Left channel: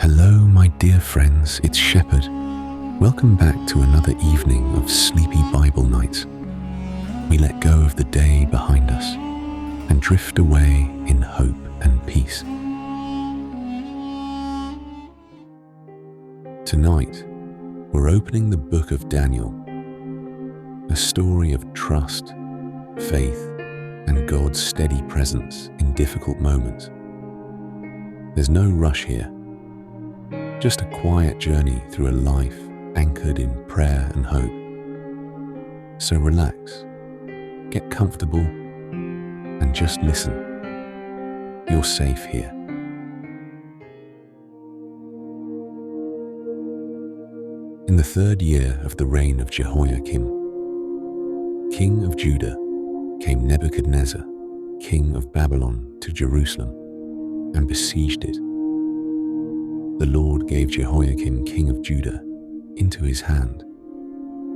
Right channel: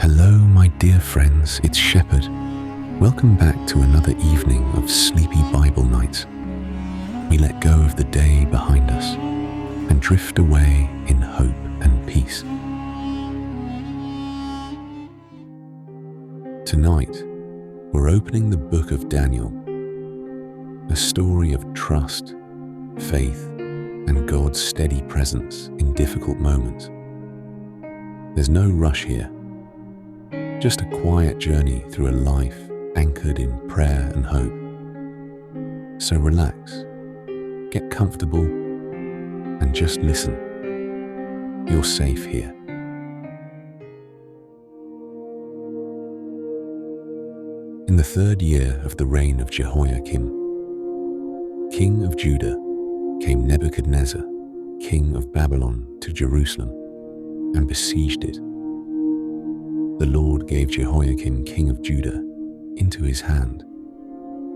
Hello, my dear friends, it's Shepherd. Welcome back to another evening of sleepy Bible nights. We let go of the day behind us and drift away in hope and peace. Tonight, we're opening the book of Daniel, a story of trust, faith, and God's steady presence in difficult moments. There's no rush here. Just a quiet journey through a life anchored in prayer and hope. So relax, get comfortable, and just listen. You're safe here. In the 3rd year of the reign of Jehoiakim, king of Judah, came Nebuchadnezzar, king of Babylon, to Jerusalem and besieged it. The Lord gave Jehoiakim, king of Judah, into his hand,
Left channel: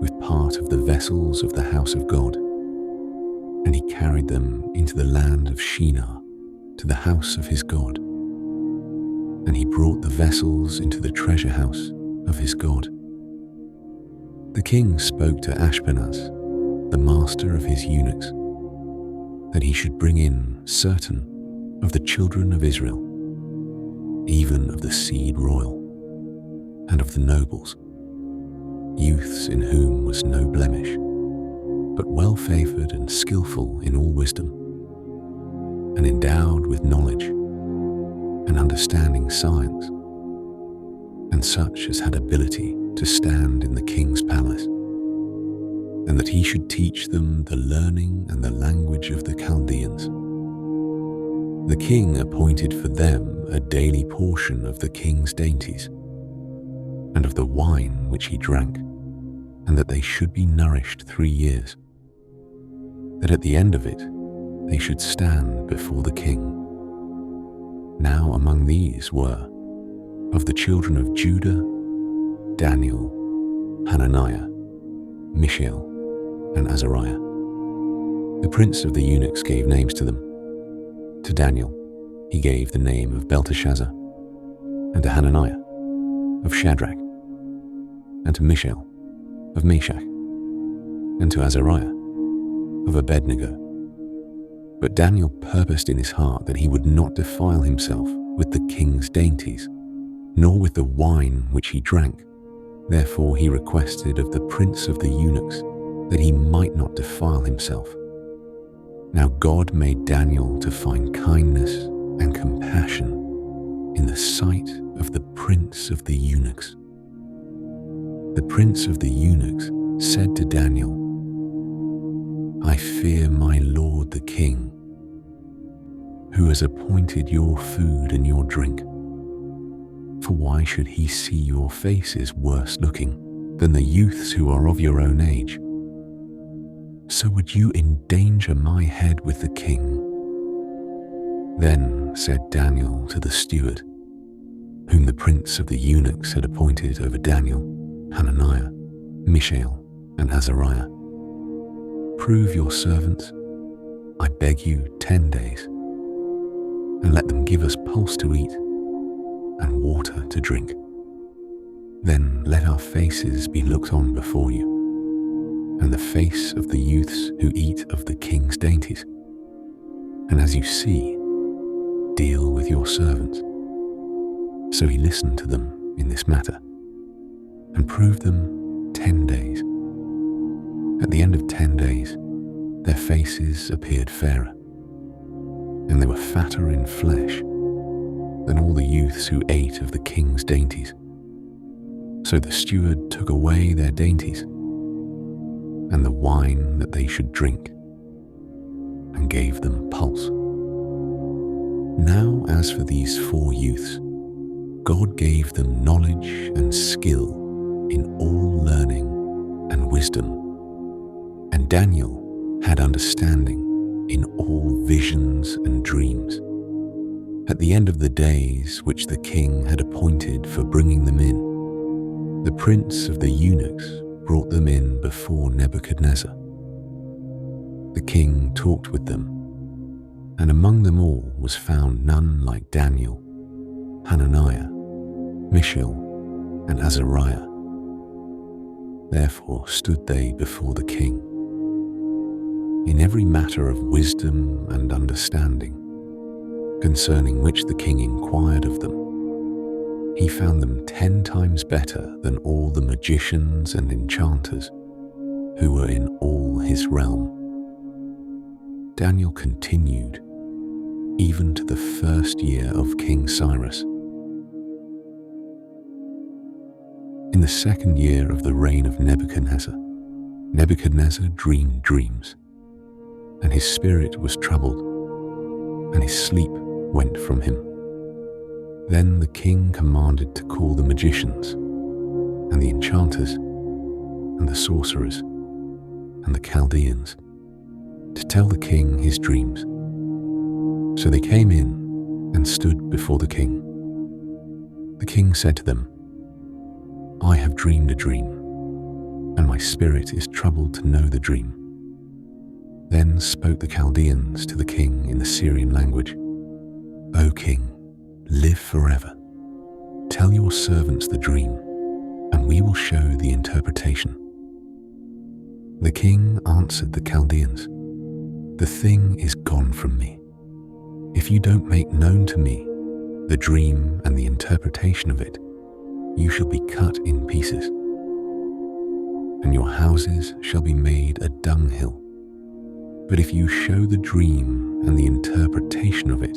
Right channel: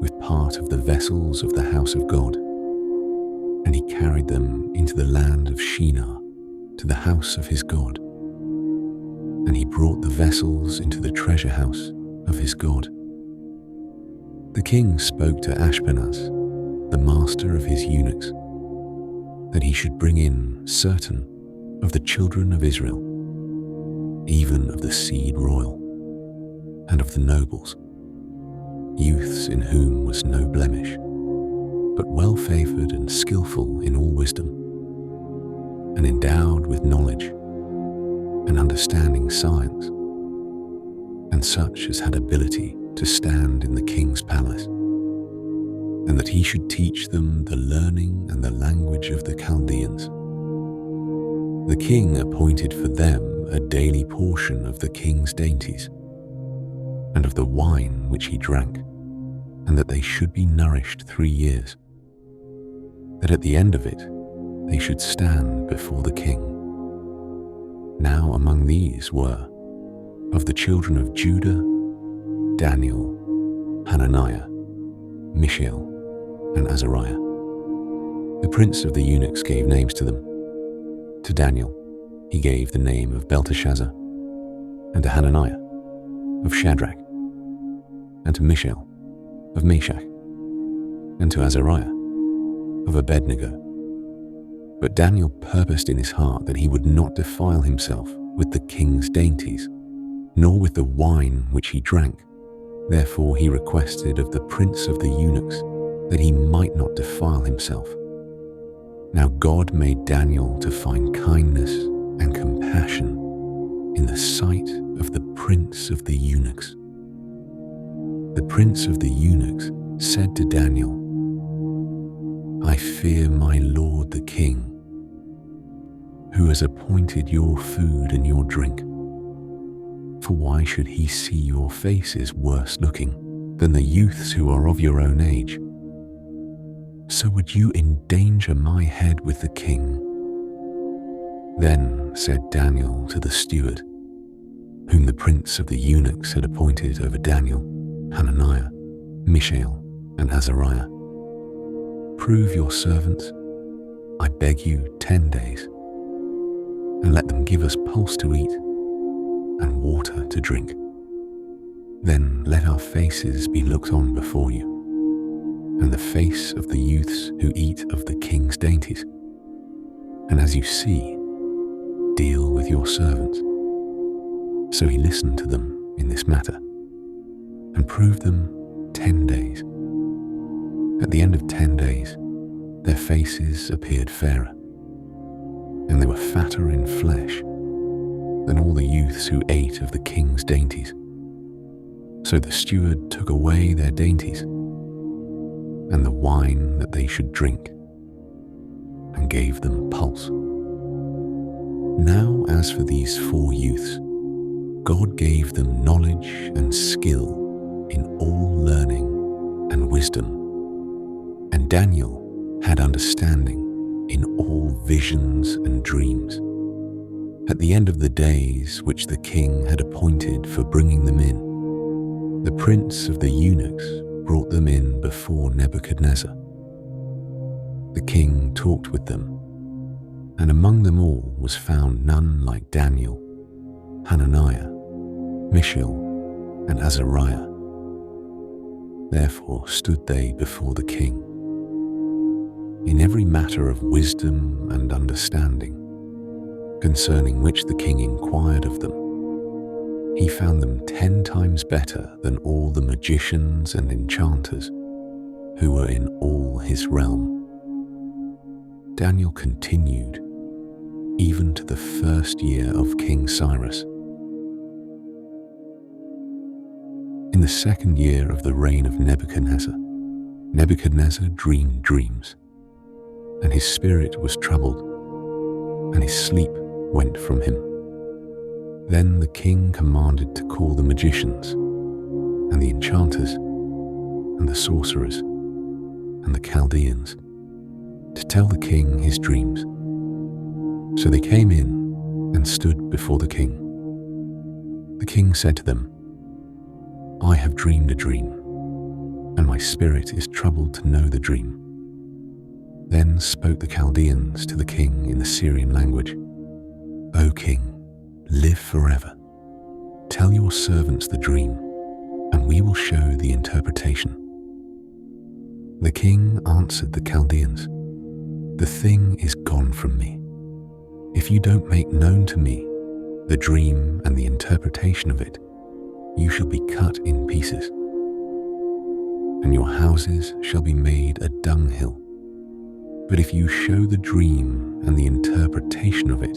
with part of the vessels of the house of God, and he carried them into the land of Shinar, to the house of his God. And he brought the vessels into the treasure house of his God. The king spoke to Ashpenaz, the master of his eunuchs, that he should bring in certain of the children of Israel, even of the seed royal, and of the nobles, youths in whom was no blemish, but well-favored and skillful in all wisdom, and endowed with knowledge and understanding science, and such as had ability to stand in the king's palace, and that he should teach them the learning and the language of the Chaldeans. The king appointed for them a daily portion of the king's dainties, and of the wine which he drank, and that they should be nourished 3 years, that at the end of it they should stand before the king. Now among these were, of the children of Judah, Daniel, Hananiah, Mishael, and Azariah. The prince of the eunuchs gave names to them. To Daniel he gave the name of Belteshazzar, and to Hananiah of Shadrach, and to Mishael of Meshach, and to Azariah of Abednego. But Daniel purposed in his heart that he would not defile himself with the king's dainties, nor with the wine which he drank. Therefore he requested of the prince of the eunuchs that he might not defile himself. Now God made Daniel to find kindness and compassion in the sight of the prince of the eunuchs. The prince of the eunuchs said to Daniel, I fear my lord the king, who has appointed your food and your drink. For why should he see your faces worse looking than the youths who are of your own age? So would you endanger my head with the king? Then said Daniel to the steward, whom the prince of the eunuchs had appointed over Daniel, Hananiah, Mishael, and Azariah, prove your servants, I beg you, 10 days, and let them give us pulse to eat and water to drink. Then let our faces be looked on before you, and the face of the youths who eat of the king's dainties. And as you see, deal with your servants. So he listened to them in this matter, and proved them 10 days. At the end of 10 days, their faces appeared fairer, and they were fatter in flesh than all the youths who ate of the king's dainties. So the steward took away their dainties, and the wine that they should drink, and gave them pulse. Now as for these 4 youths, God gave them knowledge and skill in all learning and wisdom, and Daniel had understanding in all visions and dreams. At the end of the days which the king had appointed for bringing them in, the prince of the eunuchs brought them in before Nebuchadnezzar. The king talked with them, and among them all was found none like Daniel, Hananiah, Mishael, and Azariah. Therefore stood they before the king. In every matter of wisdom and understanding, concerning which the king inquired of them, he found them 10 times better than all the magicians and enchanters who were in all his realm. Daniel continued even to the first year of King Cyrus. In the second year of the reign of Nebuchadnezzar, Nebuchadnezzar dreamed dreams, and his spirit was troubled, and his sleep went from him. Then the king commanded to call the magicians, and the enchanters, and the sorcerers, and the Chaldeans, to tell the king his dreams. So they came in and stood before the king. The king said to them, I have dreamed a dream, and my spirit is troubled to know the dream. Then spoke the Chaldeans to the king in the Syrian language, O king, live forever. Tell your servants the dream, and we will show the interpretation. The king answered the Chaldeans, The thing is gone from me. If you don't make known to me the dream and the interpretation of it, you shall be cut in pieces, and your houses shall be made a dunghill. But if you show the dream and the interpretation of it,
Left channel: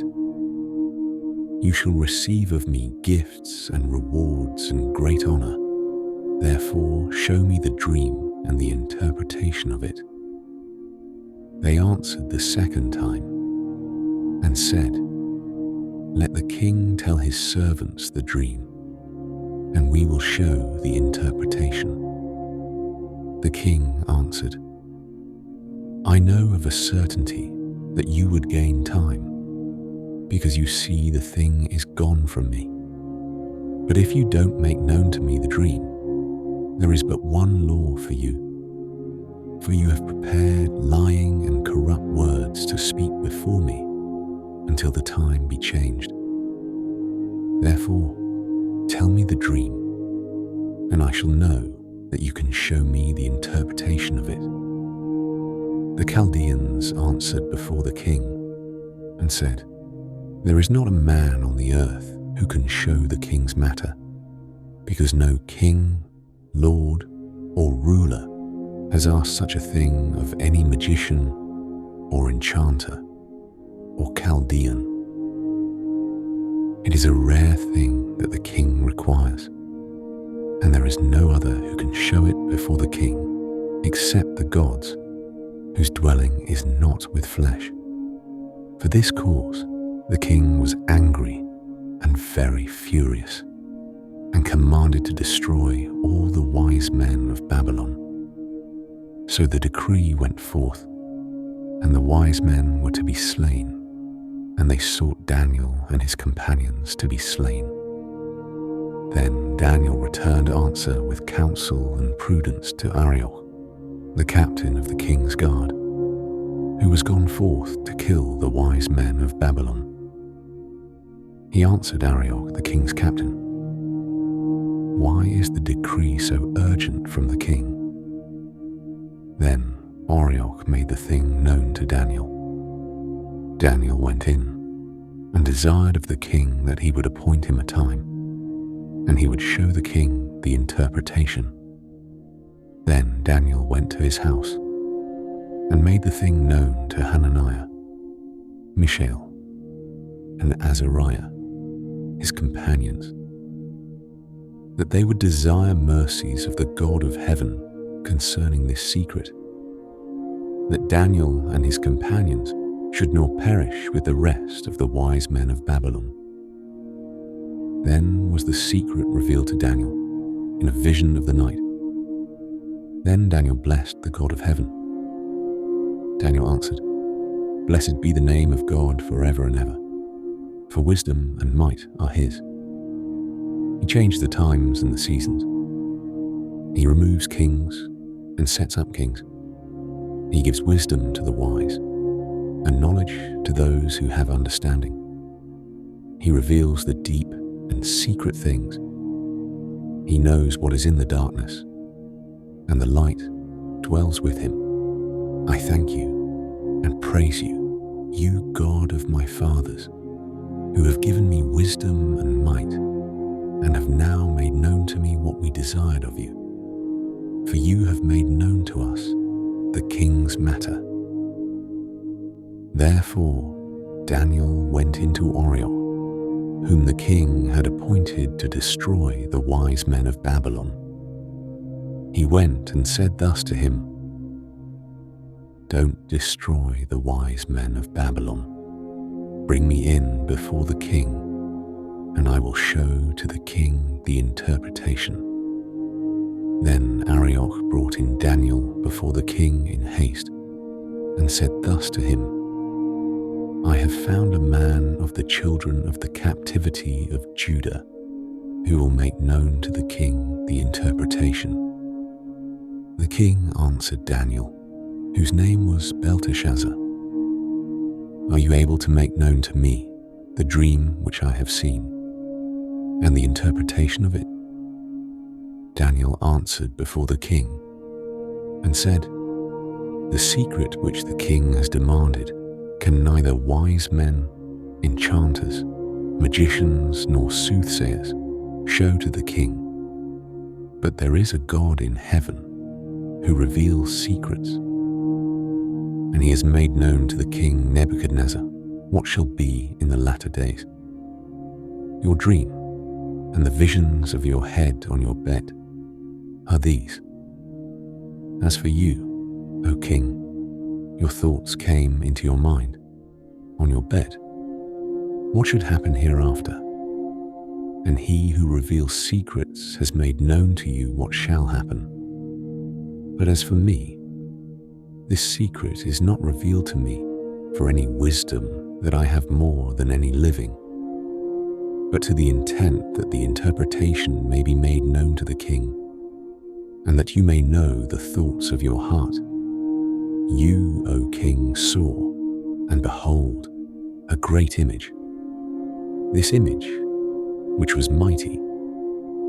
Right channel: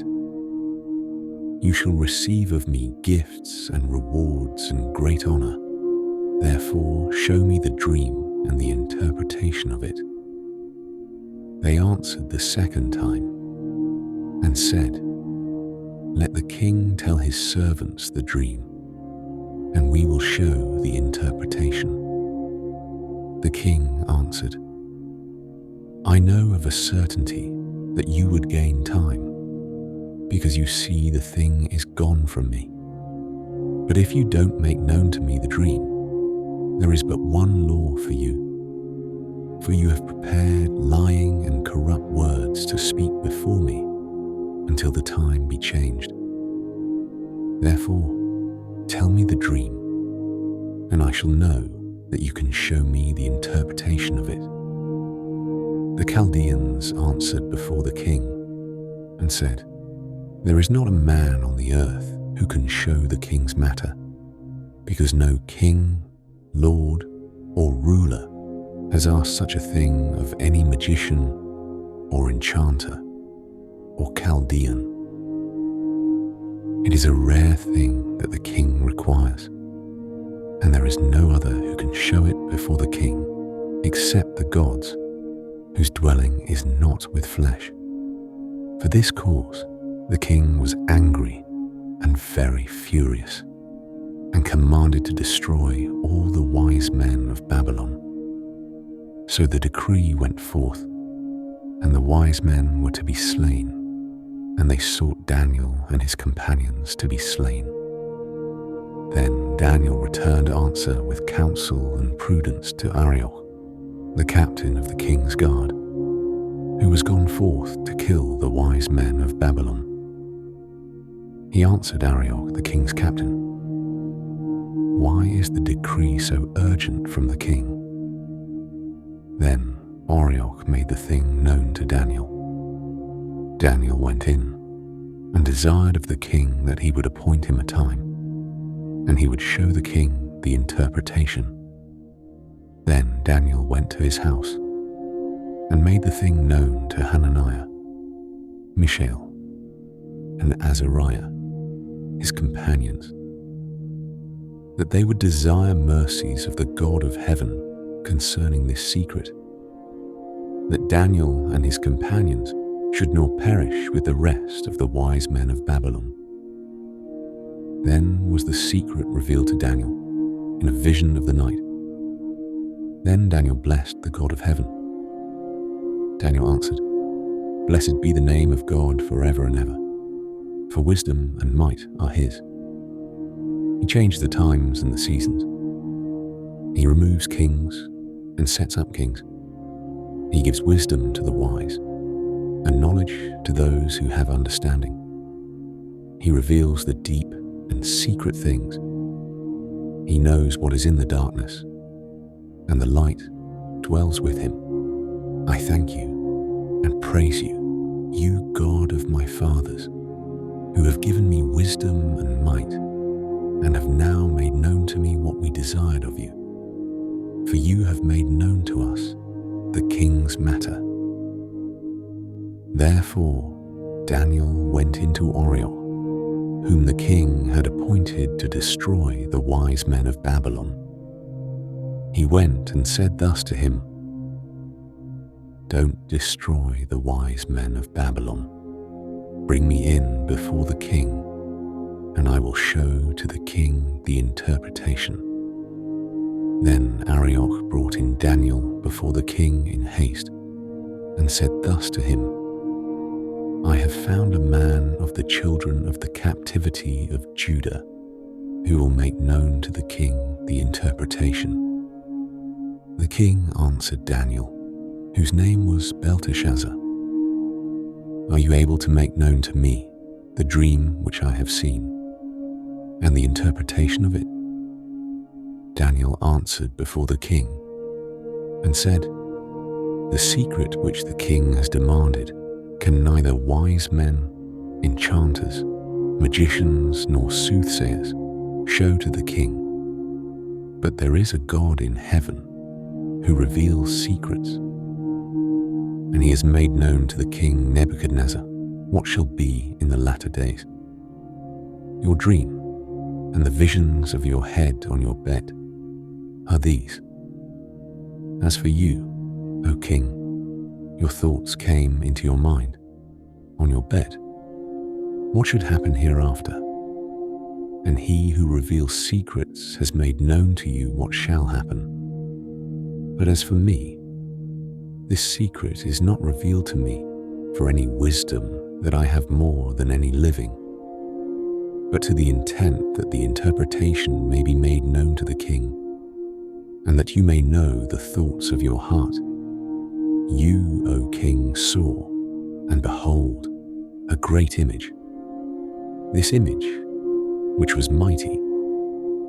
you shall receive of me gifts and rewards and great honor. Therefore show me the dream and the interpretation of it. They answered the second time and said, Let the king tell his servants the dream, and we will show the interpretation. The king answered, I know of a certainty that you would gain time, because you see the thing is gone from me. But if you don't make known to me the dream, there is but one law for you. For you have prepared lying and corrupt words to speak before me until the time be changed. Therefore, tell me the dream, and I shall know that you can show me the interpretation of it. The Chaldeans answered before the king and said, There is not a man on the earth who can show the king's matter, because no king, lord, or ruler has asked such a thing of any magician or enchanter or Chaldean. It is a rare thing that the king requires, and there is no other who can show it before the king except the gods, whose dwelling is not with flesh. For this cause the king was angry and very furious, and commanded to destroy all the wise men of Babylon. So the decree went forth, and the wise men were to be slain, and they sought Daniel and his companions to be slain. Then Daniel returned answer with counsel and prudence to Arioch, the captain of the king's guard, who was gone forth to kill the wise men of Babylon. He answered Arioch, the king's captain, Why is the decree so urgent from the king? Then Arioch made the thing known to Daniel. Daniel went in and desired of the king that he would appoint him a time, and he would show the king the interpretation. Then Daniel went to his house and made the thing known to Hananiah, Mishael, and Azariah, his companions, that they would desire mercies of the God of heaven concerning this secret, that Daniel and his companions should not perish with the rest of the wise men of Babylon. Then was the secret revealed to Daniel in a vision of the night. Then Daniel blessed the God of heaven. Daniel answered, Blessed be the name of God forever and ever, for wisdom and might are his. He changed the times and the seasons. He removes kings and sets up kings. He gives wisdom to the wise and knowledge to those who have understanding. He reveals the deep and secret things He knows what is in the darkness, and the light dwells with him. I thank you and praise you, you God of my fathers, who have given me wisdom and might, and have now made known to me what we desired of you. For you have made known to us the king's matter. Therefore Daniel went into Oriel, whom the king had appointed to destroy the wise men of Babylon. He went and said thus to him, Don't destroy the wise men of Babylon. Bring me in before the king, and I will show to the king the interpretation. Then Arioch brought in Daniel before the king in haste, and said thus to him, I have found a man of the children of the captivity of Judah, who will make known to the king the interpretation. The king answered Daniel, whose name was Belteshazzar, Are you able to make known to me the dream which I have seen, and the interpretation of it? Daniel answered before the king, and said, The secret which the king has demanded can neither wise men, enchanters, magicians, nor soothsayers show to the king. But there is a God in heaven who reveals secrets. And he has made known to the king Nebuchadnezzar what shall be in the latter days. Your dream and the visions of your head on your bed are these. As for you, O king, your thoughts came into your mind on your bed. What should happen hereafter? And he who reveals secrets has made known to you what shall happen. But as for me, this secret is not revealed to me for any wisdom that I have more than any living, but to the intent that the interpretation may be made known to the king, and that you may know the thoughts of your heart. You, O king, saw, and behold, a great image. This image, which was mighty,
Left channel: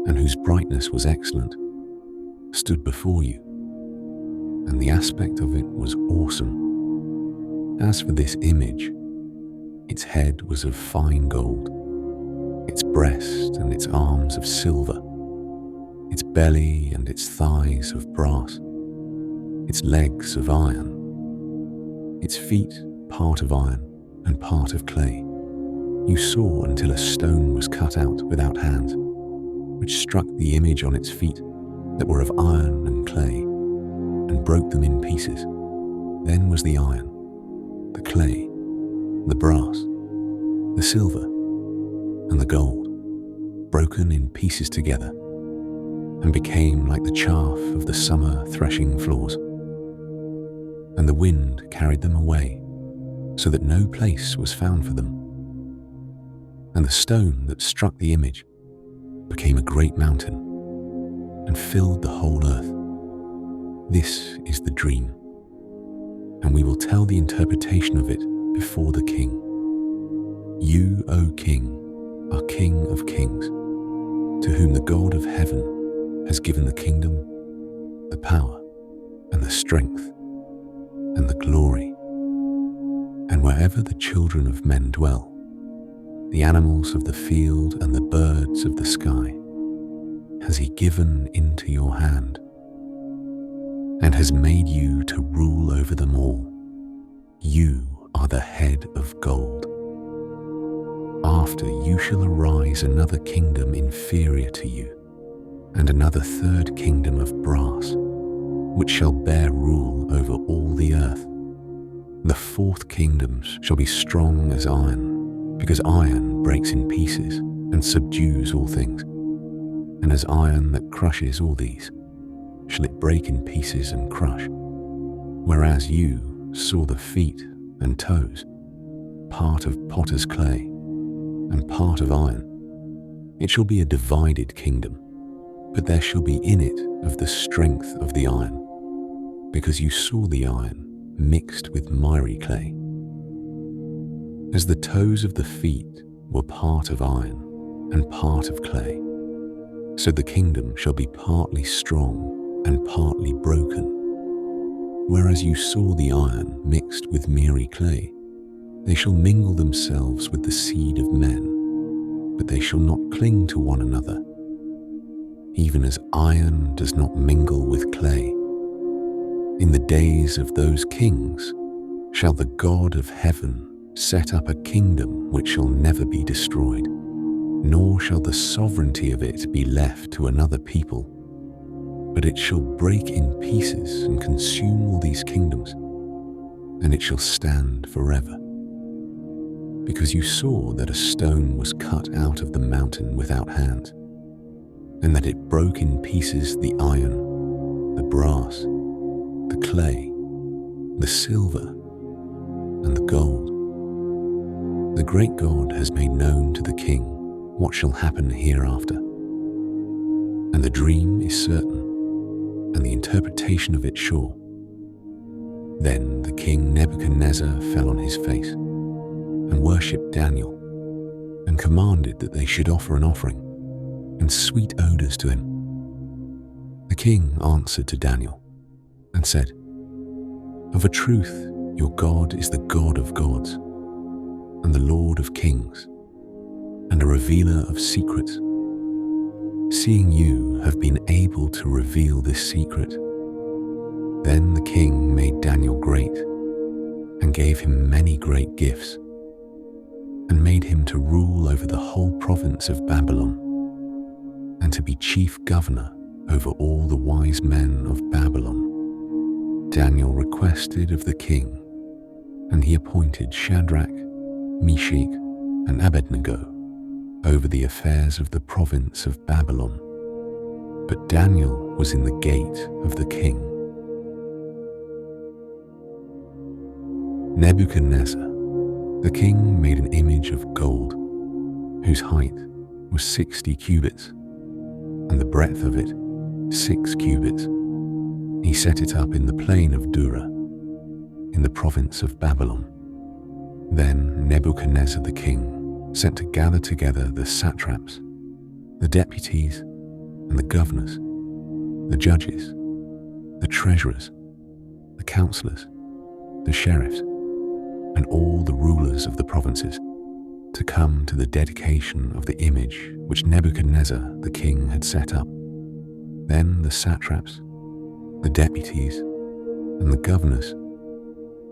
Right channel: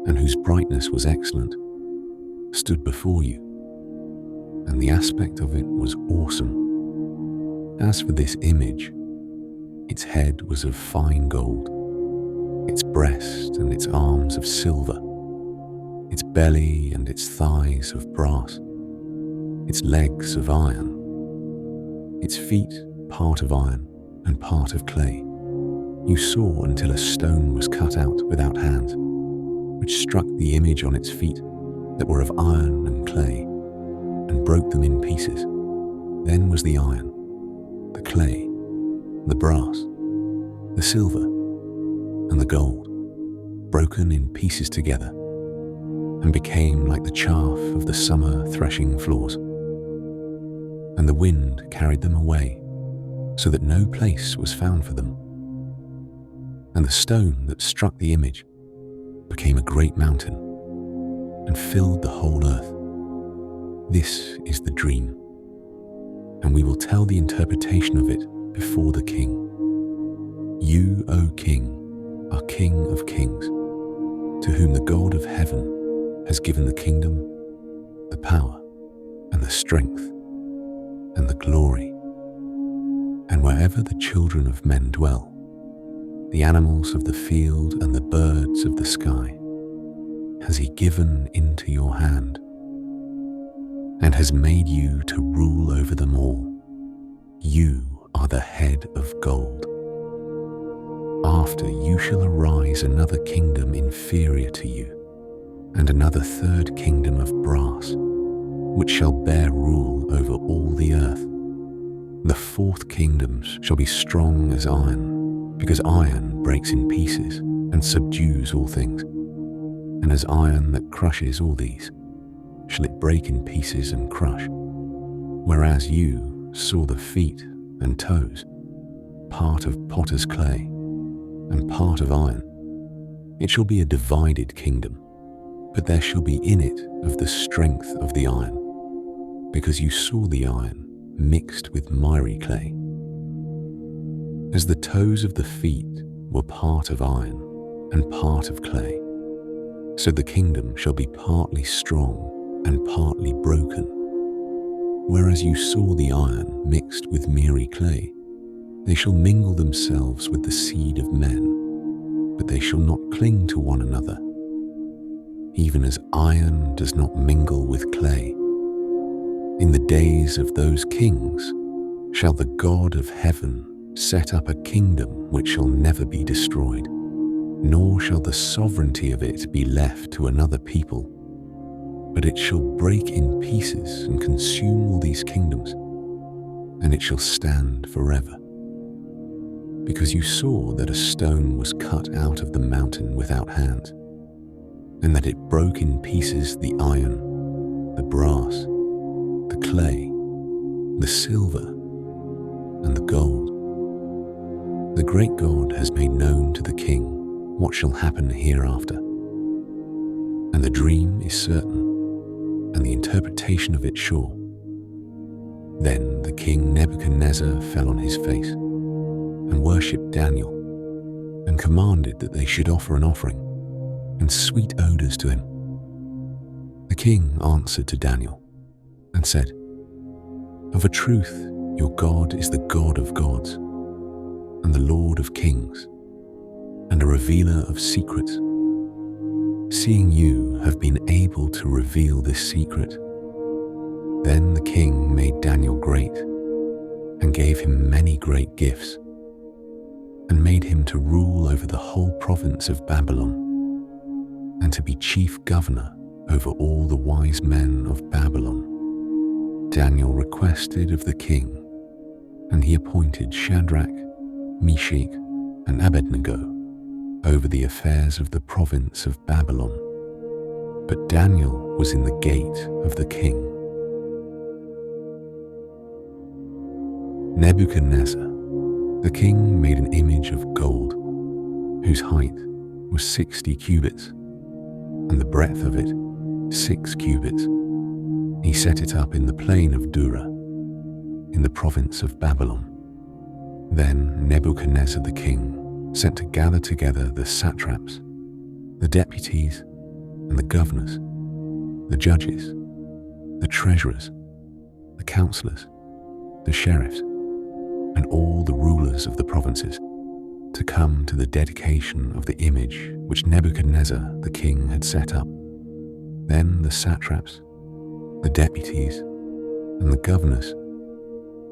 and whose brightness was excellent, stood before you, and the aspect of it was awesome. As for this image, its head was of fine gold, its breast and its arms of silver, its belly and its thighs of brass, its legs of iron, its feet part of iron and part of clay. You saw until a stone was cut out without hands, which struck the image on its feet that were of iron and clay, and broke them in pieces. Then was the iron, the clay, the brass, the silver, and the gold broken in pieces together, and became like the chaff of the summer threshing floors. And the wind carried them away, so that no place was found for them. And the stone that struck the image became a great mountain, and filled the whole earth. This is the dream, and we will tell the interpretation of it before the king. You, O king, are King of kings, to whom the God of heaven has given the kingdom, the power, and the strength, and the glory. And wherever the children of men dwell, the animals of the field and the birds of the sky, has he given into your hand, and has made you to rule over them all. You are the head of gold. After you shall arise another kingdom inferior to you, and another third kingdom of brass, which shall bear rule over all the earth. The fourth kingdom shall be strong as iron, because iron breaks in pieces and subdues all things. And as iron that crushes all these, shall it break in pieces and crush. Whereas you saw the feet and toes, part of potter's clay, and part of iron. It shall be a divided kingdom, but there shall be in it of the strength of the iron, because you saw the iron mixed with miry clay. As the toes of the feet were part of iron and part of clay, So the kingdom shall be partly strong and partly broken. Whereas you saw the iron mixed with miry clay, they shall mingle themselves with the seed of men, but they shall not cling to one another, even as iron does not mingle with clay. In the days of those kings shall the God of heaven set up a kingdom which shall never be destroyed, nor shall the sovereignty of it be left to another people, but it shall break in pieces and consume all these kingdoms, and it shall stand forever. Because you saw that a stone was cut out of the mountain without hands, and that it broke in pieces the iron, the brass, the clay, the silver, and the gold. The great God has made known to the king what shall happen hereafter. And the dream is certain, and the interpretation of it sure. Then the king Nebuchadnezzar fell on his face, and worshipped Daniel, and commanded that they should offer an offering, and sweet odors to him. The king answered to Daniel, and said, Of a truth your God is the God of gods, and the Lord of kings, and a revealer of secrets. Seeing you have been able to reveal this secret. Then the king made Daniel great, and gave him many great gifts, and made him to rule over the whole province of Babylon, and to be chief governor over all the wise men of Babylon. Daniel requested of the king, and he appointed Shadrach, Meshach, and Abednego over the affairs of the province of Babylon. But Daniel was in the gate of the king. Nebuchadnezzar, the king, made an image of gold, whose height was 60 cubits, and the breadth of it 6 cubits. He set it up in the plain of Dura, in the province of Babylon. Then Nebuchadnezzar the king sent to gather together the satraps, the deputies, and the governors, the judges, the treasurers, the counselors, the sheriffs, and all the rulers of the provinces, to come to the dedication of the image which Nebuchadnezzar the king had set up. Then the satraps, the deputies, and the governors,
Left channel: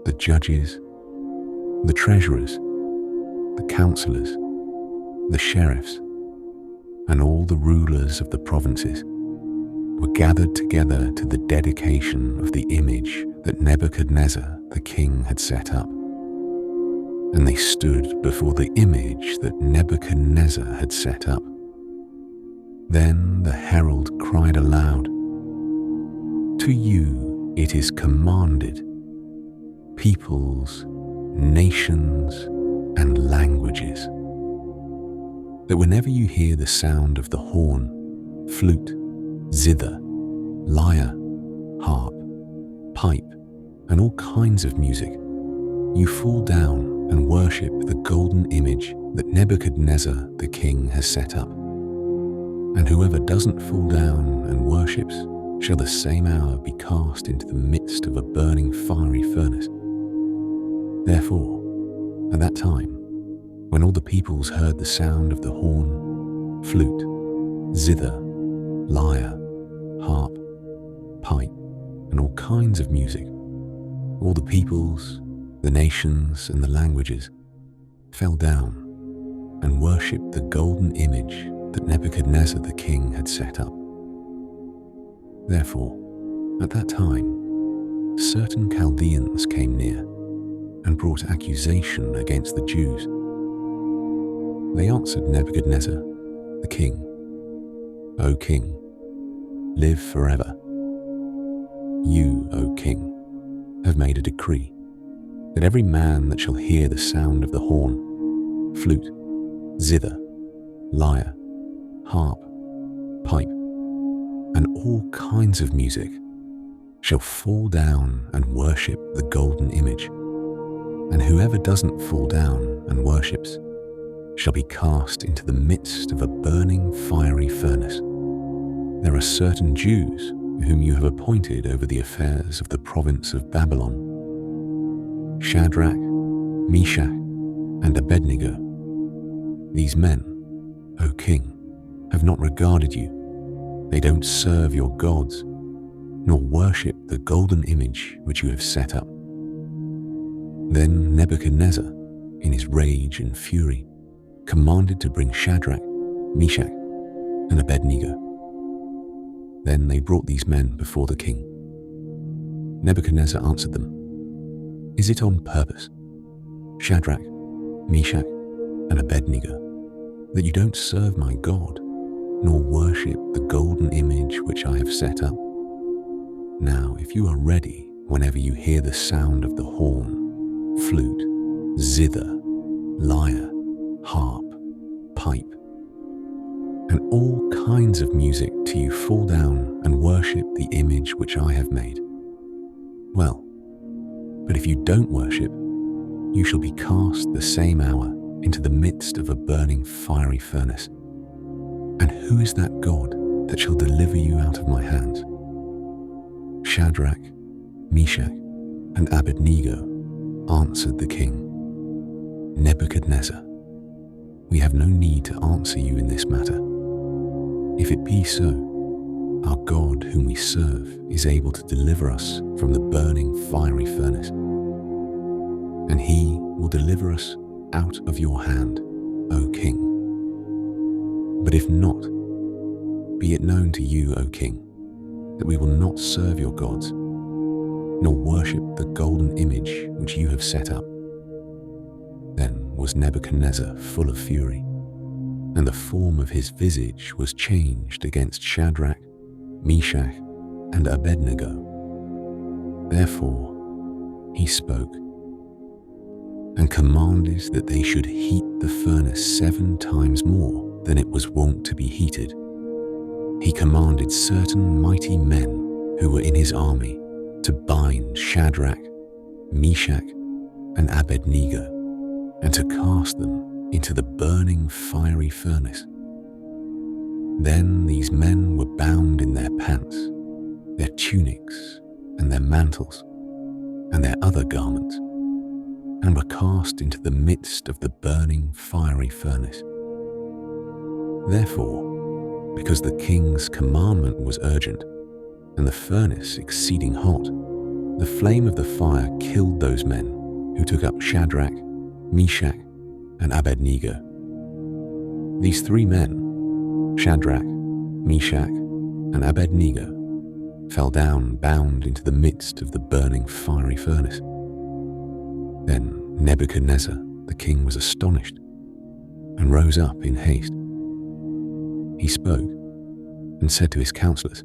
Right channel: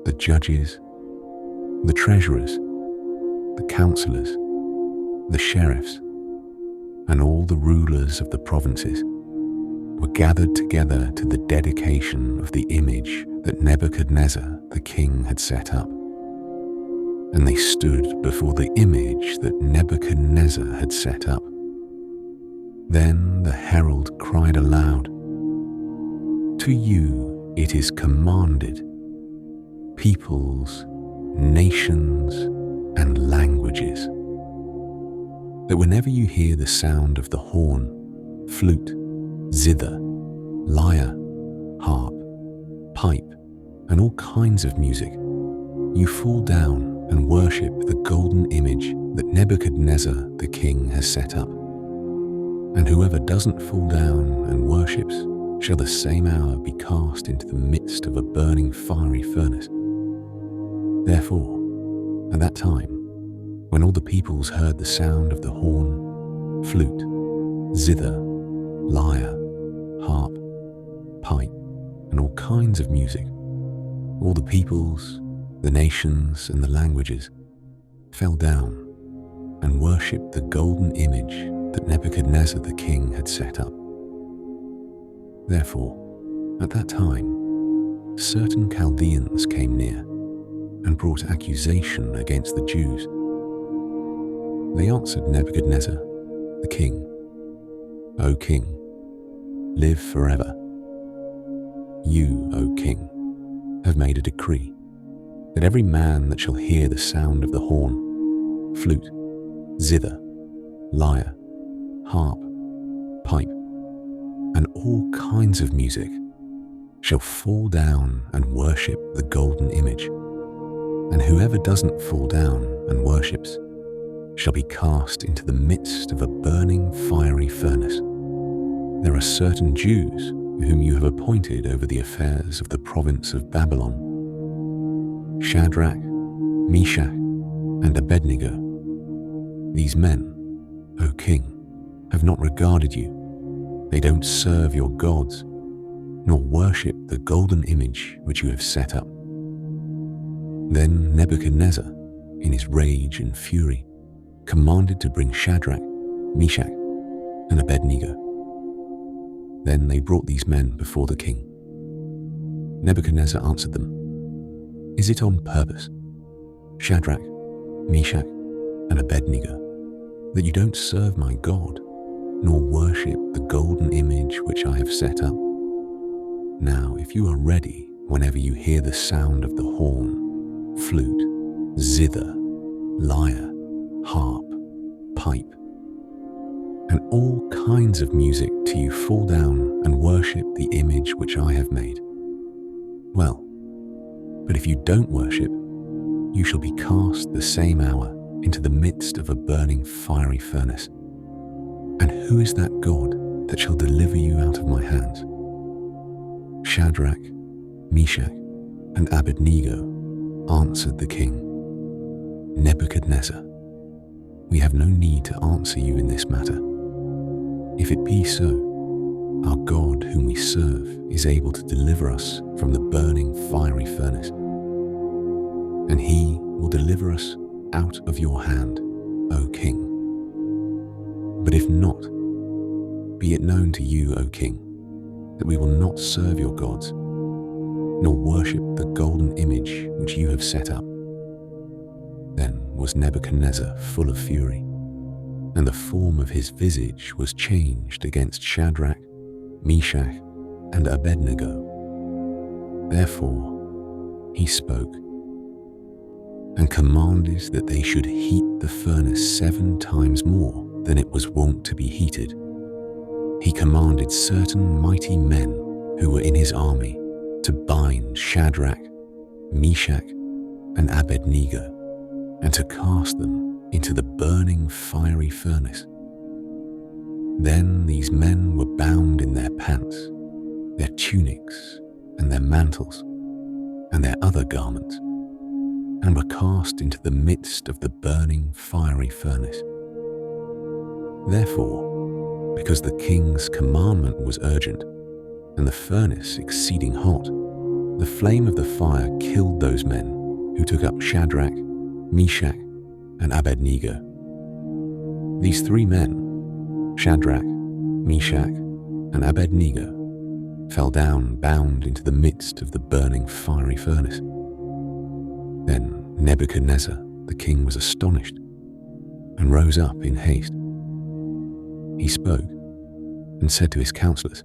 the judges, the treasurers, the counselors, the sheriffs, and all the rulers of the provinces were gathered together to the dedication of the image that Nebuchadnezzar the king had set up. And they stood before the image that Nebuchadnezzar had set up. Then the herald cried aloud, To you it is commanded, peoples, nations, and languages, that whenever you hear the sound of the horn, flute, zither, lyre, harp, pipe, and all kinds of music, you fall down and worship the golden image that Nebuchadnezzar the king has set up. And whoever doesn't fall down and worships shall the same hour be cast into the midst of a burning fiery furnace. Therefore, at that time, when all the peoples heard the sound of the horn, flute, zither, lyre, harp, pipe, and all kinds of music, all the peoples, the nations, and the languages fell down and worshipped the golden image that Nebuchadnezzar the king had set up. Therefore, at that time, certain Chaldeans came near and brought accusation against the Jews. They answered Nebuchadnezzar the king, O king, live forever. You, O king, have made a decree that every man that shall hear the sound of the horn, flute, zither, lyre, harp, pipe, and all kinds of music shall fall down and worship the golden image, and whoever doesn't fall down and worships shall be cast into the midst of a burning fiery furnace. There are certain Jews whom you have appointed over the affairs of the province of Babylon: Shadrach, Meshach, and Abednego. These men, O king, have not regarded you. They don't serve your gods, nor worship the golden image which you have set up. Then Nebuchadnezzar, in his rage and fury, commanded to bring Shadrach, Meshach, and Abednego. Then they brought these men before the king. Nebuchadnezzar answered them, "Is it on purpose, Shadrach, Meshach, and Abednego, that you don't serve my God, nor worship the golden image which I have set up? Now, if you are ready whenever you hear the sound of the horn, flute, zither, lyre, harp, pipe, and all kinds of music till you fall down and worship the image which I have made. Well, but if you don't worship, you shall be cast the same hour into the midst of a burning fiery furnace. And who is that God that shall deliver you out of my hands?" Shadrach, Meshach, and Abednego answered the king, "Nebuchadnezzar, we have no need to answer you in this matter. If it be so, our God whom we serve is able to deliver us from the burning fiery furnace, and he will deliver us out of your hand, O king. But if not, be it known to you, O king, that we will not serve your gods, nor worship the golden image which you have set up." Then was Nebuchadnezzar full of fury, and the form of his visage was changed against Shadrach, Meshach, and Abednego. Therefore he spoke, and commanded that they should heat the furnace 7 times more than it was wont to be heated. He commanded certain mighty men who were in his army to bind Shadrach, Meshach, and Abednego, and to cast them into the burning fiery furnace. Then these men were bound in their pants, their tunics, and their mantles, and their other garments, and were cast into the midst of the burning fiery furnace. Therefore, because the king's commandment was urgent, and the furnace exceeding hot, the flame of the fire killed those men who took up Shadrach, Meshach, and Abednego. These 3 men, Shadrach, Meshach, and Abednego, fell down bound into the midst of the burning fiery furnace. Then Nebuchadnezzar the king was astonished, and rose up in haste. He spoke and said to his counselors,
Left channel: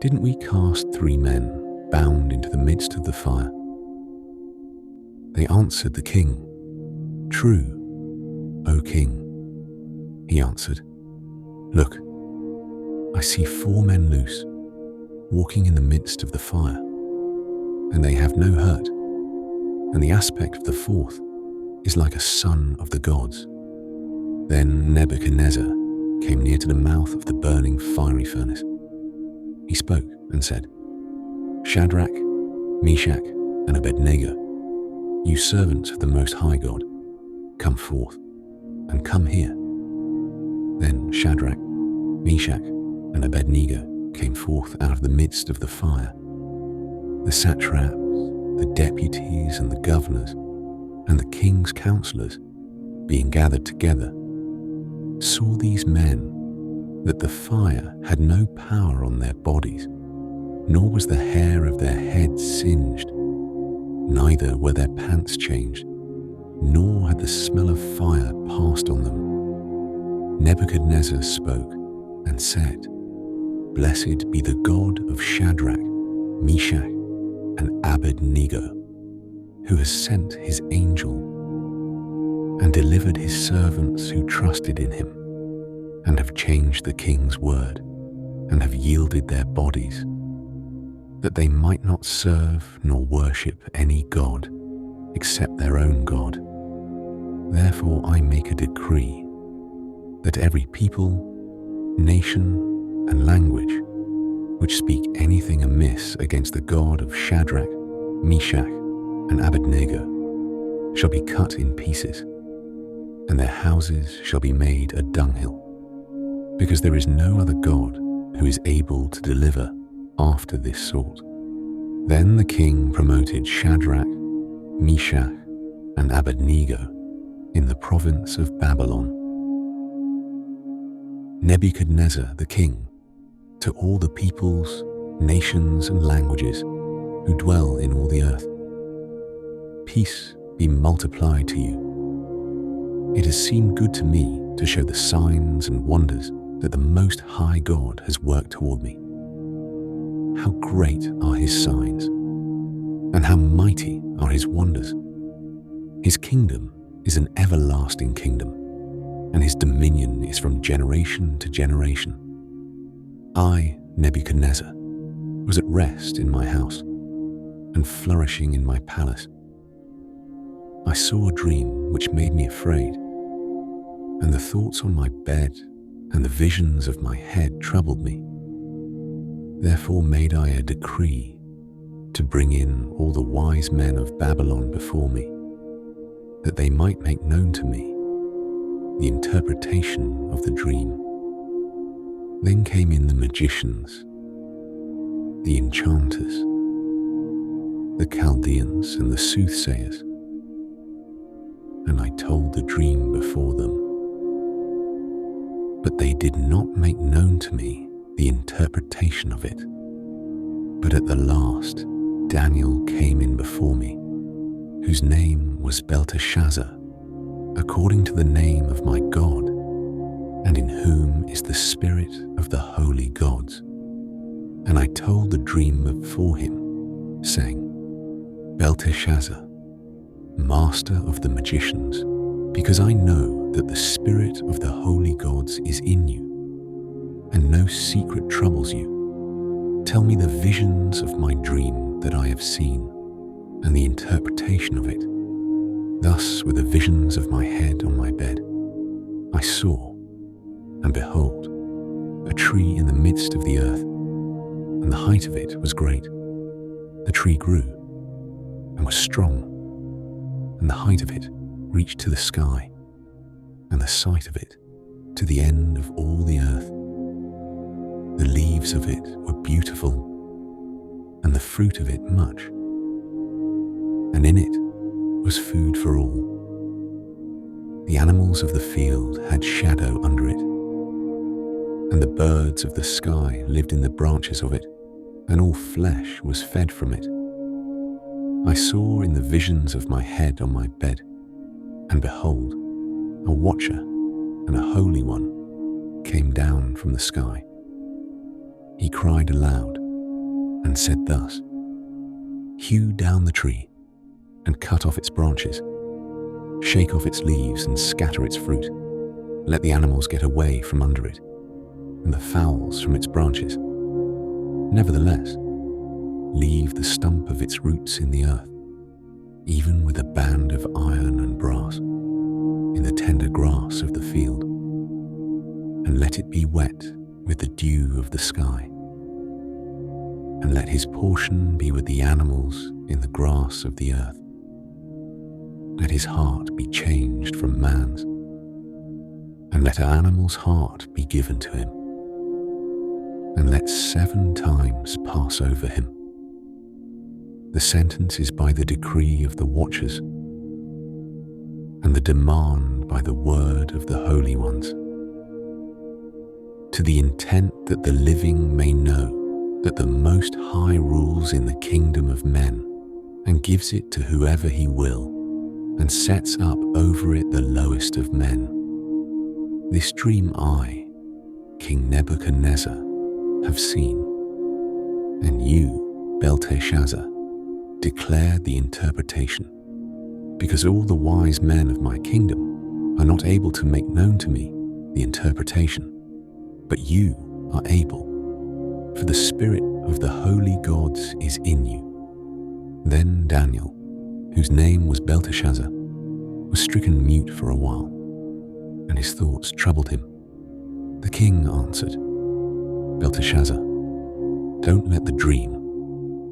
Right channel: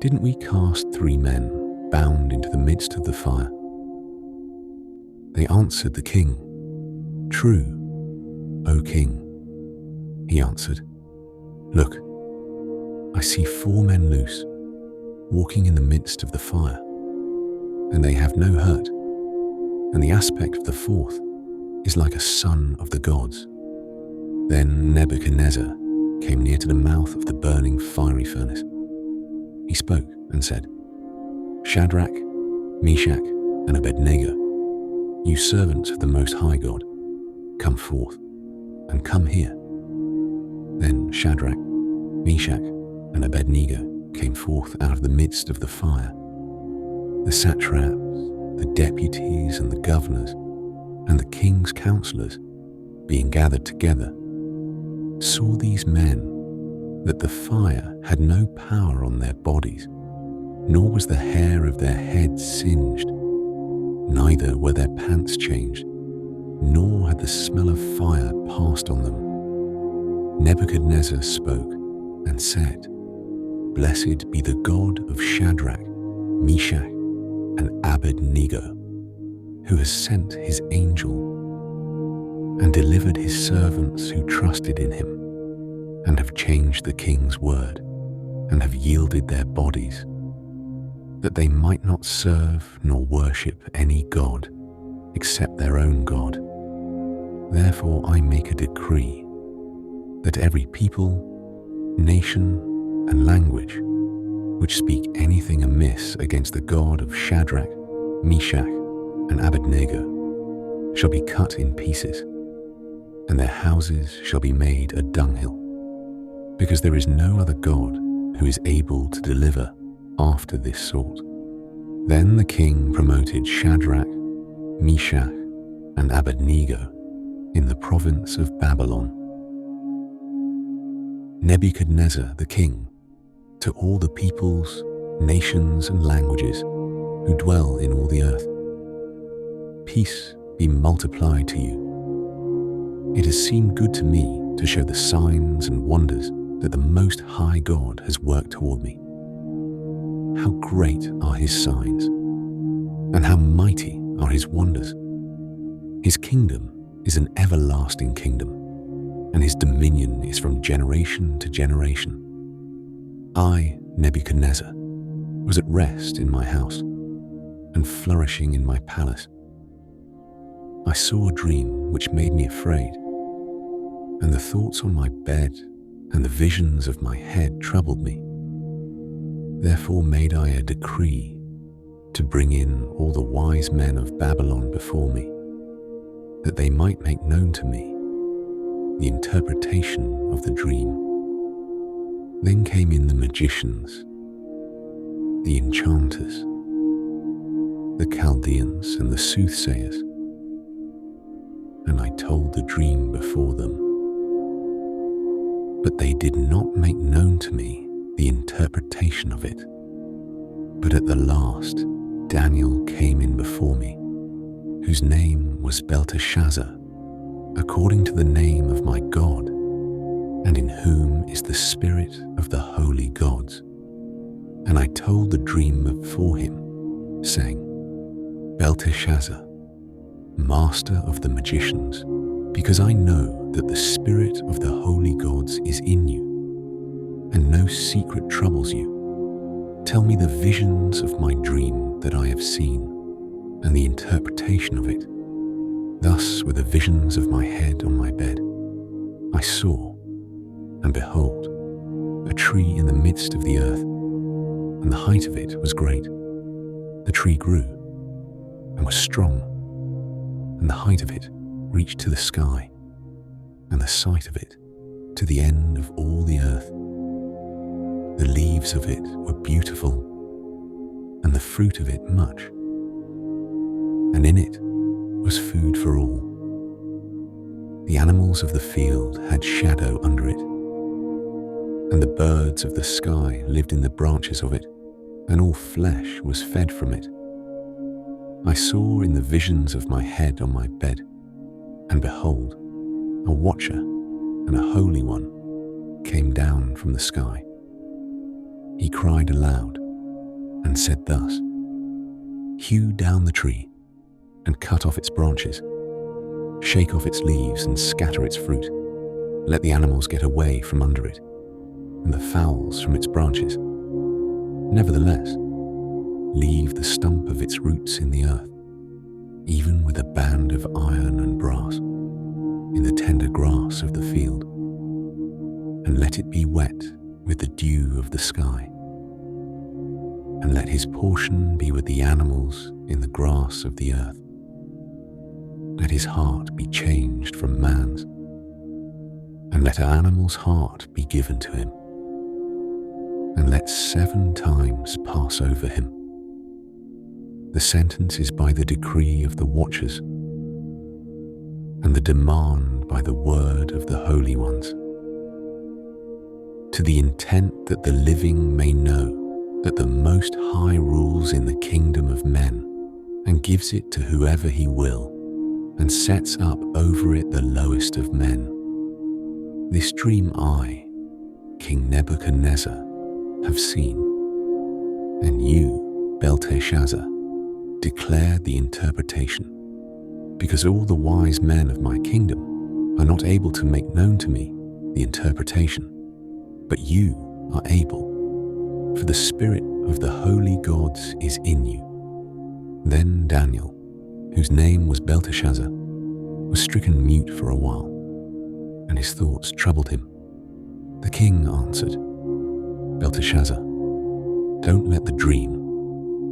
"Didn't we cast 3 men bound into the midst of the fire?" They answered the king, "True, O king." He answered, "Look, I see 4 men loose, walking in the midst of the fire, and they have no hurt, and the aspect of the 4th is like a son of the gods." Then Nebuchadnezzar came near to the mouth of the burning fiery furnace. He spoke and said, "Shadrach, Meshach, and Abednego, you servants of the Most High God, come forth, and come here." Then Shadrach, Meshach, and Abednego came forth out of the midst of the fire. The satraps, the deputies, and the governors, and the king's counselors, being gathered together, saw these men that the fire had no power on their bodies, nor was the hair of their heads singed, neither were their pants changed, nor had the smell of fire passed on them. Nebuchadnezzar spoke and said, "Blessed be the God of Shadrach, Meshach, and Abednego, who has sent his angel and delivered his servants who trusted in him, and have changed the king's word, and have yielded their bodies, that they might not serve nor worship any god except their own God. Therefore I make a decree that every people, nation, and language which speak anything amiss against the God of Shadrach, Meshach, and Abednego shall be cut in pieces, and their houses shall be made a dunghill, because there is no other God who is able to deliver after this sort. Then the king promoted Shadrach, Meshach, and Abednego in the province of Babylon. Nebuchadnezzar the king, to all the peoples, nations, and languages who dwell in all the earth, peace be multiplied to you. It has seemed good to me to show the signs and wonders that the Most High God has worked toward me. How great are his signs, and how mighty are his wonders. His kingdom is an everlasting kingdom, and his dominion is from generation to generation. I, Nebuchadnezzar, was at rest in my house and flourishing in my palace. I saw a dream which made me afraid, and the thoughts on my bed and the visions of my head troubled me. Therefore made I a decree to bring in all the wise men of Babylon before me, that they might make known to me the interpretation of the dream. Then came in the magicians, the enchanters, the Chaldeans, and the soothsayers, and I told the dream before them. But they did not make known to me the interpretation of it. But at the last, Daniel came in before me, whose name was Belteshazzar, according to the name of my God, and in whom is the spirit of the holy gods. And I told the dream before him, saying, Belteshazzar, master of the magicians, because I know that the spirit of the holy gods is in you, and no secret troubles you. Tell me the visions of my dream that I have seen, and the interpretation of it. Thus were the visions of my head on my bed. I saw, and behold, a tree in the midst of the earth, and the height of it was great. The tree grew, and was strong, and the height of it reached to the sky, and the sight of it to the end of all the earth. The leaves of it were beautiful, and the fruit of it much, and in it was food for all. The animals of the field had shadow under it, and the birds of the sky lived in the branches of it, and all flesh was fed from it. I saw in the visions of my head on my bed, and behold, a watcher and a holy one came down from the sky. He cried aloud and said thus, Hew down the tree and cut off its branches, shake off its leaves and scatter its fruit. Let the animals get away from under it, and the fowls from its branches. Nevertheless, leave the stump of its roots in the earth, even with a band of iron and brass, in the tender grass of the field, and let it be wet with the dew of the sky. And let his portion be with the animals in the grass of the earth. Let his heart be changed from man's, and let an animal's heart be given to him. And let 7 times pass over him. The sentence is by the decree of the watchers, and the demand by the word of the holy ones, to the intent that the living may know that the Most High rules in the kingdom of men, and gives it to whoever he will, and sets up over it the lowest of men. This dream I, King Nebuchadnezzar, have seen, and you, Belteshazzar, declare the interpretation, because all the wise men of my kingdom are not able to make known to me the interpretation, but you are able, for the spirit of the holy gods is in you. Then Daniel, whose name was Belteshazzar, was stricken mute for a while, and his thoughts troubled him. The king answered, Belteshazzar, don't let the dream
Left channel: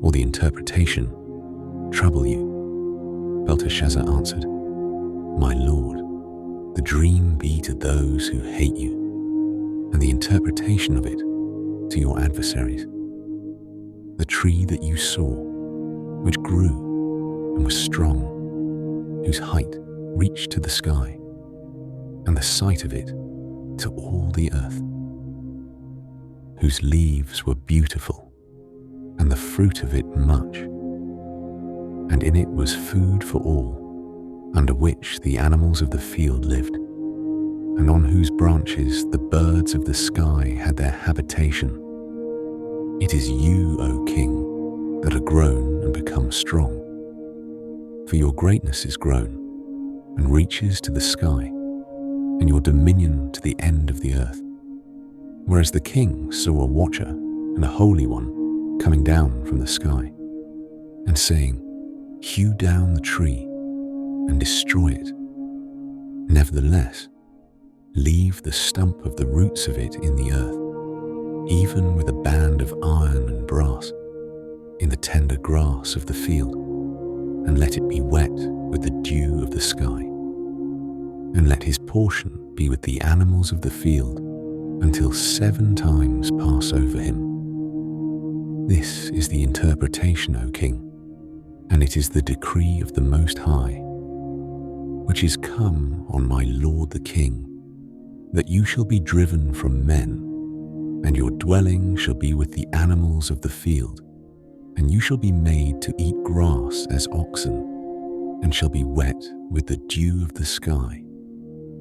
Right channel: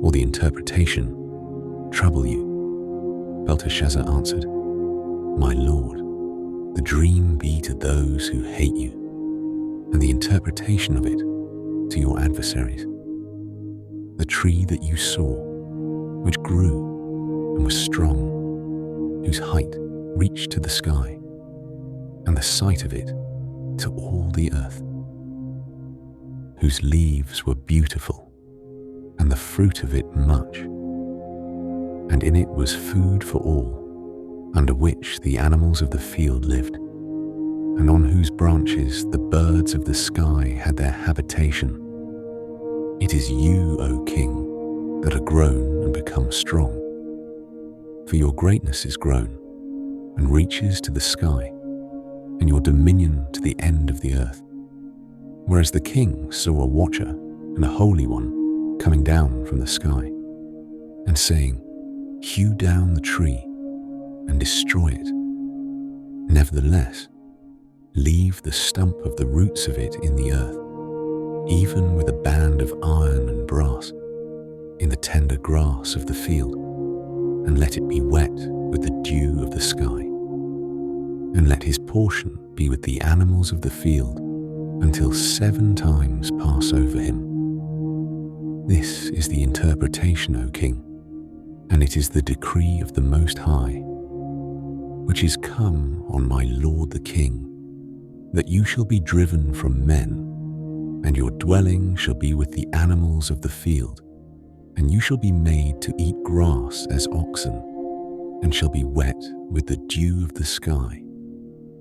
or the interpretation trouble you. Belteshazzar answered, My lord, the dream be to those who hate you, and the interpretation of it to your adversaries. The tree that you saw, which grew and was strong, whose height reached to the sky, and the sight of it to all the earth, whose leaves were beautiful, and the fruit of it much, and in it was food for all, under which the animals of the field lived, and on whose branches the birds of the sky had their habitation. It is you, O king, that are grown and become strong. For your greatness is grown and reaches to the sky, and your dominion to the end of the earth. Whereas the king saw a watcher and a holy one coming down from the sky, and saying, Hew down the tree and destroy it. Nevertheless, leave the stump of the roots of it in the earth, even with a band of iron and brass, in the tender grass of the field, and let it be wet with the dew of the sky. And let his portion be with the animals of the field, until 7 times pass over him. This is the interpretation, O king, and it is the decree of the Most High, which is come on my lord the king, that you shall be driven from men, and your dwelling shall be with the animals of the field, and you shall be made to eat grass as oxen, and shall be wet with the dew of the sky,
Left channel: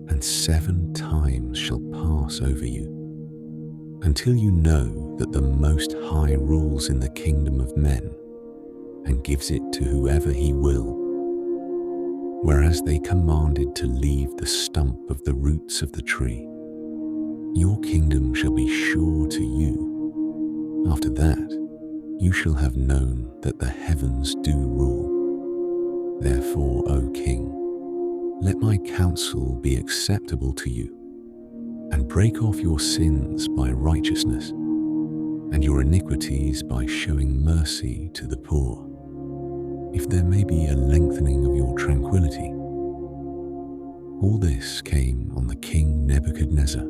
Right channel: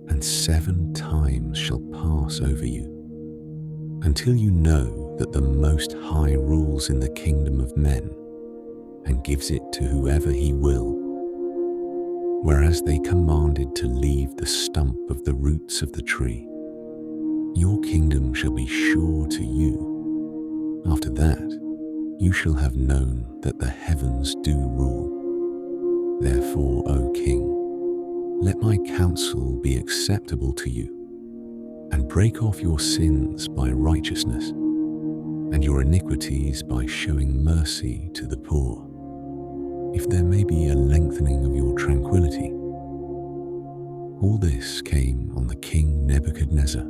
and 7 times shall pass over you, until you know that the Most High rules in the kingdom of men, and gives it to whoever he will. Whereas they commanded to leave the stump of the roots of the tree, your kingdom shall be sure to you. After that, you shall have known that the heavens do rule. Therefore, O king, let my counsel be acceptable to you, and break off your sins by righteousness, and your iniquities by showing mercy to the poor, if there may be a lengthening of your tranquility. All this came on the king Nebuchadnezzar.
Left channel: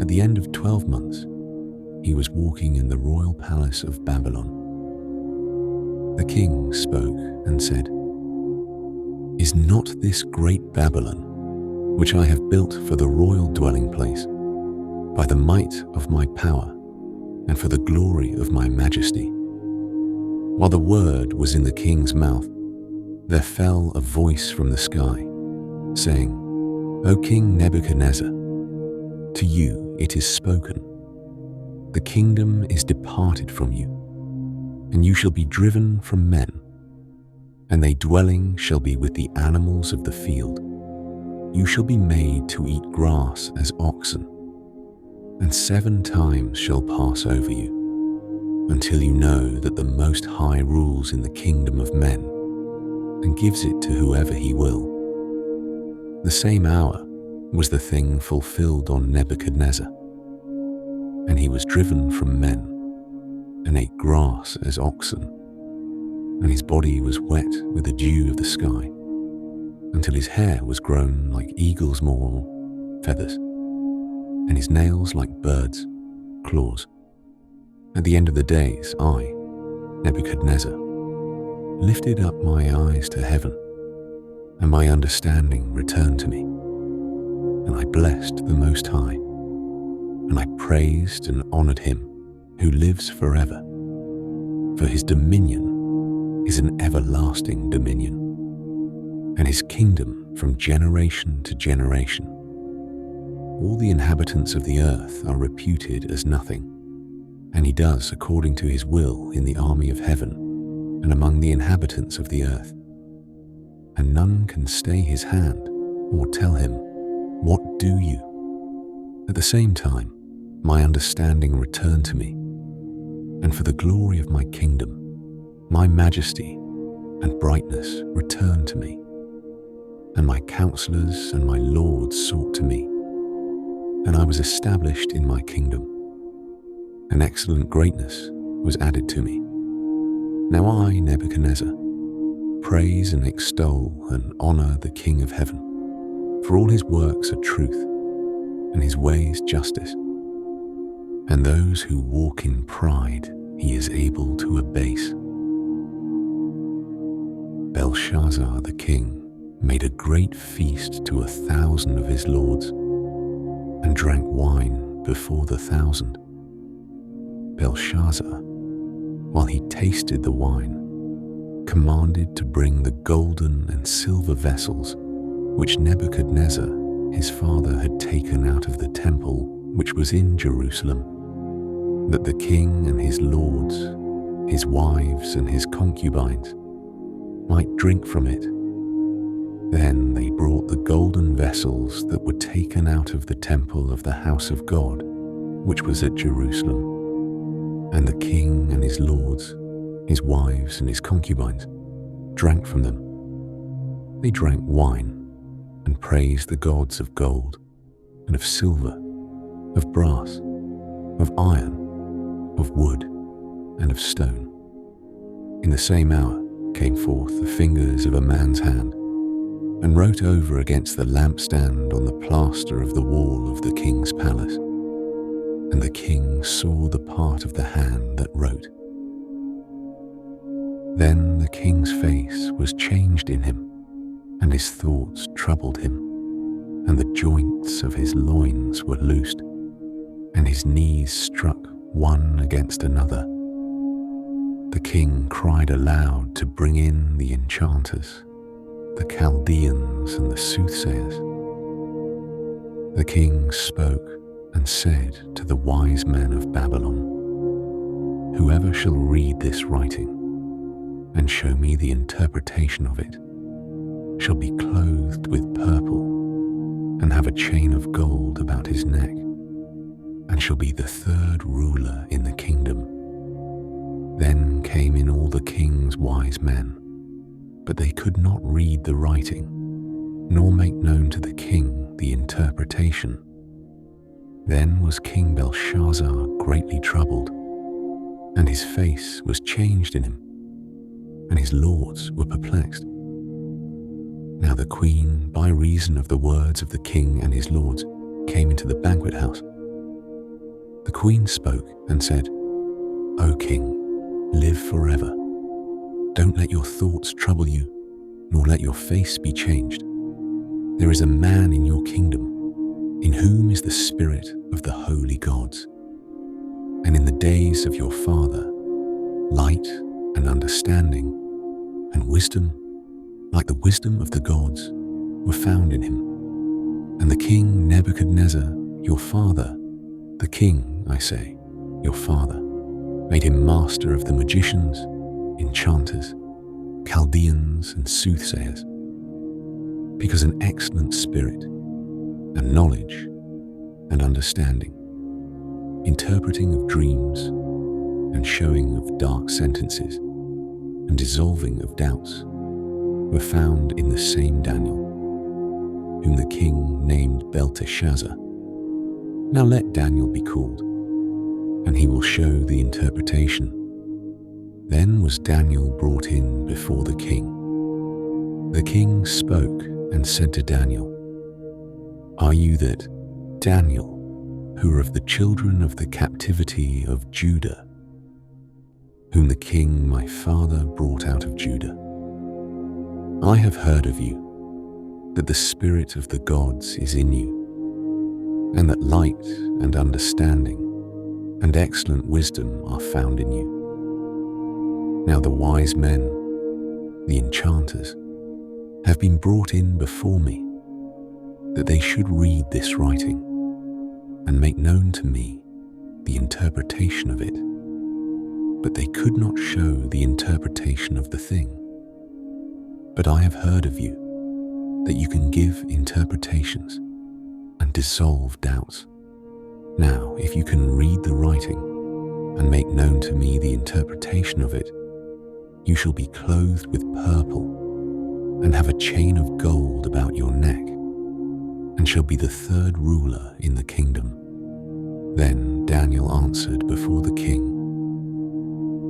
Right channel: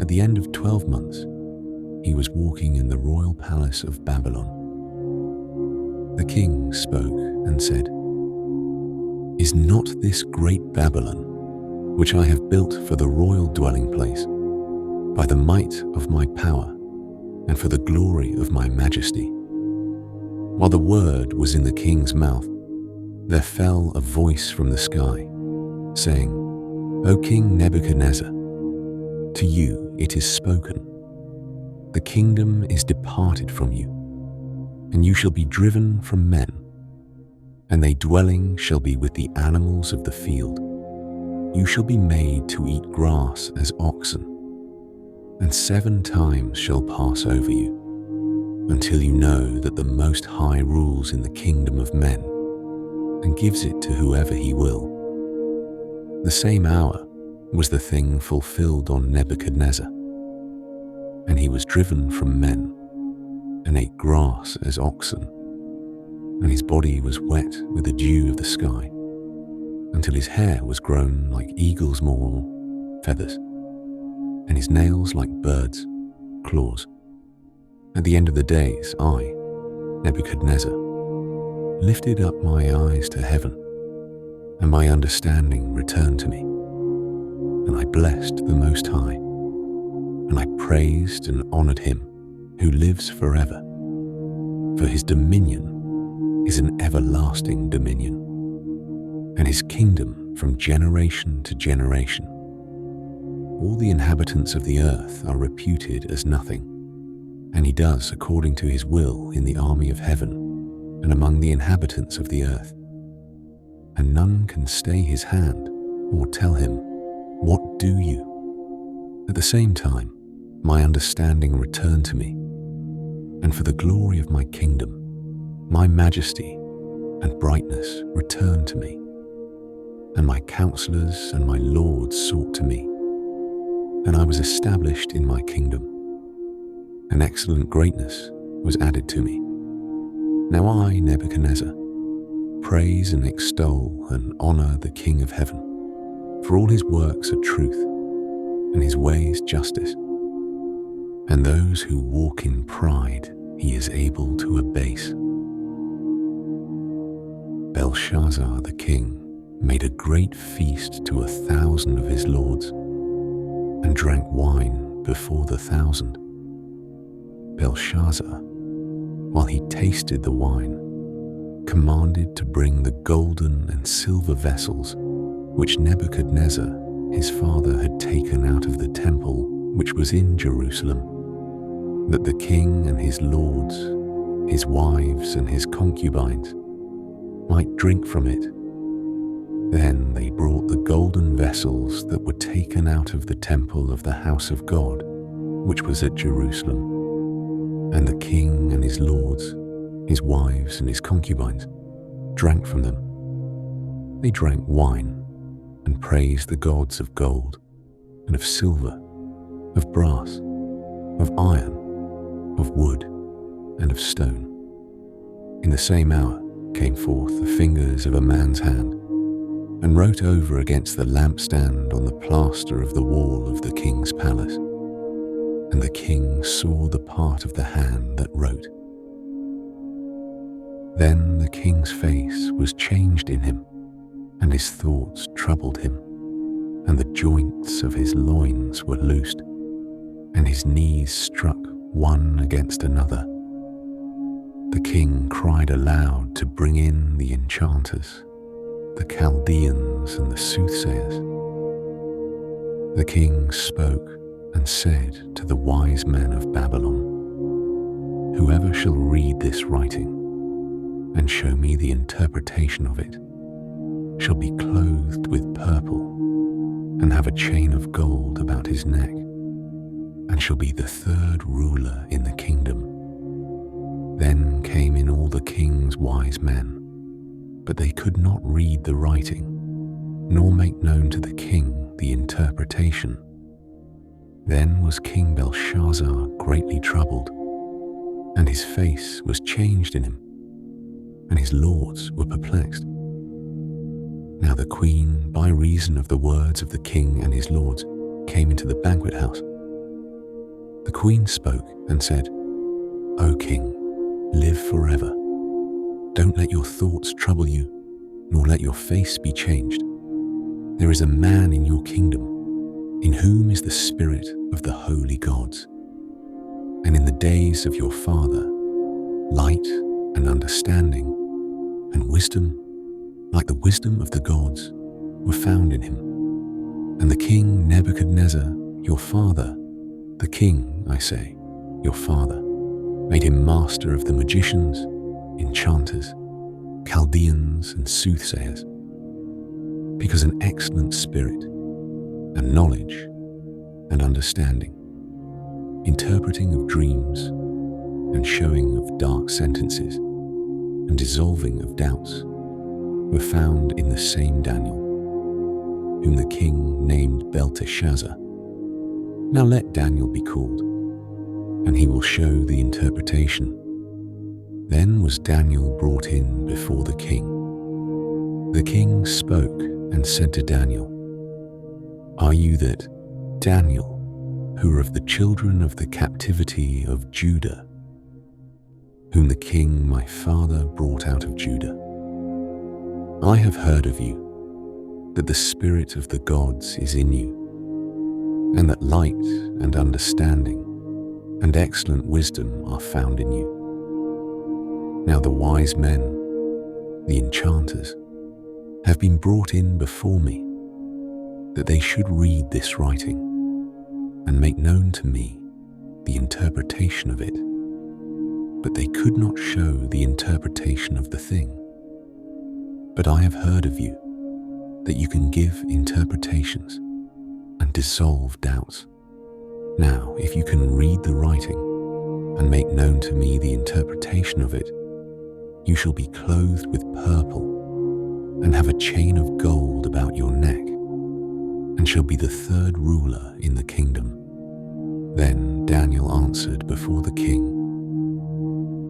At the end of 12 months, he was walking in the royal palace of Babylon. The king spoke and said, Is not this great Babylon, which I have built for the royal dwelling place, by the might of my power and for the glory of my majesty? While the word was in the king's mouth, there fell a voice from the sky, saying, O King Nebuchadnezzar, to you it is spoken. The kingdom is departed from you, and you shall be driven from men, and thy dwelling shall be with the animals of the field. You shall be made to eat grass as oxen, and 7 times shall pass over you, until you know that the Most High rules in the kingdom of men, and gives it to whoever he will. The same hour was the thing fulfilled on Nebuchadnezzar, and he was driven from men, and ate grass as oxen, and his body was wet with the dew of the sky, until his hair was grown like eagle's maw feathers, and his nails like birds' claws. At the end of the days, I, Nebuchadnezzar, lifted up my eyes to heaven, and my understanding returned to me. And I blessed the Most High, and I praised and honored him who lives forever, for his dominion is an everlasting dominion, and his kingdom from generation to generation. All the inhabitants of the earth are reputed as nothing, and he does according to his will in the army of heaven and among the inhabitants of the earth. And none can stay his hand or tell him, What do you? At the same time, my understanding returned to me, and for the glory of my kingdom, my majesty and brightness returned to me, and my counselors and my lords sought to me, and I was established in my kingdom, and excellent greatness was added to me. Now I, Nebuchadnezzar, praise and extol and honor the King of heaven, for all his works are truth, and his ways justice. And those who walk in pride he is able to abase. Belshazzar the king made a great feast to 1,000 of his lords, and drank wine before the 1,000. Belshazzar, while he tasted the wine, commanded to bring the golden and silver vessels which Nebuchadnezzar his father had taken out of the temple which was in Jerusalem, that the king and his lords, his wives and his concubines, might drink from it. Then they brought the golden vessels that were taken out of the temple of the house of God, which was at Jerusalem, and the king and his lords, his wives and his concubines, drank from them. They drank wine and praised the gods of gold and of silver, of brass, of iron, of wood, and of stone. In the same hour came forth the fingers of a man's hand, and wrote over against the lampstand on the plaster of the wall of the king's palace. And the king saw the part of the hand that wrote. Then the king's face was changed in him, and his thoughts troubled him, and the joints of his loins were loosed, and his knees struck one against another. The king cried aloud to bring in the enchanters, the Chaldeans and the soothsayers. The king spoke and said to the wise men of Babylon, "Whoever shall read this writing and show me the interpretation of it shall be clothed with purple and have a chain of gold about his neck, and shall be the third ruler in the kingdom." Then came in all the king's wise men, but they could not read the writing, nor make known to the king the interpretation. Then was King Belshazzar greatly troubled, and his face was changed in him, and his lords were perplexed. Now the queen, by reason of the words of the king and his lords, came into the banquet house. The queen spoke and said, "O king, live forever. Don't let your thoughts trouble you, nor let your face be changed. There is a man in your kingdom, in whom is the spirit of the holy gods. And in the days of your father, light and understanding and wisdom, like the wisdom of the gods, were found in him. And the king Nebuchadnezzar, your father, the king, I say, your father, made him master of the magicians, enchanters, Chaldeans, and soothsayers, because an excellent spirit, and knowledge, and understanding, interpreting of dreams, and showing of dark sentences, and dissolving of doubts, were found in the same Daniel, whom the king named Belteshazzar. Now let Daniel be called, and he will show the interpretation." Then was Daniel brought in before the king. The king spoke and said to Daniel, "Are you that Daniel, who are of the children of the captivity of Judah, whom the king my father brought out of Judah? I have heard of you, that the spirit of the gods is in you, and that light and understanding and excellent wisdom are found in you. Now the wise men, the enchanters, have been brought in before me, that they should read this writing and make known to me the interpretation of it. But they could not show the interpretation of the thing. But I have heard of you, that you can give interpretations and dissolve doubts. Now, if you can read the writing and make known to me the interpretation of it, you shall be clothed with purple and have a chain of gold about your neck, and shall be the third ruler in the kingdom." Then Daniel answered before the king,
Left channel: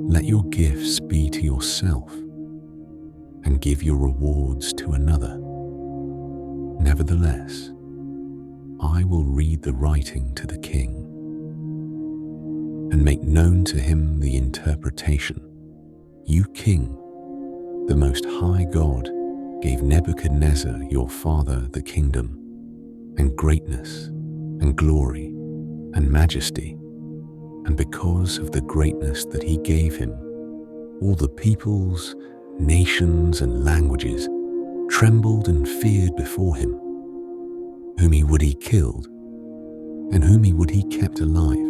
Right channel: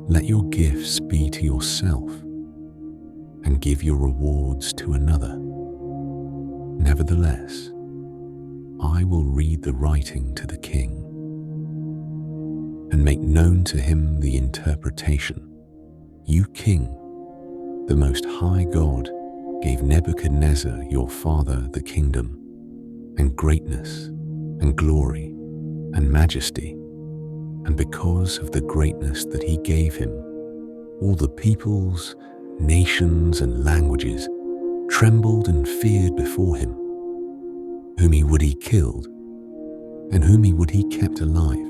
"Let your gifts be to yourself, and give your rewards to another. Nevertheless, I will read the writing to the king, and make known to him the interpretation. You king, the Most High God gave Nebuchadnezzar your father the kingdom, and greatness, and glory, and majesty, and because of the greatness that he gave him, all the peoples, nations, and languages trembled and feared before him. Whom he would he killed, and whom he would he kept alive,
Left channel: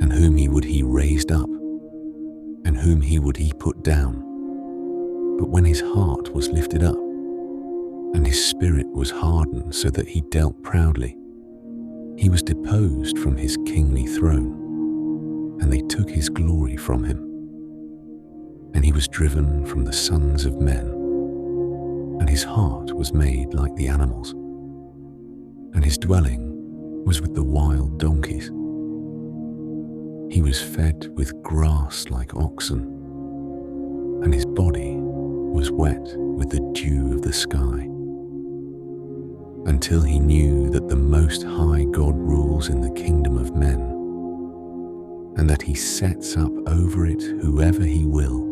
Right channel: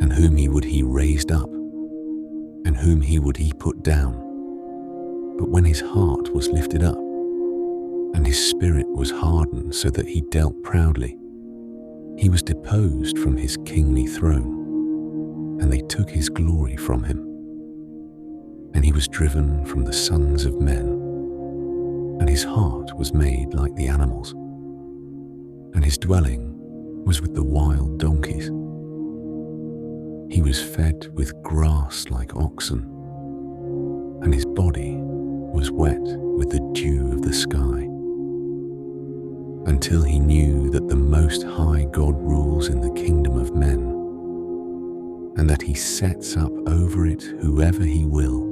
and whom he would he raised up, and whom he would he put down. But when his heart was lifted up, and his spirit was hardened so that he dealt proudly, he was deposed from his kingly throne, and they took his glory from him. And he was driven from the sons of men, and his heart was made like the animals, and his dwelling was with the wild donkeys. He was fed with grass like oxen, and his body was wet with the dew of the sky, until he knew that the Most High God rules in the kingdom of men, and that he sets up over it whoever he will.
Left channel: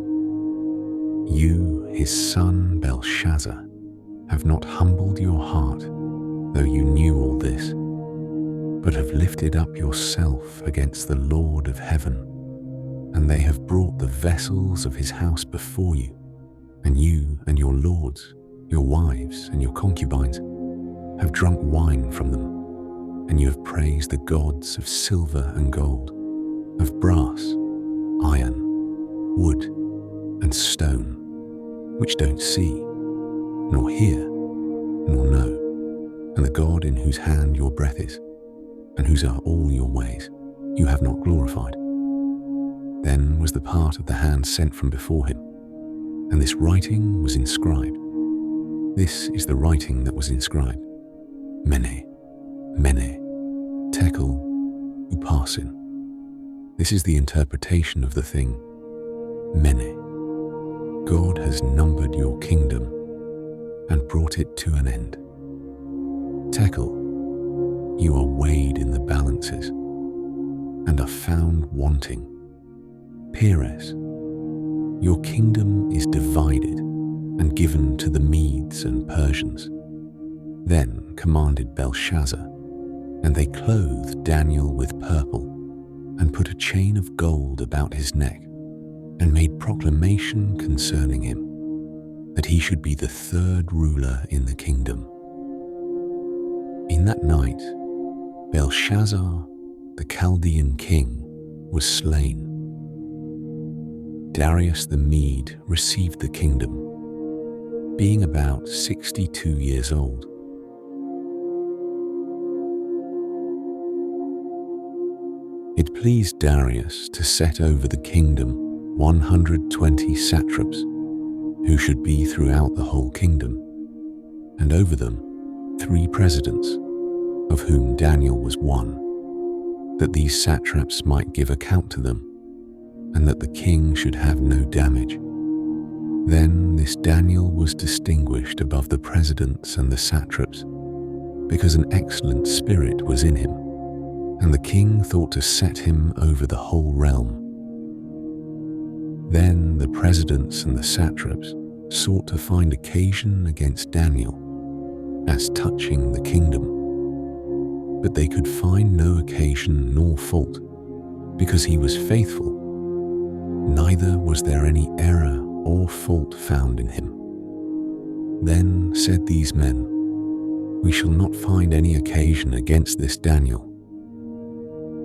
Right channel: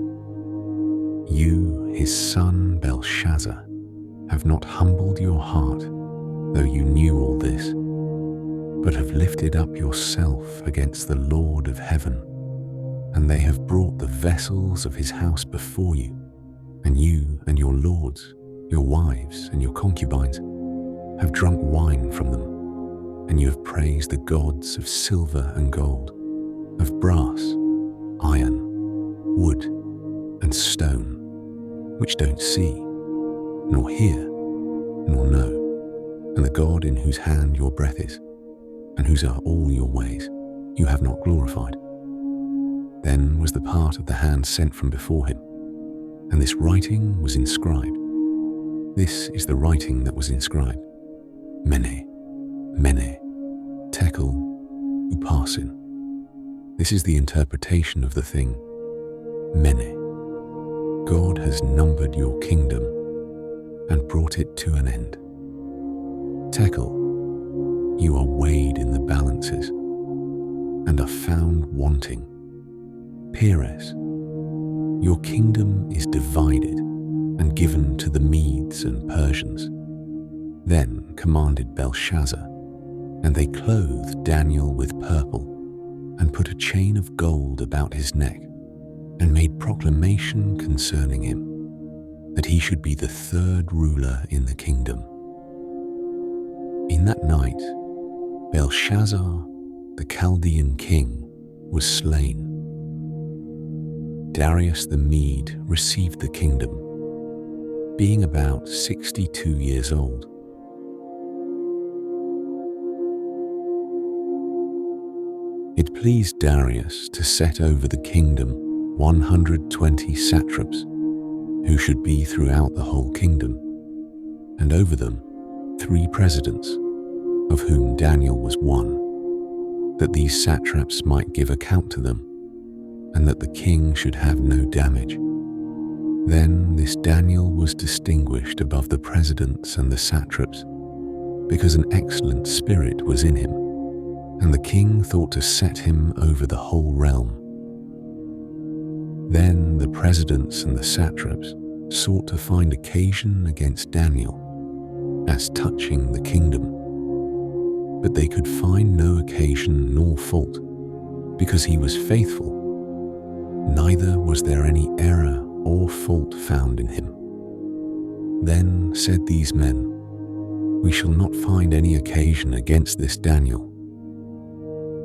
You, his son Belshazzar, have not humbled your heart, though you knew all this, but have lifted up yourself against the Lord of heaven, and they have brought the vessels of his house before you, and you and your lords, your wives and your concubines, have drunk wine from them, and you have praised the gods of silver and gold, of brass, iron, wood, and stone, which don't see, nor hear, nor know, and the God in whose hand your breath is, and whose are all your ways, you have not glorified. Then was the part of the hand sent from before him, and this writing was inscribed. This is the writing that was inscribed: Mene, Mene, Tekel, Upharsin. This is the interpretation of the thing. Mene, God has numbered your kingdom and brought it to an end. Tekel, you are weighed in the balances and are found wanting. Peres, your kingdom is divided and given to the Medes and Persians. Then commanded Belshazzar, and they clothed Daniel with purple, and put a chain of gold about his neck, and made proclamation concerning him, that he should be the third ruler in the kingdom. In that night, Belshazzar, the Chaldean king, was slain. Darius the Mede received the kingdom, being about 62 years old. It pleased Darius to set over the kingdom 120 satraps, who should be throughout the whole kingdom, and over them 3 presidents, of whom Daniel was one, that these satraps might give account to them, and that the king should have no damage. Then this Daniel was distinguished above the presidents and the satraps, because an excellent spirit was in him, and the king thought to set him over the whole realm. Then the presidents and the satraps sought to find occasion against Daniel, as touching the kingdom. But they could find no occasion nor fault, because he was faithful, neither was there any error or fault found in him. Then said these men, "We shall not find any occasion against this Daniel,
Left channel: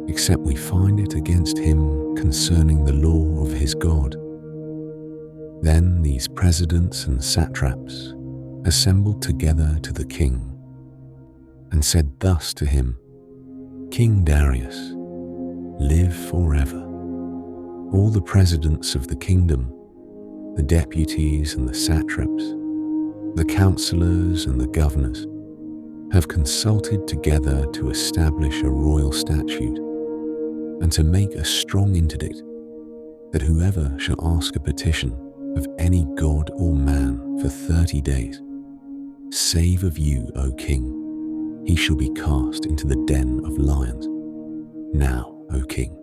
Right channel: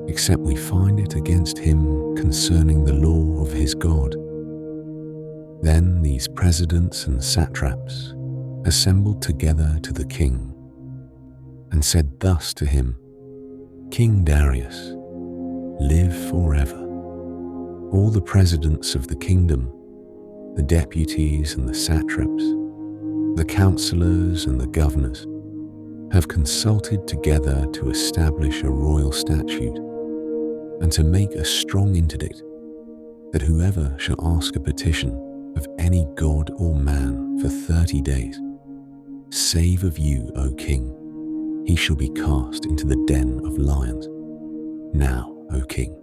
except we find it against him concerning the law of his God." Then these presidents and satraps assembled together to the king, and said thus to him, "King Darius, live forever. All the presidents of the kingdom, the deputies and the satraps, the counselors and the governors, have consulted together to establish a royal statute and to make a strong interdict that whoever shall ask a petition of any god or man for 30 days, save of you, O king, he shall be cast into the den of lions. Now, O king,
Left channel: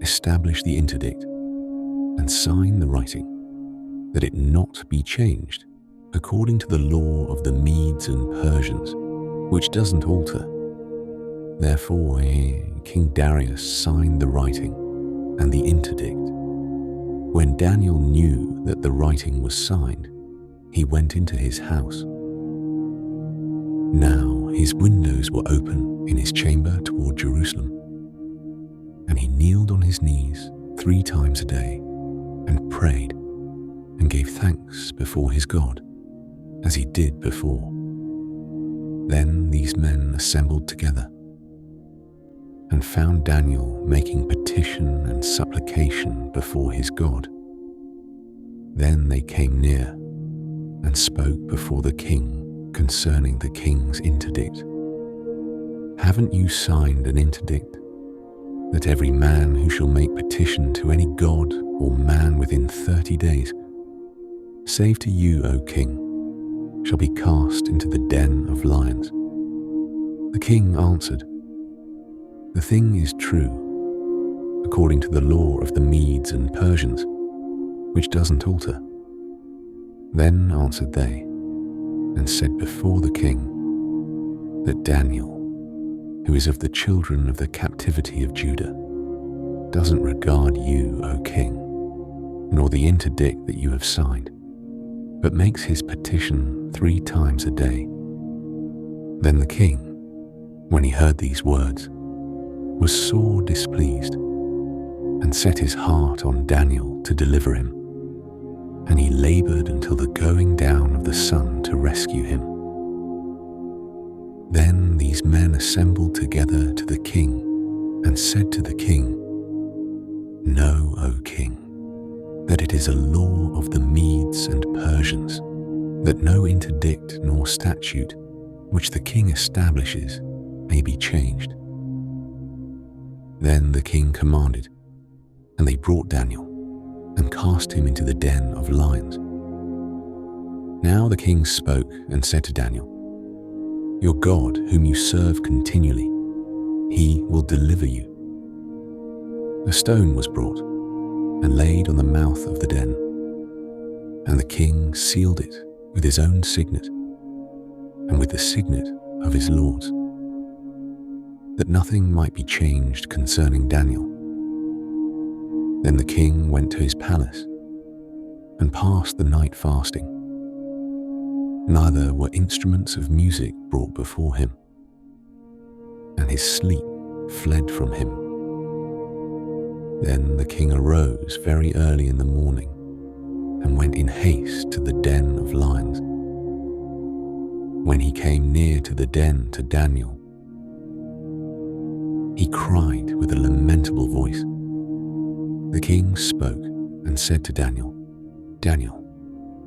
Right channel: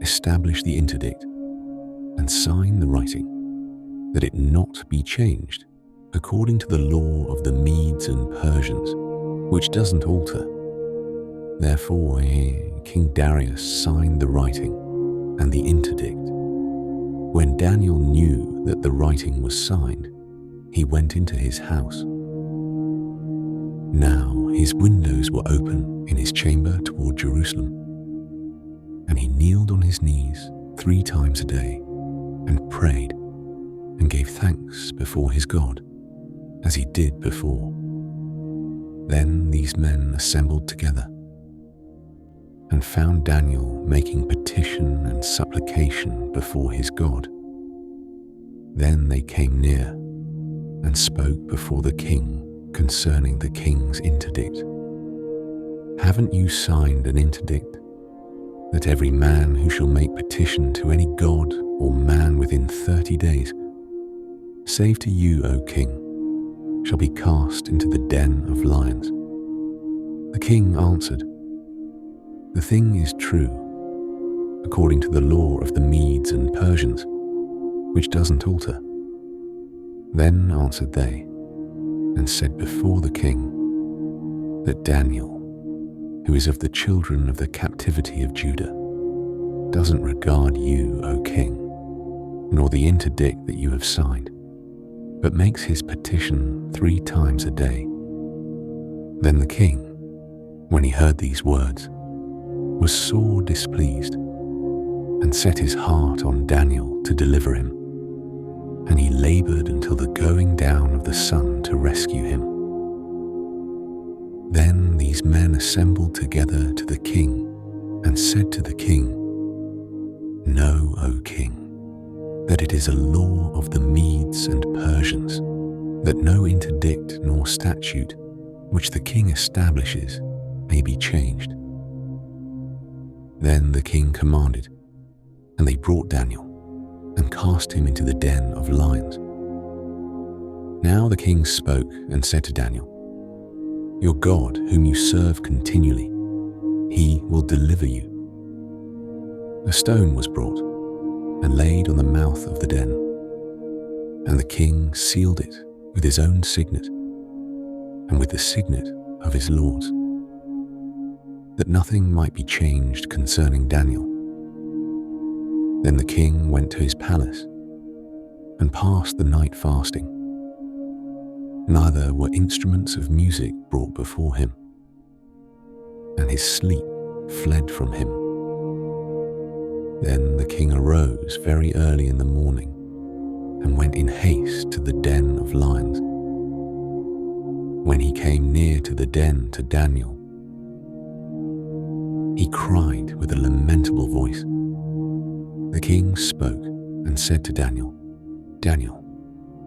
establish the interdict and sign the writing, that it not be changed according to the law of the Medes and Persians, which doesn't alter. Therefore, King Darius signed the writing and the interdict. When Daniel knew that the writing was signed, he went into his house. Now his windows were open in his chamber toward Jerusalem, and he kneeled on his knees 3 times a day and prayed and gave thanks before his God, as he did before. Then these men assembled together and found Daniel making petition and supplication before his God. Then they came near and spoke before the king concerning the king's interdict. Haven't you signed an interdict that every man who shall make petition to any god or man within 30 days, save to you, O king, shall be cast into the den of lions? The king answered, the thing is true, according to the law of the Medes and Persians, which doesn't alter. Then answered they, and said before the king, that Daniel, who is of the children of the captivity of Judah, doesn't regard you, O king, nor the interdict that you have signed, but makes his petition 3 times a day. Then the king, when he heard these words, was sore displeased, and set his heart on Daniel to deliver him, and he labored until the going down of the sun to rescue him. Then these men assembled together to the king, and said to the king, Know, O king, that it is a law of the Medes and Persians, that no interdict nor statute which the king establishes may be changed. Then the king commanded, and they brought Daniel and cast him into the den of lions. Now the king spoke and said to Daniel, Your God, whom you serve continually, he will deliver you. A stone was brought and laid on the mouth of the den, and the king sealed it with his own signet and with the signet of his lords, that nothing might be changed concerning Daniel. Then the king went to his palace and passed the night fasting. Neither were instruments of music brought before him, and his sleep fled from him. Then the king arose very early in the morning and went in haste to the den of lions. When he came near to the den to Daniel, he cried with a lamentable voice. The king spoke and said to Daniel, Daniel,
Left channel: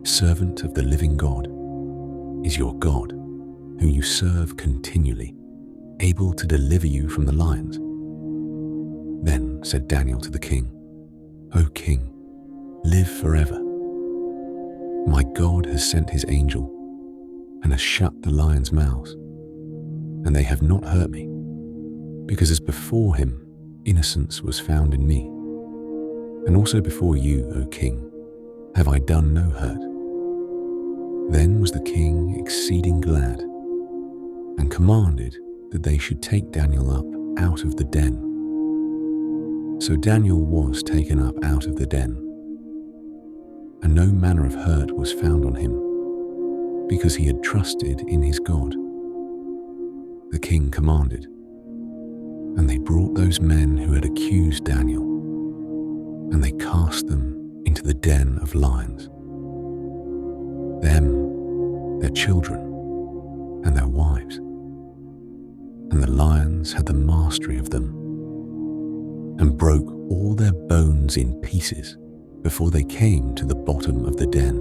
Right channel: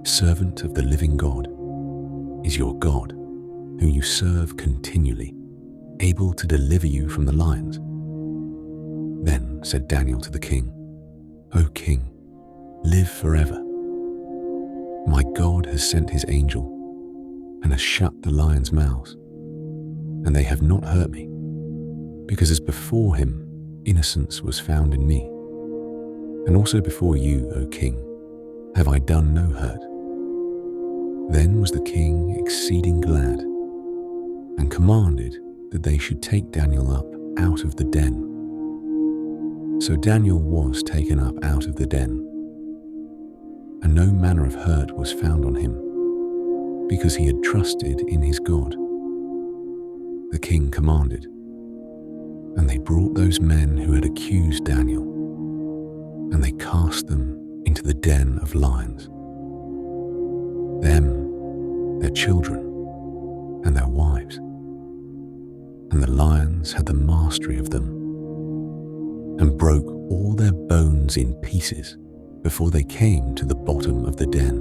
servant of the living God, is your God, whom you serve continually, able to deliver you from the lions? Then said Daniel to the king, O king, live forever. My God has sent his angel and has shut the lions' mouths, and they have not hurt me, because as before him innocence was found in me, and also before you, O king, have I done no hurt. Then was the king exceeding glad, and commanded that they should take Daniel up out of the den. So Daniel was taken up out of the den, and no manner of hurt was found on him, because he had trusted in his God. The king commanded, and they brought those men who had accused Daniel, and they cast them into the den of lions. Them, their children, and their wives. And the lions had the mastery of them, and broke all their bones in pieces before they came to the bottom of the den.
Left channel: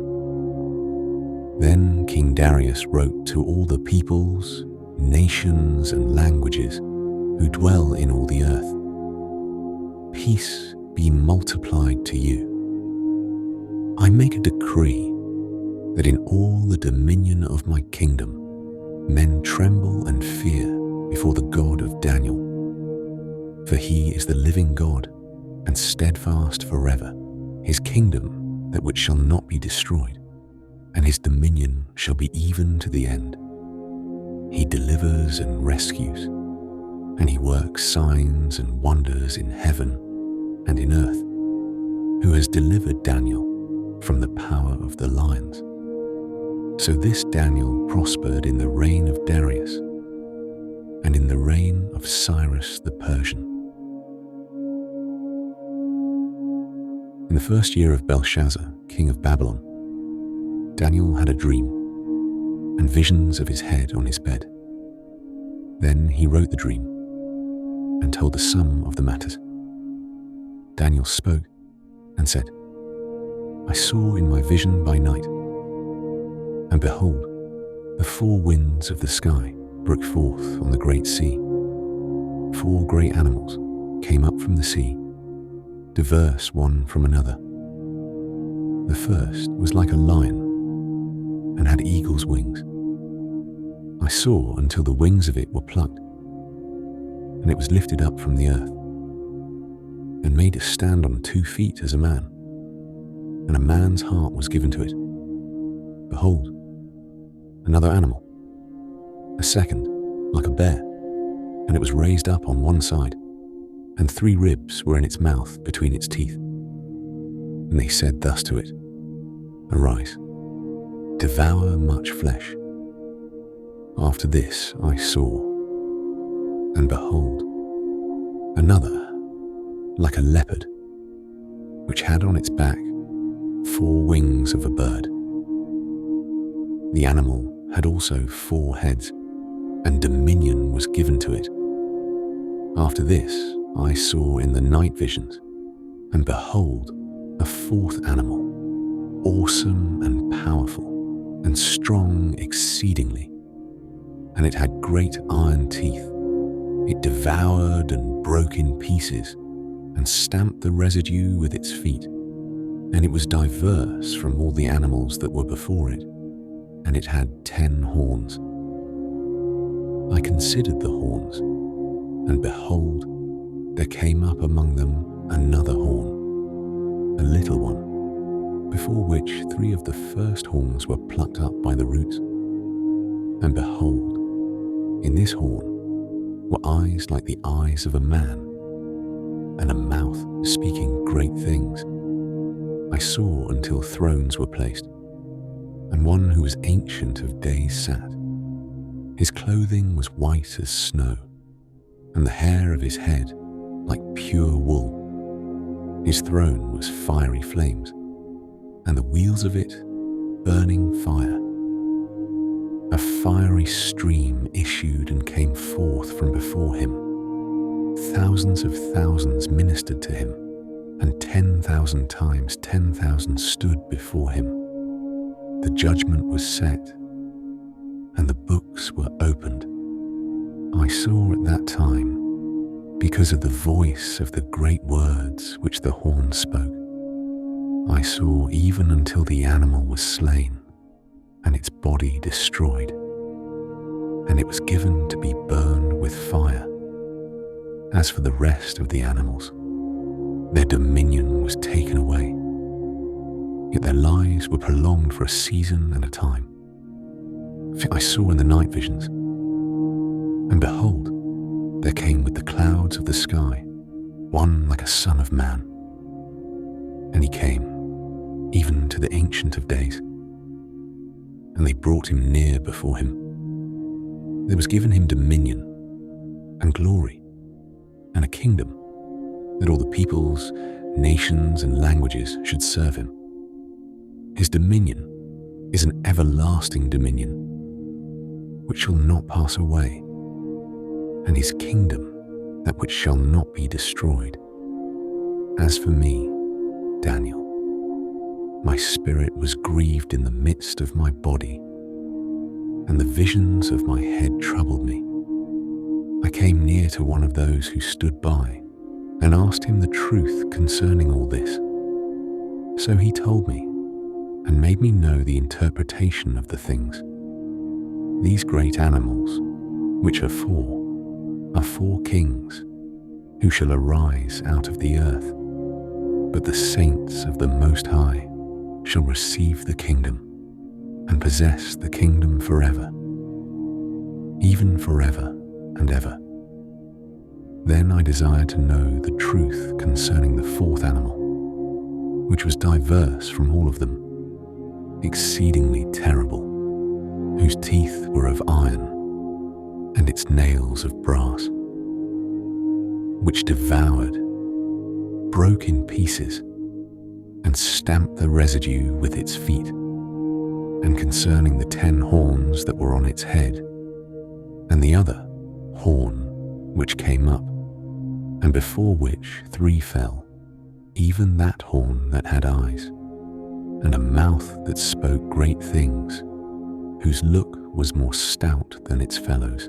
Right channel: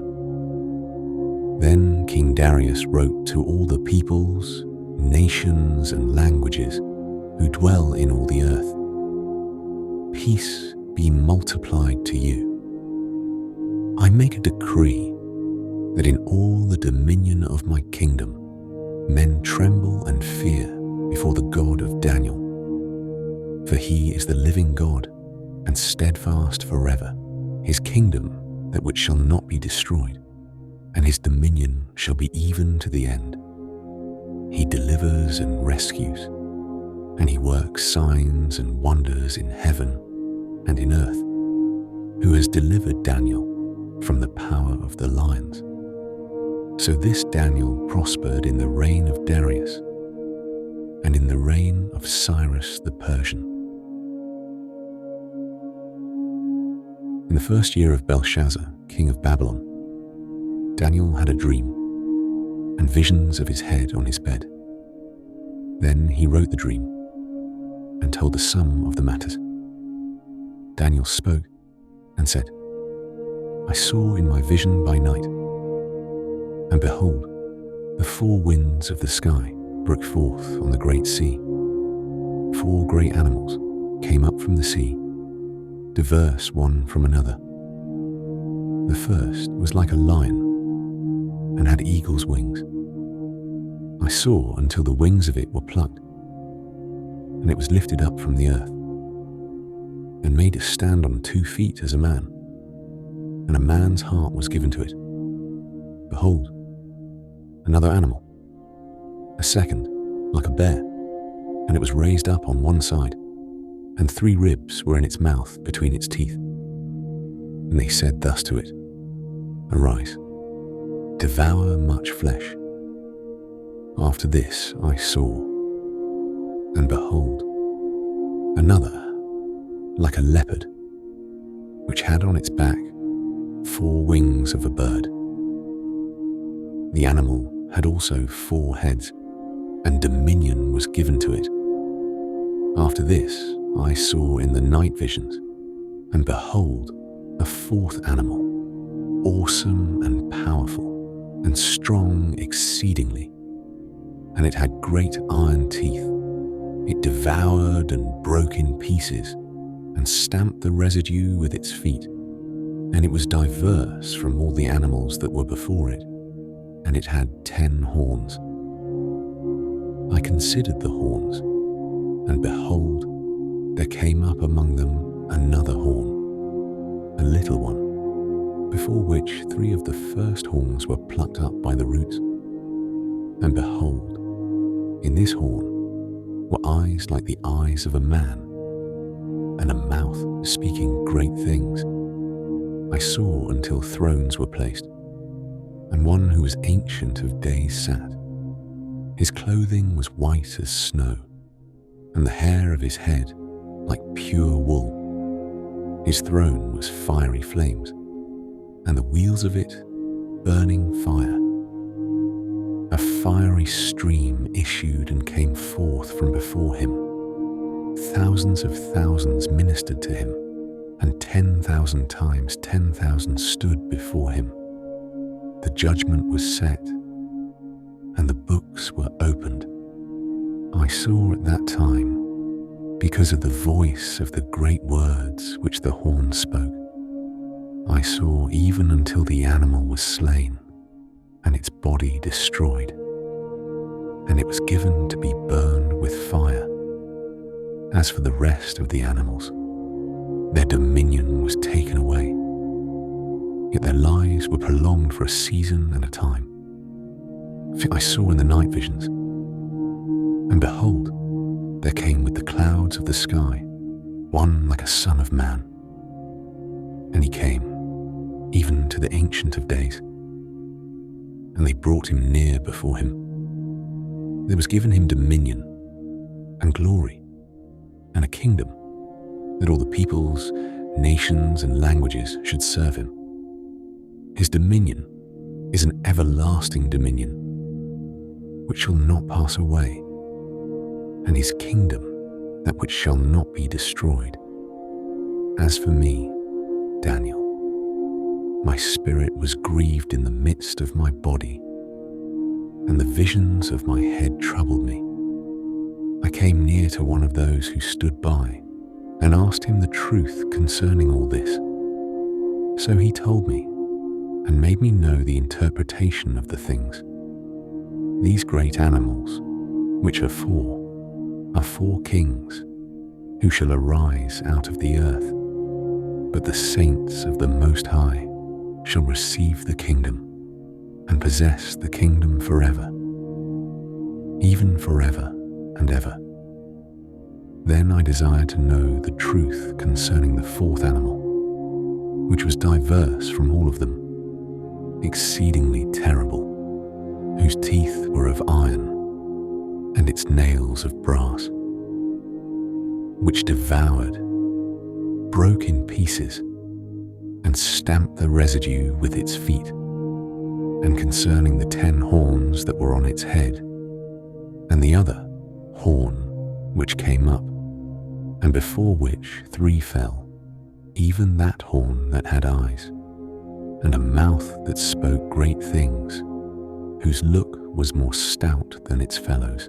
Then King Darius wrote to all the peoples, nations, and languages who dwell in all the earth, peace be multiplied to you. I make a decree that in all the dominion of my kingdom, men tremble and fear before the God of Daniel. For he is the living God and steadfast forever, his kingdom that which shall not be destroyed, and his dominion shall be even to the end. He delivers and rescues, and he works signs and wonders in heaven and in earth, who has delivered Daniel from the power of the lions. So this Daniel prospered in the reign of Darius and in the reign of Cyrus the Persian. In the first year of Belshazzar, king of Babylon, Daniel had a dream and visions of his head on his bed. Then he wrote the dream and told the sum of the matters. Daniel spoke and said, I saw in my vision by night, and behold, the four winds of the sky broke forth on the great sea. 4 great animals came up from the sea, diverse one from another. The first was like a lion and had eagle's wings. I saw until the wings of it were plucked, and it was lifted up from the earth, and made to stand on 2 feet as a man, and a man's heart was given to it. Behold, another animal, a second, like a bear, and it was raised up on one side, and 3 ribs were in its mouth between its teeth. And they said thus to it, Arise, devour much flesh. After this I saw, and behold, another, like a leopard, which had on its back 4 wings of a bird. The animal had also 4 heads, and dominion was given to it. After this I saw in the night visions, and behold, a 4th animal, awesome and powerful, and strong exceedingly, and it had great iron teeth. It devoured and broke in pieces, and stamped the residue with its feet, and it was diverse from all the animals that were before it, and it had 10 horns. I considered the horns, and behold, there came up among them another horn, a little one, before which 3 of the first horns were plucked up by the roots. And behold, in this horn were eyes like the eyes of a man, and a mouth speaking great things. I saw until thrones were placed, and one who was ancient of days sat. His clothing was white as snow, and the hair of his head like pure wool. His throne was fiery flames, and the wheels of it burning fire. A fiery stream issued and came forth from before him. Thousands of thousands ministered to him, and 10,000 times 10,000 stood before him. The judgment was set, and the books were opened. I saw at that time, because of the voice of the great words which the horn spoke, I saw even until the animal was slain, and its body destroyed, and it was given to be burned with fire. As for the rest of the animals, their dominion was taken away, yet their lives were prolonged for a season and a time. I saw in the night visions, and behold, there came with the clouds of the sky one like a son of man. And he came, even to the Ancient of Days, and they brought him near before him. There was given him dominion and glory and a kingdom, that all the peoples, nations, and languages should serve him. His dominion is an everlasting dominion, which shall not pass away, and his kingdom that which shall not be destroyed. As for me, Daniel, my spirit was grieved in the midst of my body, and the visions of my head troubled me. I came near to one of those who stood by, and asked him the truth concerning all this. So he told me and made me know the interpretation of the things. These great animals, which are four kings, who shall arise out of the earth, but the saints of the Most High shall receive the kingdom and possess the kingdom forever, even forever and ever. Then I desired to know the truth concerning the fourth animal, which was diverse from all of them, exceedingly terrible, whose teeth were of iron and its nails of brass, which devoured, broke in pieces, and stamped the residue with its feet, and concerning the 10 horns that were on its head, and the other horn which came up, and before which 3 fell, even that horn that had eyes, and a mouth that spoke great things, whose look was more stout than its fellows.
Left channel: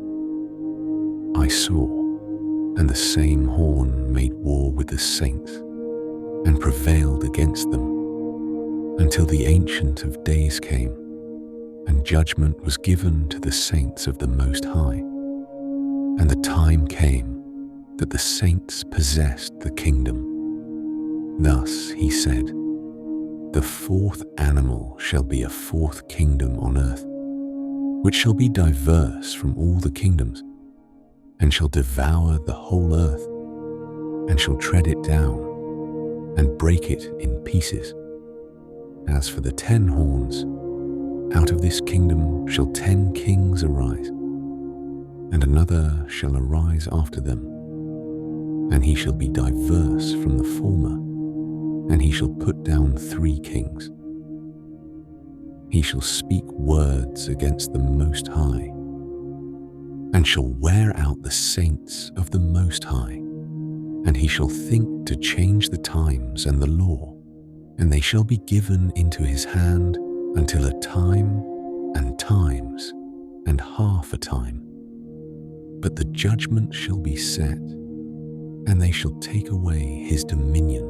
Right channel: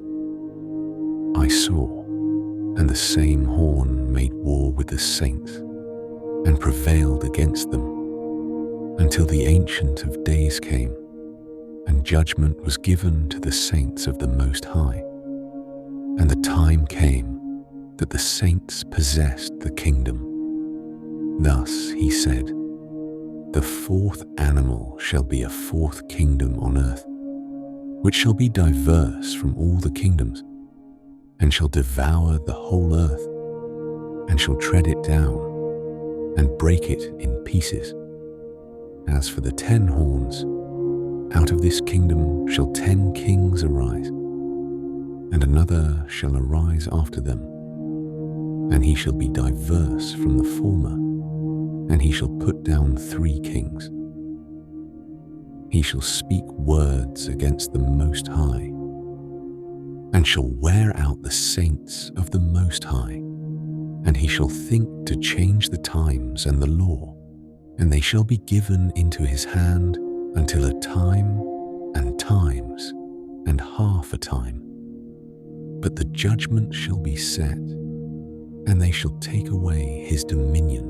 I saw, and the same horn made war with the saints, and prevailed against them, until the Ancient of Days came, and judgment was given to the saints of the Most High. And the time came that the saints possessed the kingdom. Thus he said, "The fourth animal shall be a fourth kingdom on earth, which shall be diverse from all the kingdoms, and shall devour the whole earth, and shall tread it down, and break it in pieces. As for the 10 horns, out of this kingdom shall 10 kings arise, and another shall arise after them, and he shall be diverse from the former, and he shall put down 3 kings. He shall speak words against the Most High, and shall wear out the saints of the Most High, and he shall think to change the times and the law, and they shall be given into his hand until a time and times and half a time. But the judgment shall be set, and they shall take away his dominion,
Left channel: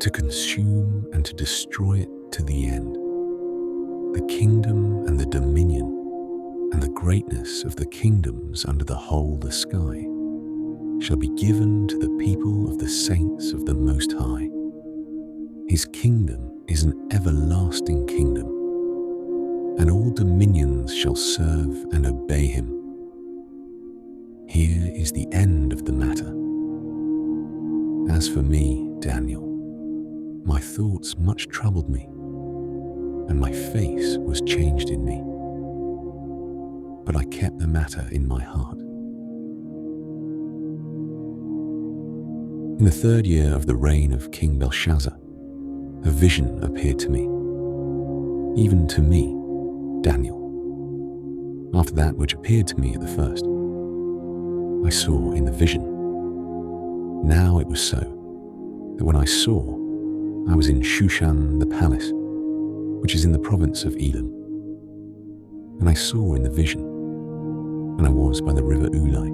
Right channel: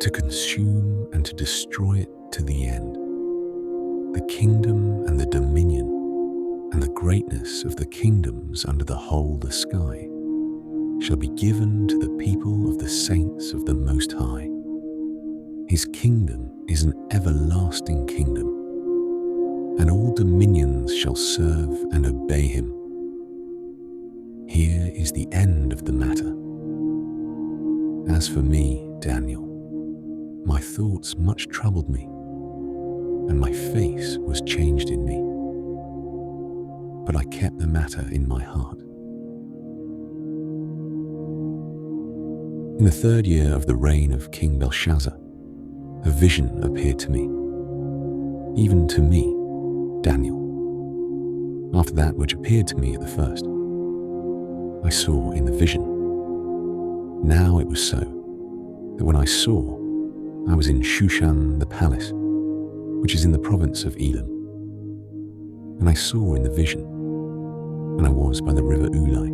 to consume and to destroy it to the end. The kingdom and the dominion and the greatness of the kingdoms under the whole the sky shall be given to the people of the saints of the Most High. His kingdom is an everlasting kingdom, and all dominions shall serve and obey him. Here is the end of the matter. As for me, Daniel, my thoughts much troubled me, and my face was changed in me. But I kept the matter in my heart. In the 3rd year of the reign of King Belshazzar, a vision appeared to me, even to me, Daniel. After that which appeared to me at the first, I saw in the vision. Now it was so, that when I saw, I was in Shushan the palace, which is in the province of Elam. And I saw in the vision, and I was by the river Ulai.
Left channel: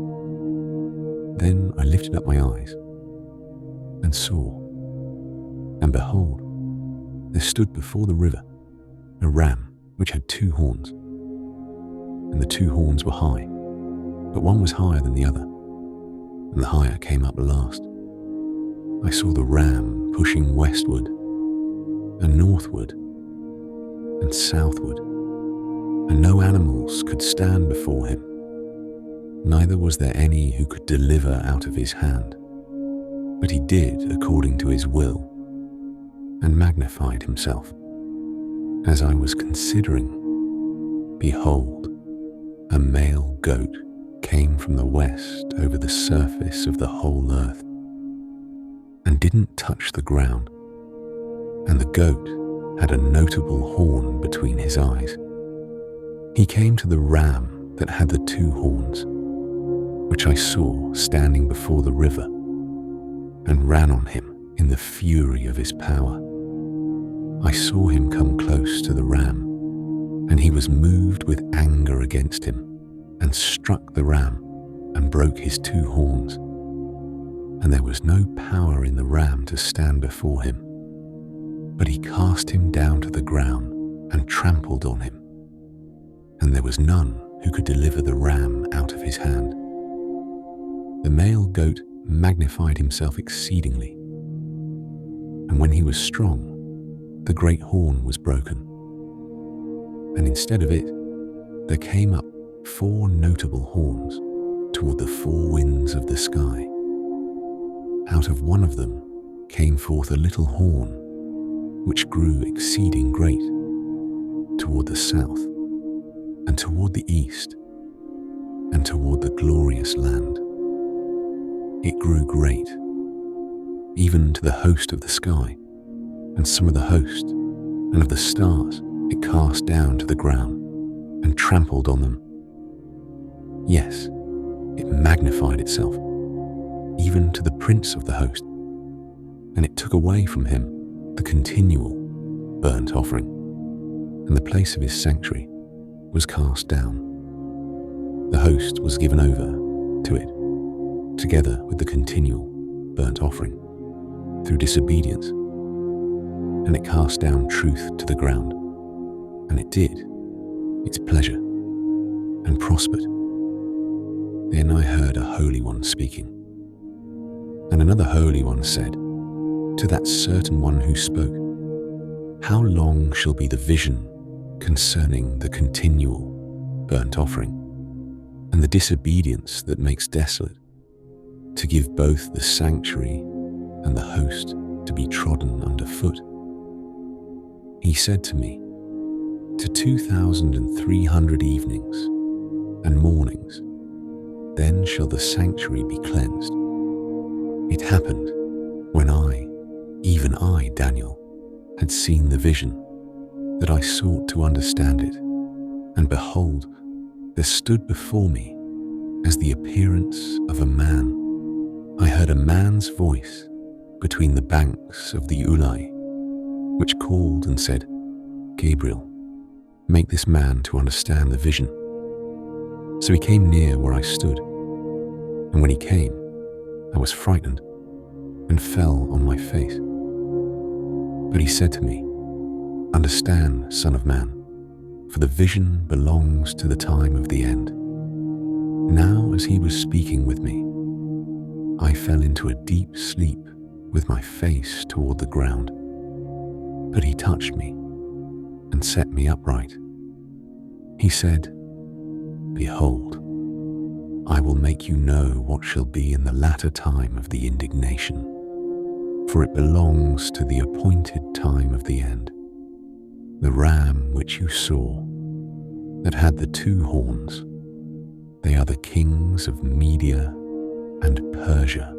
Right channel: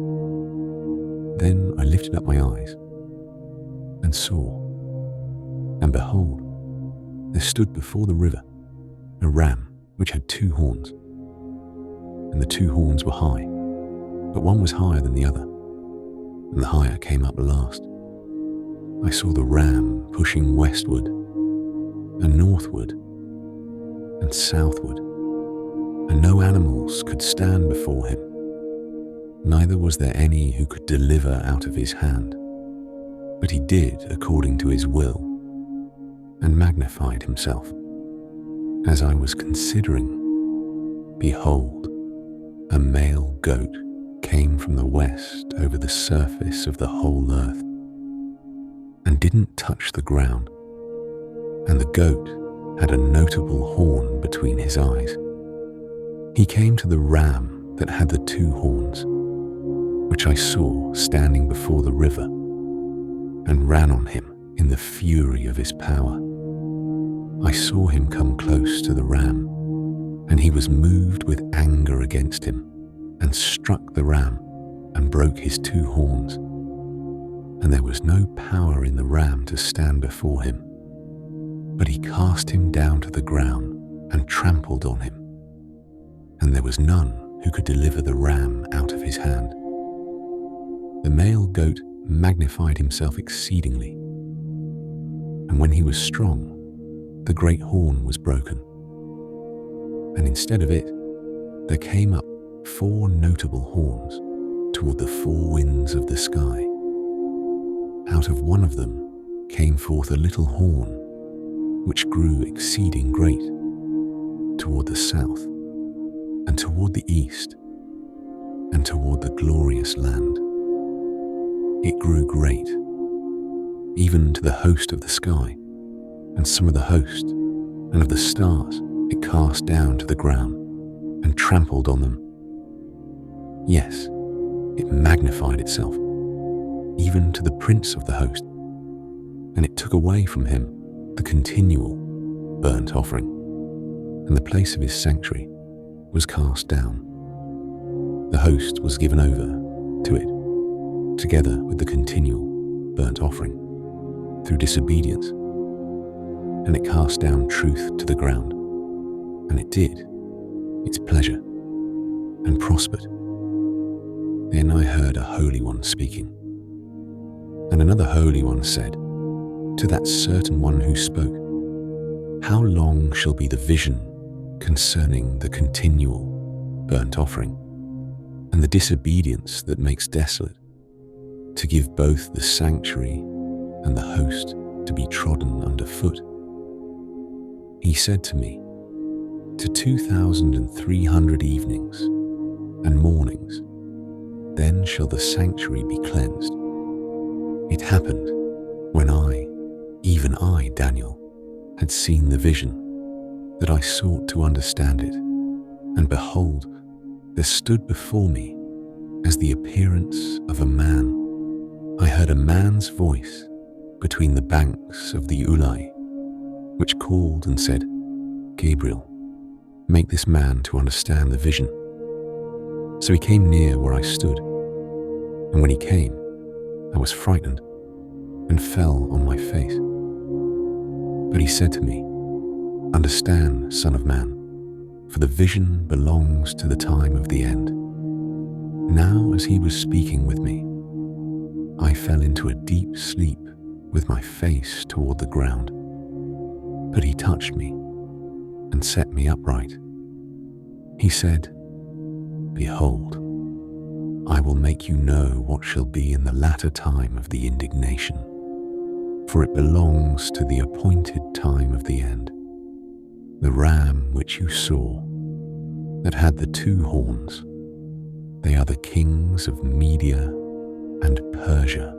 Then I lifted up my eyes, and saw, and behold, there stood before the river a ram which had 2 horns, and the 2 horns were high, but one was higher than the other, and the higher came up last. I saw the ram pushing westward, and northward, and southward, and no animals could stand before him, neither was there any who could deliver out of his hand. But he did according to his will, and magnified himself. As I was considering, behold, a male goat came from the west over the surface of the whole earth, and didn't touch the ground, and the goat had a notable horn between his eyes. He came to the ram that had the 2 horns, which I saw standing before the river, and ran on him in the fury of his power. I saw him come close to the ram, and he was moved with anger against him, and struck the ram, and broke his 2 horns. and there was no power in the ram to stand before him. But he cast him down to the ground and trampled on him, and there was none who could deliver the ram out of his hand. The male goat magnified himself exceedingly, and when he was strong, the great horn was broken, and instead of it, there came up 4 notable horns toward the 4 winds of the sky. Out of one of them came forth a little horn, which grew exceeding great, toward the south, and toward the east, and toward the glorious land. It grew great, even to the host of the sky, and some of the host, and of the stars it cast down to the ground, and trampled on them. Yes, it magnified itself, even to the prince of the host, and it took away from him the continual burnt offering, and the place of his sanctuary was cast down. The host was given over to it, together with the continual burnt offering, through disobedience, and it cast down truth to the ground, and it did its pleasure, and prospered. Then I heard a Holy One speaking, and another Holy One said to that certain one who spoke, "How long shall be the vision concerning the continual burnt offering, and the disobedience that makes desolate, to give both the sanctuary and the host to be trodden under foot?" He said to me, "To 2,300 evenings and mornings, then shall the sanctuary be cleansed." It happened when I, even I, Daniel, had seen the vision, that I sought to understand it, and behold, there stood before me, as the appearance of a man. I heard a man's voice between the banks of the Ulai, which called and said, "Gabriel, make this man to understand the vision." So he came near where I stood, and when he came, I was frightened and fell on my face. But he said to me, "Understand, Son of Man, for the vision belongs to the time of the end." Now as he was speaking with me, I fell into a deep sleep with my face toward the ground. But he touched me and set me upright. He said, "Behold, I will make you know what shall be in the latter time of the indignation, for it belongs to the appointed time of the end. The ram which you saw, that had the 2 horns, they are the kings of Media and Persia.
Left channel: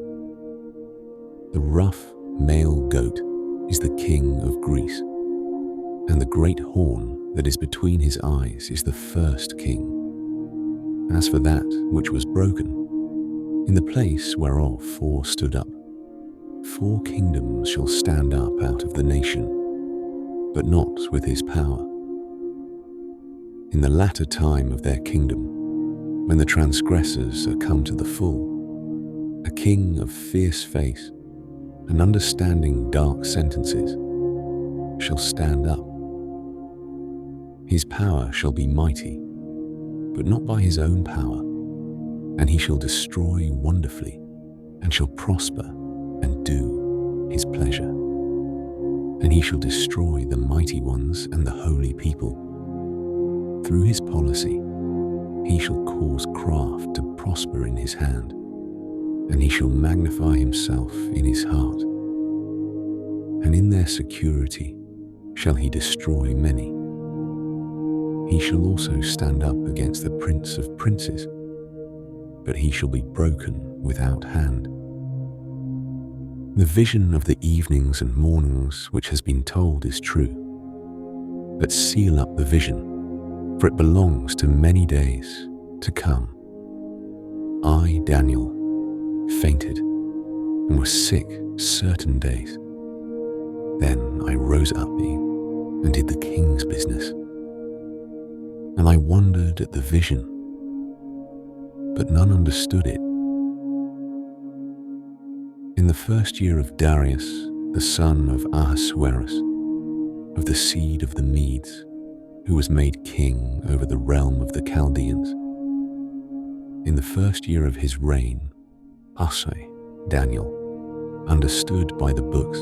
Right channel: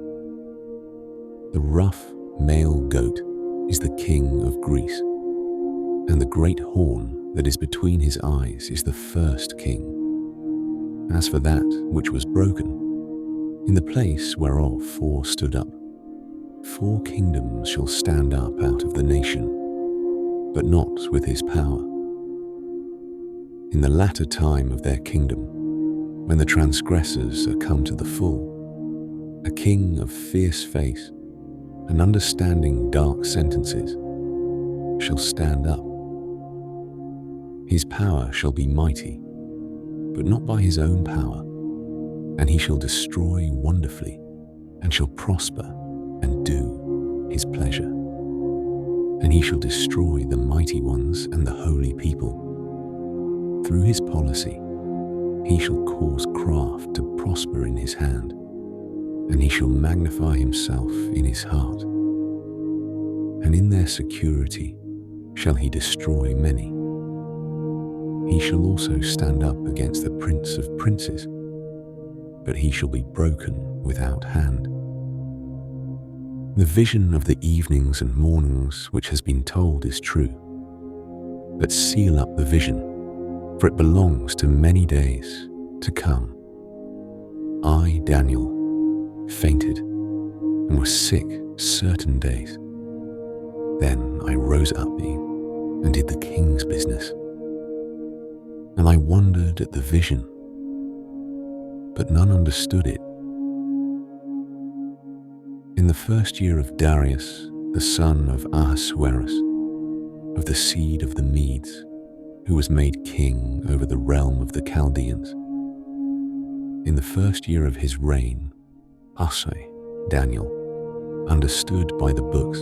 The rough male goat is the king of Greece, and the great horn that is between his eyes is the first king. As for that which was broken, in the place whereof 4 stood up, 4 kingdoms shall stand up out of the nation, but not with his power. In the latter time of their kingdom, when the transgressors are come to the full, a king of fierce face and understanding dark sentences shall stand up. His power shall be mighty, but not by his own power, and he shall destroy wonderfully, and shall prosper and do his pleasure. And he shall destroy the mighty ones and the holy people. Through his policy, he shall cause craft to prosper in his hand, and he shall magnify himself in his heart. And in their security shall he destroy many. He shall also stand up against the prince of princes, but he shall be broken without hand. The vision of the evenings and mornings which has been told is true, but seal up the vision, for it belongs to many days to come. I, Daniel, fainted and was sick certain days. Then I rose up and did the king's business. And I wondered at the vision, but none understood it. In the first year of Darius, the son of Ahasuerus, of the seed of the Medes, who was made king over the realm of the Chaldeans. In the first year of his reign, Usai, Daniel, understood by the books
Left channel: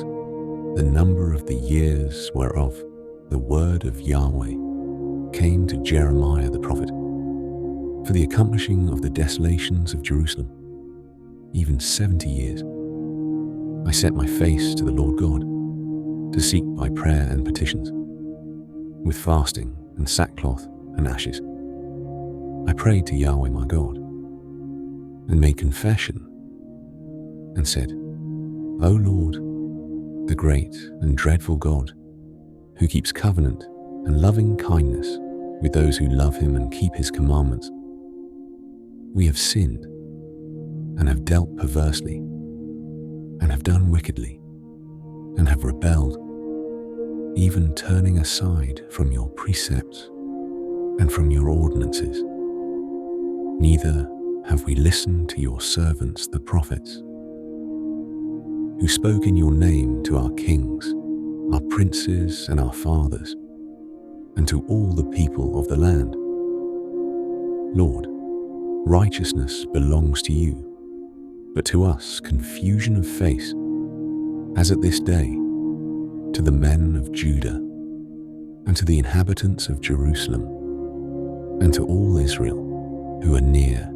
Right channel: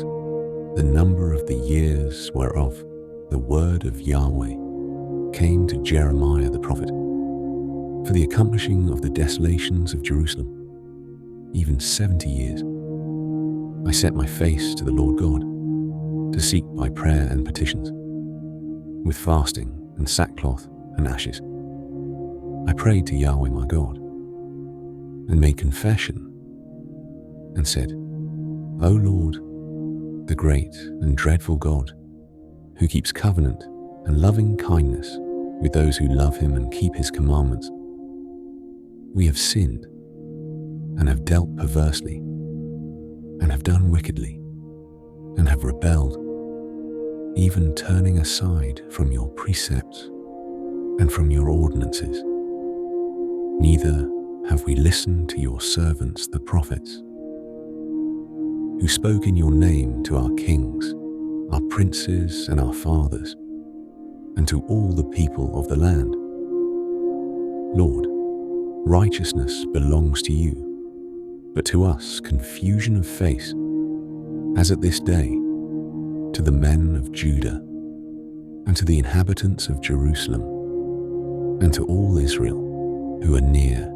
the number of the years whereof the word of Yahweh came to Jeremiah the prophet, for the accomplishing of the desolations of Jerusalem, even 70 years. I set my face to the Lord God, to seek by prayer and petitions, with fasting and sackcloth and ashes. I prayed to Yahweh my God, and made confession, and said, O Lord, the great and dreadful God, who keeps covenant and loving kindness with those who love him and keep his commandments, we have sinned and have dealt perversely and have done wickedly and have rebelled, even turning aside from your precepts and from your ordinances. Neither have we listened to your servants the prophets, who spoke in your name to our kings, our princes and our fathers, and to all the people of the land. Lord, righteousness belongs to you, but to us confusion of face, as at this day, to the men of Judah, and to the inhabitants of Jerusalem, and to all Israel, who are near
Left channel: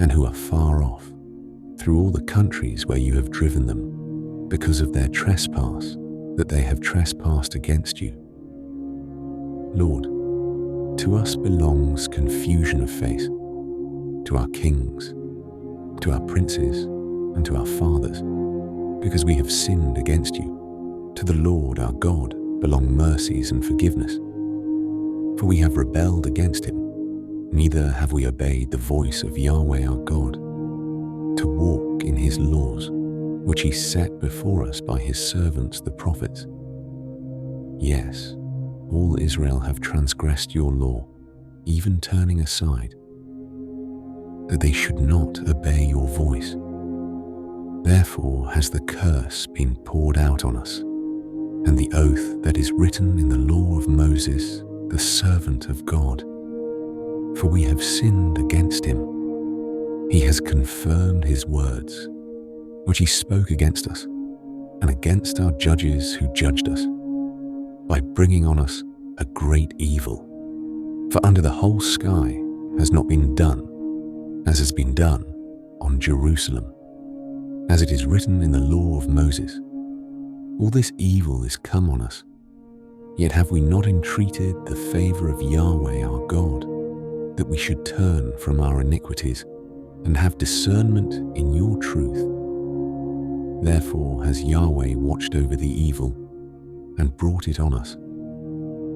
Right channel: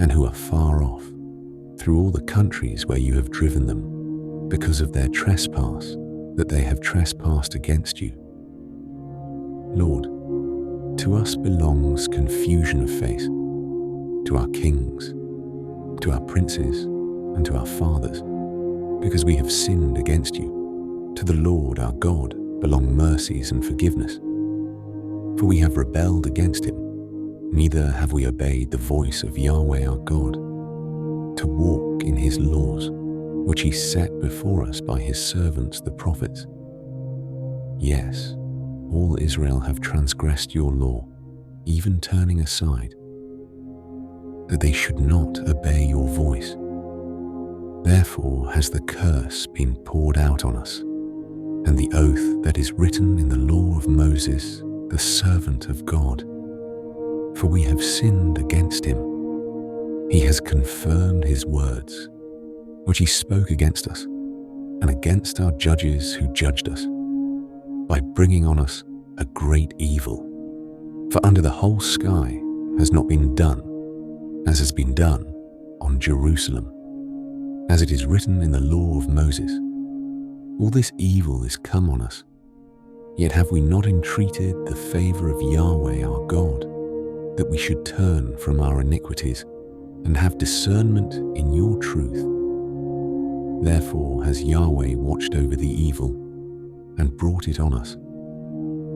and who are far off, through all the countries where you have driven them, because of their trespass that they have trespassed against you. Lord, to us belongs confusion of face, to our kings, to our princes, and to our fathers, because we have sinned against you. To the Lord our God belong mercies and forgiveness. For we have rebelled against him, neither have we obeyed the voice of Yahweh our God, to walk in his laws, which he set before us by his servants the prophets. Yes, all Israel have transgressed your law, even turning aside, that they should not obey your voice. Therefore has the curse been poured out on us, and the oath that is written in the law of Moses, the servant of God. For we have sinned against him. He has confirmed his words, which he spoke against us, and against our judges who judged us, by bringing on us a great evil. For under the whole sky has not been done, as has been done on Jerusalem, as it is written in the law of Moses. All this evil is come on us, yet have we not entreated the favor of Yahweh our God, that we should turn from our iniquities and have discernment in your truth. Therefore has Yahweh watched over the evil and brought it on us.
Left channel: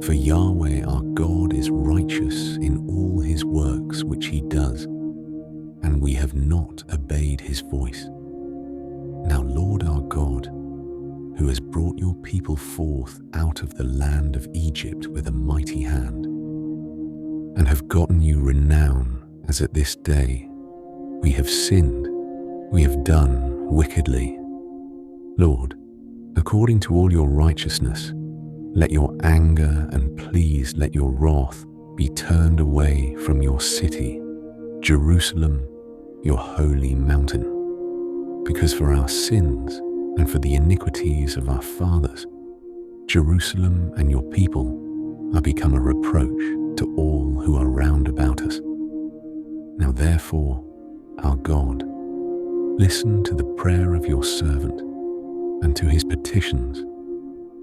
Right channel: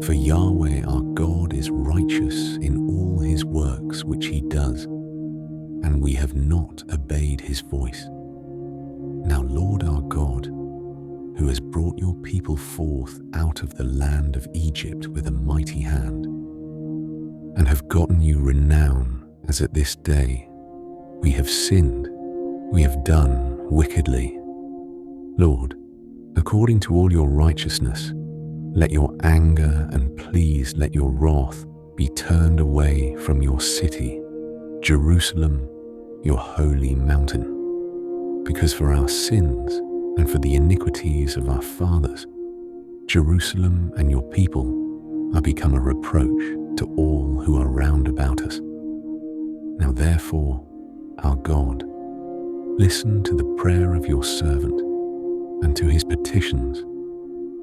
For Yahweh our God is righteous in all his works which he does, and we have not obeyed his voice. Now Lord our God, who has brought your people forth out of the land of Egypt with a mighty hand, and have gotten you renown as at this day, we have sinned, we have done wickedly. Lord, according to all your righteousness, let your anger and please let your wrath be turned away from your city, Jerusalem, your holy mountain. Because for our sins and for the iniquities of our fathers, Jerusalem and your people are become a reproach to all who are round about us. Now therefore, our God, listen to the prayer of your servant and to his petitions,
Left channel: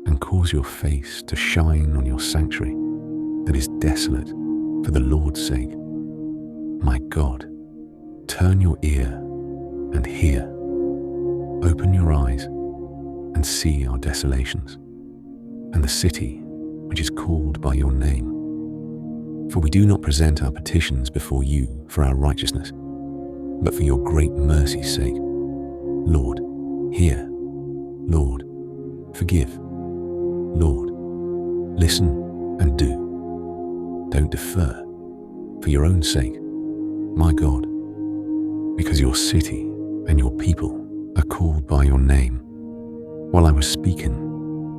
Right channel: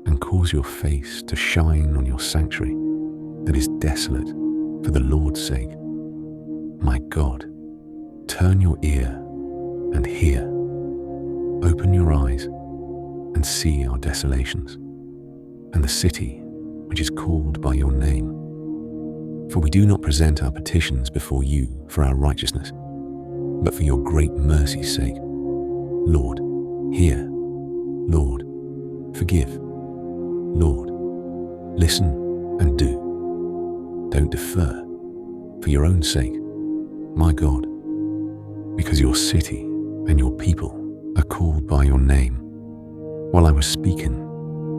and cause your face to shine on your sanctuary that is desolate for the Lord's sake. My God, turn your ear and hear. Open your eyes and see our desolations, and the city which is called by your name. For we do not present our petitions before you for our righteousness, but for your great mercy's sake. Lord, hear. Lord, forgive. Lord, listen and do. Don't defer, for your own sake, my God, because your city and your people are called by your name while I was speaking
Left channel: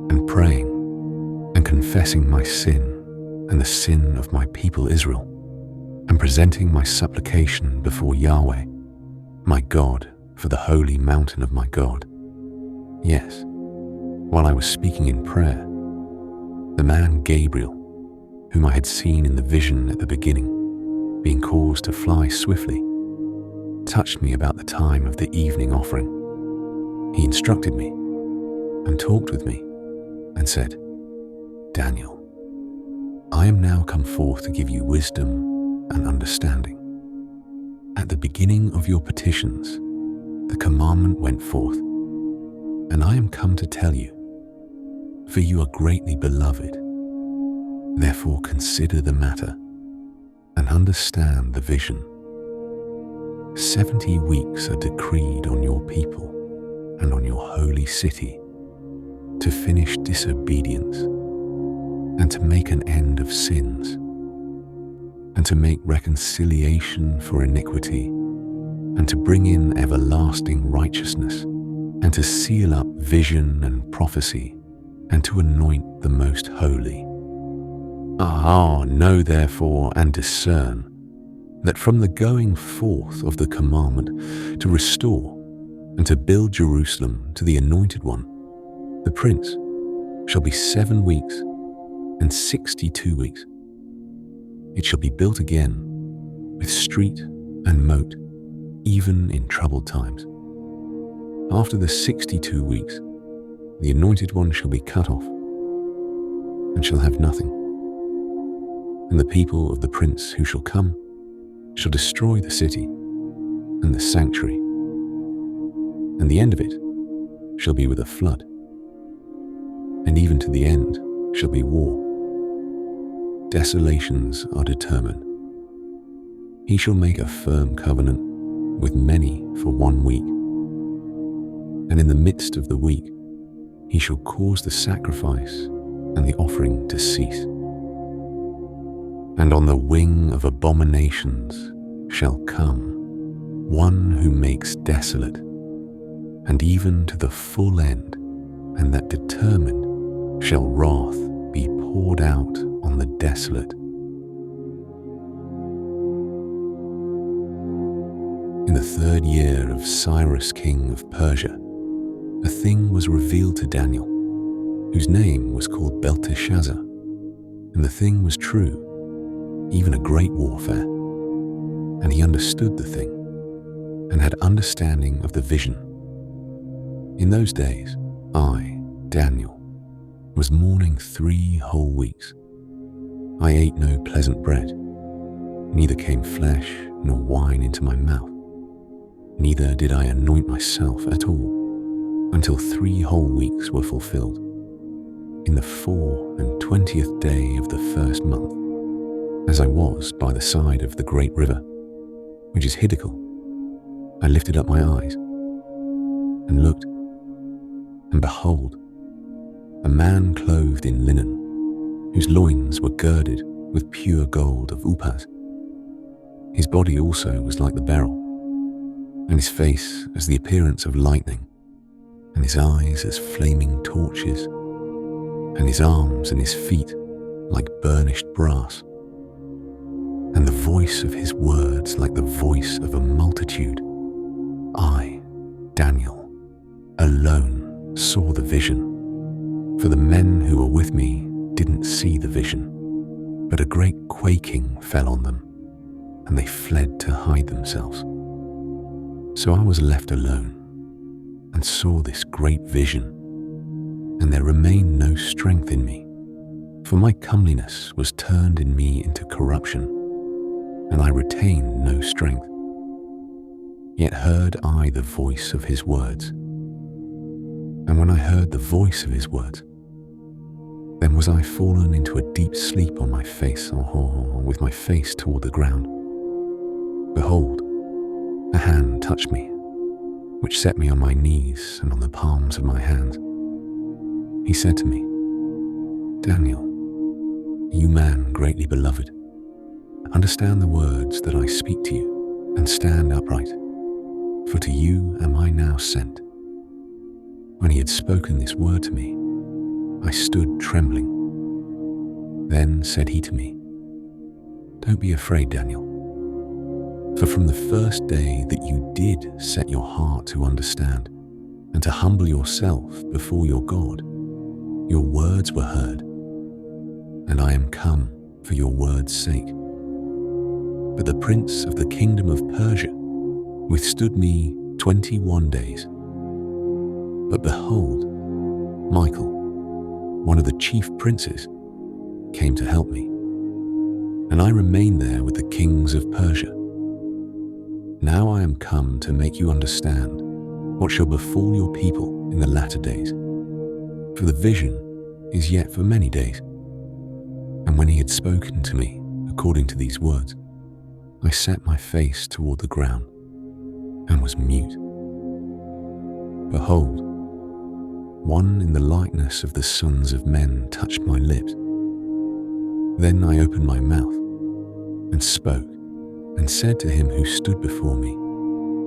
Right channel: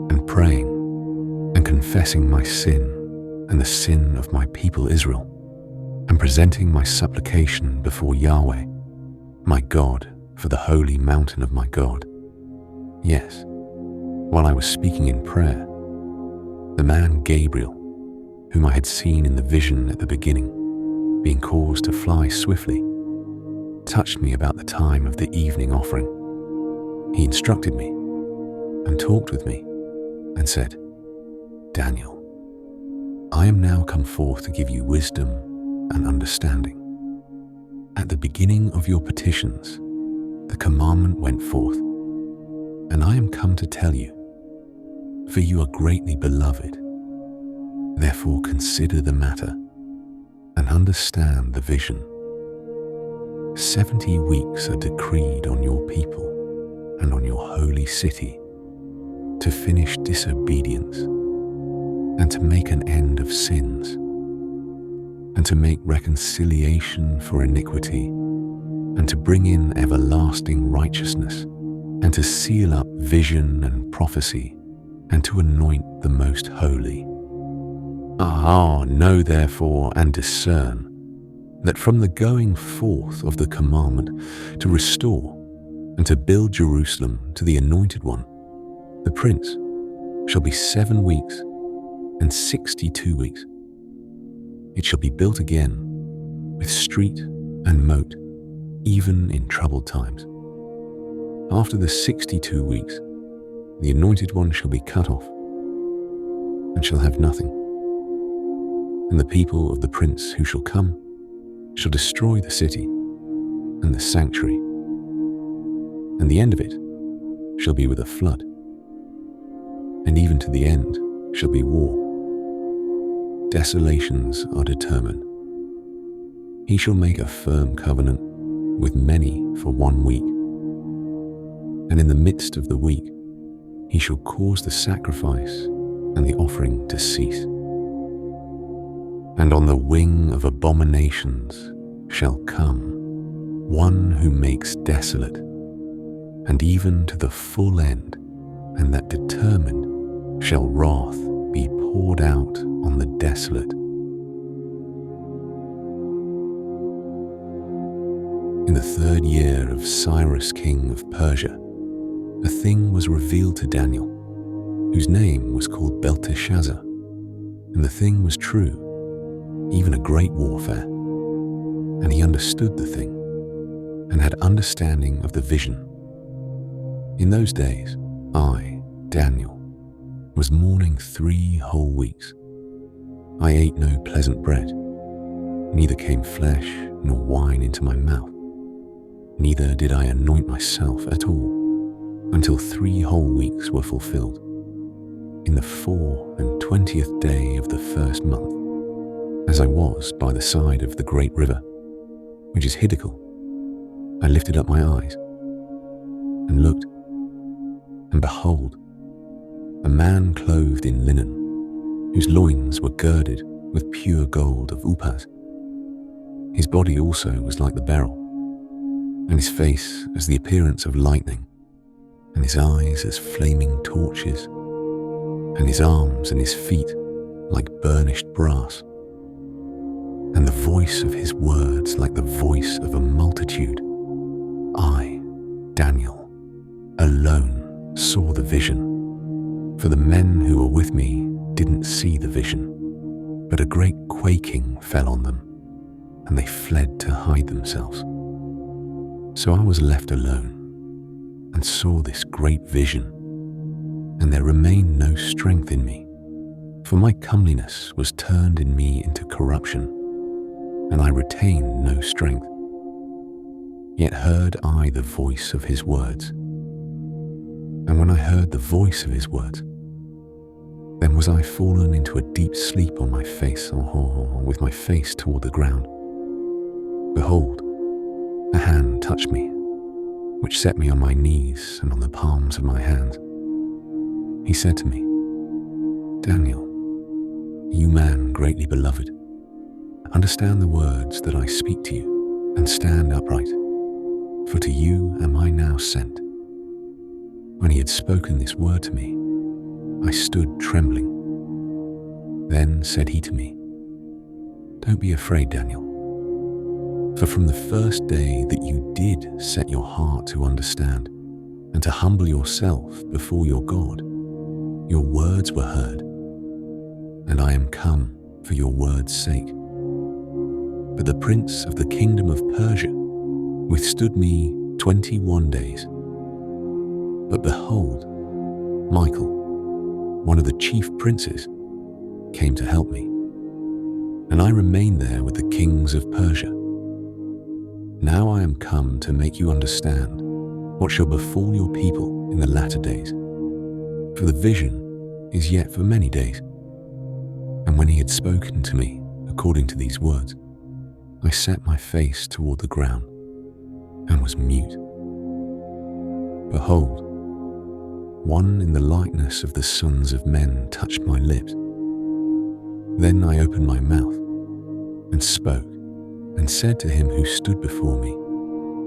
and praying and confessing my sin and the sin of my people Israel, and presenting my supplication before Yahweh, my God, for the holy mountain of my God. Yes, while I was speaking in prayer, the man Gabriel, whom I had seen in the vision at the beginning, being caused to fly swiftly, touched me about the time of the evening offering. He instructed me and talked with me and said, Daniel, I am now come forth to give you wisdom and understanding. At the beginning of your petitions, the commandment went forth, and I am come to tell you, for you are greatly beloved. Therefore consider the matter and understand the vision. 70 weeks are decreed on your people and on your holy city to finish disobedience and to make an end of sins and to make reconciliation for iniquity and to bring in everlasting righteousness and to seal up vision and prophecy and to anoint the most holy. Know therefore and discern that from the going forth of the commandment to restore and to build Jerusalem to the Anointed One, the Prince, shall be 7 weeks and 62 weeks. It shall be built again with street and moat, even in troubled times. After the 62 weeks, the Anointed One shall be cut off and shall have nothing. And the people of the Prince who shall come shall destroy the city and the sanctuary, and the end of it shall be with a flood, and even to the end shall be war. Desolations are determined. He shall make a firm covenant with many for 1 week, and in the midst of the week he shall cause the sacrifice and the offering to cease. And on the wing of abominations shall come one who makes desolate, and even to the full end, and that determined shall wrath be poured out on the desolate. In the 3rd year of Cyrus king of Persia, a thing was revealed to Daniel, whose name was called Belteshazzar, and the thing was true, even a great warfare. And he understood the thing, and had understanding of the vision. In those days, I, Daniel, was mourning 3 whole weeks. I ate no pleasant bread, neither came flesh nor wine into my mouth, neither did I anoint myself at all, until 3 whole weeks were fulfilled. In the 24th day of the 1st month, as I was by the side of the great river, which is Hiddekel, I lifted up my eyes and looked, and behold, a man clothed in linen, whose loins were girded with pure gold of Uphaz. His body also was like the beryl, and his face as the appearance of lightning, and his eyes as flaming torches, and his arms and his feet like burnished brass, and the voice of his words like the voice of a multitude. I, Daniel, alone saw the vision, for the men who were with me didn't see the vision, but a great quaking fell on them, and they fled to hide themselves. So I was left alone, and saw this great vision, and there remained no strength in me, for my comeliness was turned in me into corruption, and I retained no strength. Yet heard I the voice of his words. And when I heard the voice of his words, then was I fallen into a deep sleep on my face, or with my face toward the ground. Behold, a hand touched me, which set me on my knees and on the palms of my hands. He said to me, Daniel, you man greatly beloved, understand the words that I speak to you, and stand upright. for to you am I now sent." When he had spoken this word to me, I stood trembling. Then said he to me, "Don't be afraid, Daniel. For from the first day that you did set your heart to understand and to humble yourself before your God, your words were heard, and I am come for your word's sake. But the prince of the kingdom of Persia withstood me 21 days. But behold, Michael, one of the chief princes, came to help me, and I remained there with the kings of Persia. Now I am come to make you understand what shall befall your people in the latter days. For the vision is yet for many days." And when he had spoken to me according to these words, I set my face toward the ground and was mute. Behold, one in the likeness of the sons of men touched my lips. Then I opened my mouth and spoke and said to him who stood before me,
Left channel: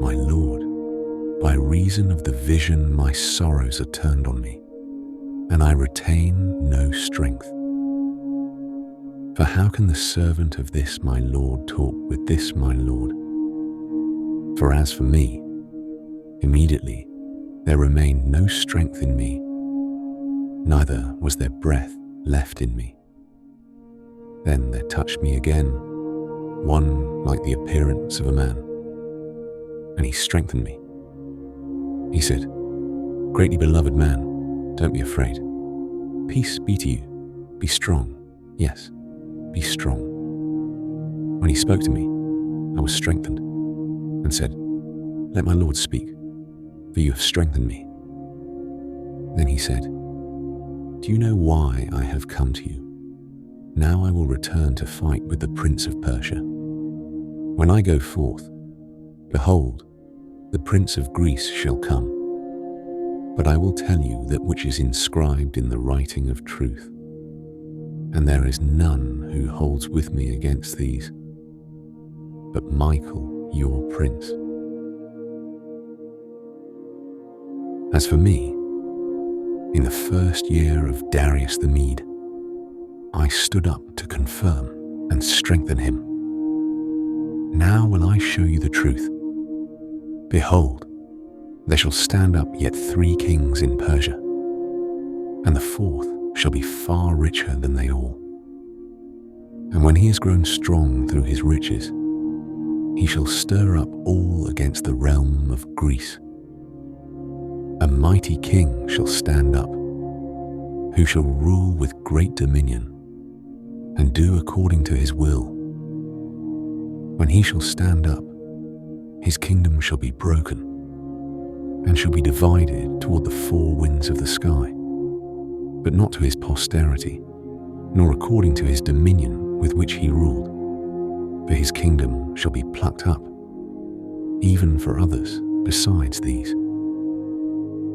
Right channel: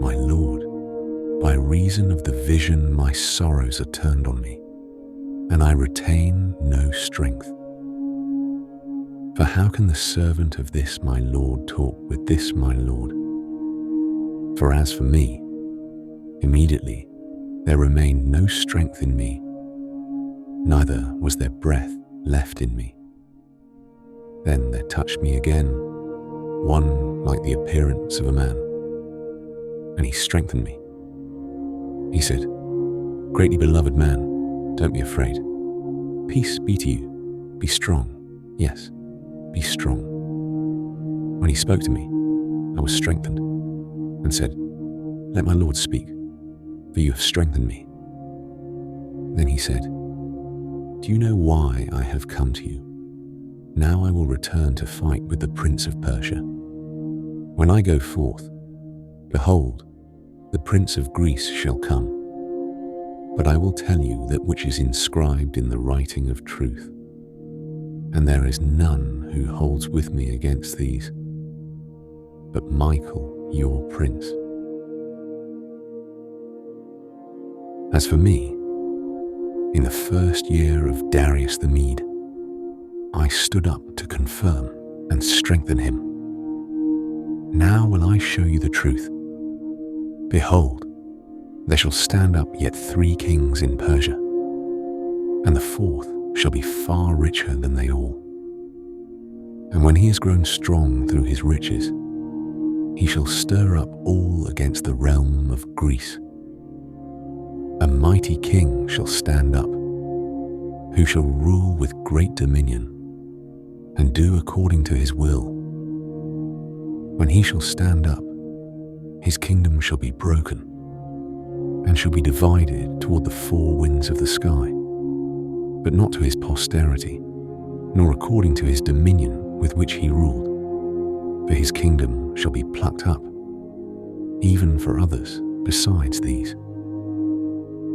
"My Lord, by reason of the vision my sorrows are turned on me, and I retain no strength. For how can the servant of this my Lord talk with this my Lord? For as for me, immediately there remained no strength in me, neither was there breath left in me. Then there touched me again, one like the appearance of a man, and he strengthened me. He said, "Greatly beloved man, don't be afraid. Peace be to you. Be strong. Yes, be strong." When he spoke to me, I was strengthened and said, "Let my Lord speak, for you have strengthened me." Then he said, "Do you know why I have come to you? Now I will return to fight with the prince of Persia. When I go forth, behold, the prince of Greece shall come. But I will tell you that which is inscribed in the writing of truth. And there is none who holds with me against these, but Michael, your prince. As for me, in the first year of Darius the Mede, I stood up to confirm and strengthen him. Now will I show you the truth. Behold, there shall stand up yet 3 kings in Persia, and the 4th shall be far richer than they all. And when he has grown strong through his riches, he shall stir up all against the realm of Greece. A mighty king shall stand up, who shall rule with great dominion, and do according to his will. When he shall stand up, his kingdom shall be broken, and shall be divided toward the 4 winds of the sky, but not to his posterity, nor according to his dominion with which he ruled. For his kingdom shall be plucked up, even for others besides these.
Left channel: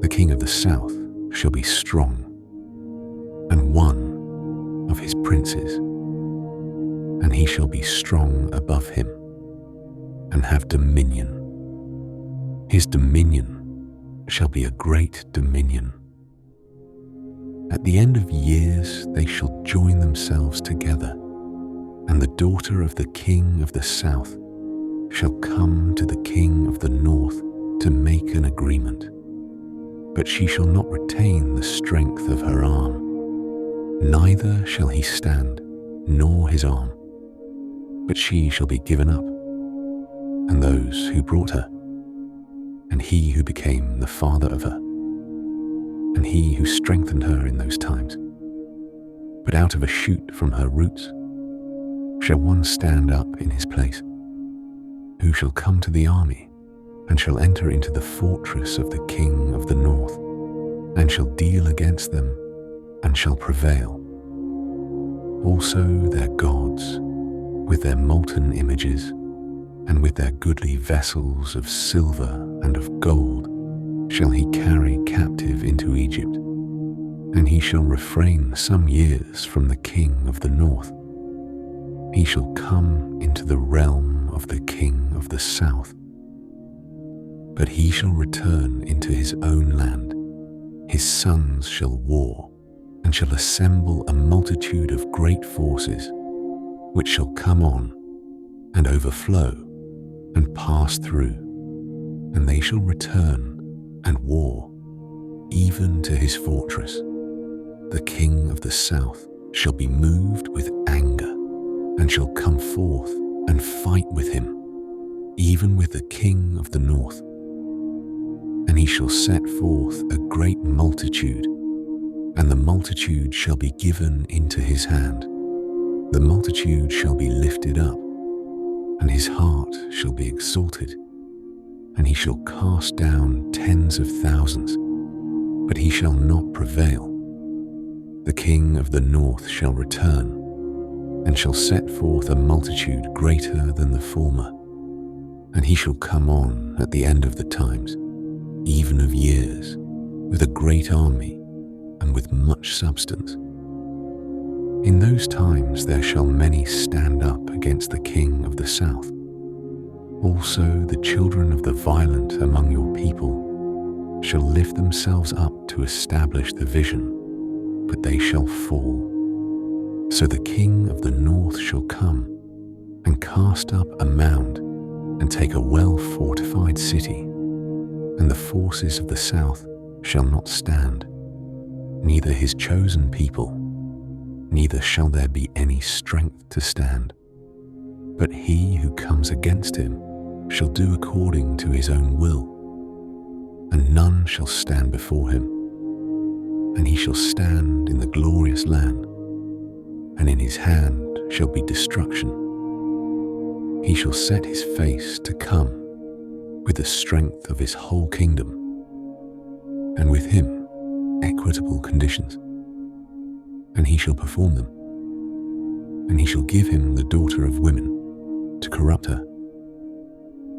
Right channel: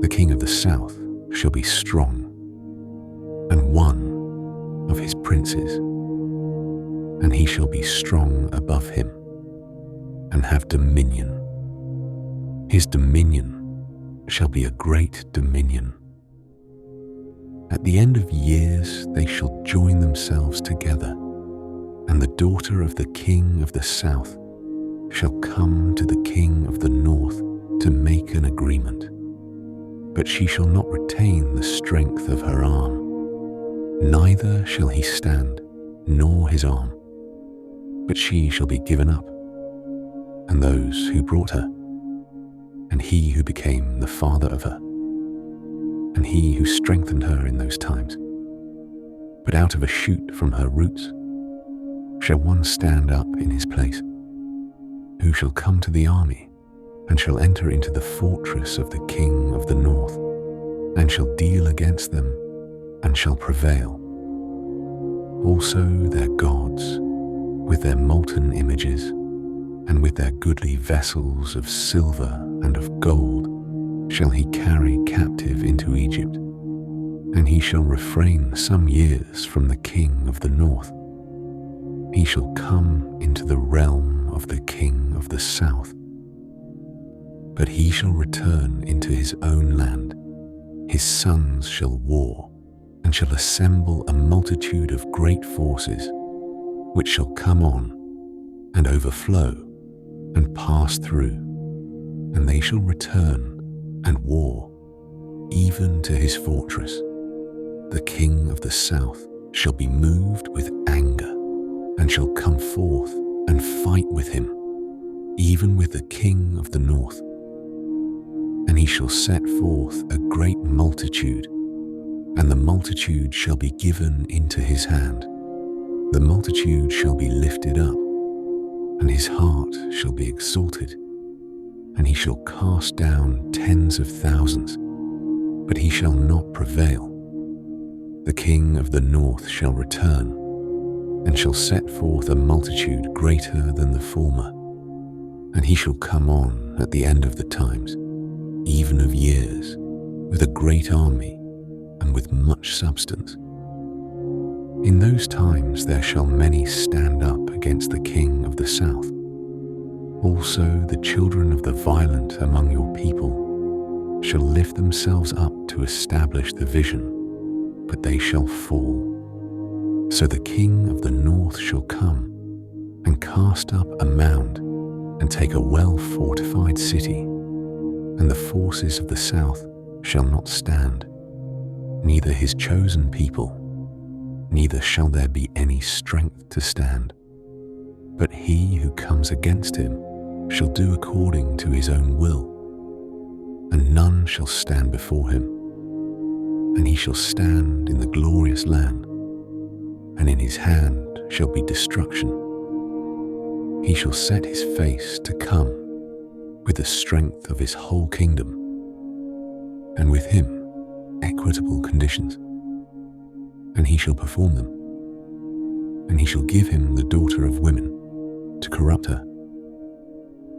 The king of the south shall be strong, and one of his princes, and he shall be strong above him, and have dominion. His dominion shall be a great dominion. At the end of years they shall join themselves together, and the daughter of the king of the south shall come to the king of the north to make an agreement. But she shall not retain the strength of her arm, neither shall he stand, nor his arm, but she shall be given up, and those who brought her, and he who became the father of her, and he who strengthened her in those times. But out of a shoot from her roots shall one stand up in his place, who shall come to the army, and shall enter into the fortress of the king of the north, and shall deal against them, and shall prevail. Also their gods, with their molten images, and with their goodly vessels of silver and of gold, shall he carry captive into Egypt, and he shall refrain some years from the king of the north. He shall come into the realm of the king of the south. But he shall return into his own land. His sons shall war, and shall assemble a multitude of great forces, which shall come on, and overflow, and pass through, and they shall return and war, even to his fortress. The king of the south shall be moved with anger, and shall come forth and fight with him, even with the king of the north. And he shall set forth a great multitude, and the multitude shall be given into his hand. The multitude shall be lifted up, and his heart shall be exalted, and he shall cast down tens of thousands, but he shall not prevail. The king of the north shall return, and shall set forth a multitude greater than the former, and he shall come on at the end of the times, even of years, with a great army and with much substance. In those times there shall many stand up against the king of the south. Also the children of the violent among your people shall lift themselves up to establish the vision, but they shall fall. So the king of the north shall come and cast up a mound and take a well-fortified city, and the forces of the south shall not stand, neither his chosen people, neither shall there be any strength to stand. But he who comes against him shall do according to his own will, and none shall stand before him. And he shall stand in the glorious land, and in his hand shall be destruction. He shall set his face to come with the strength of his whole kingdom, and with him equitable conditions, and he shall perform them. And he shall give him the daughter of women to corrupt her,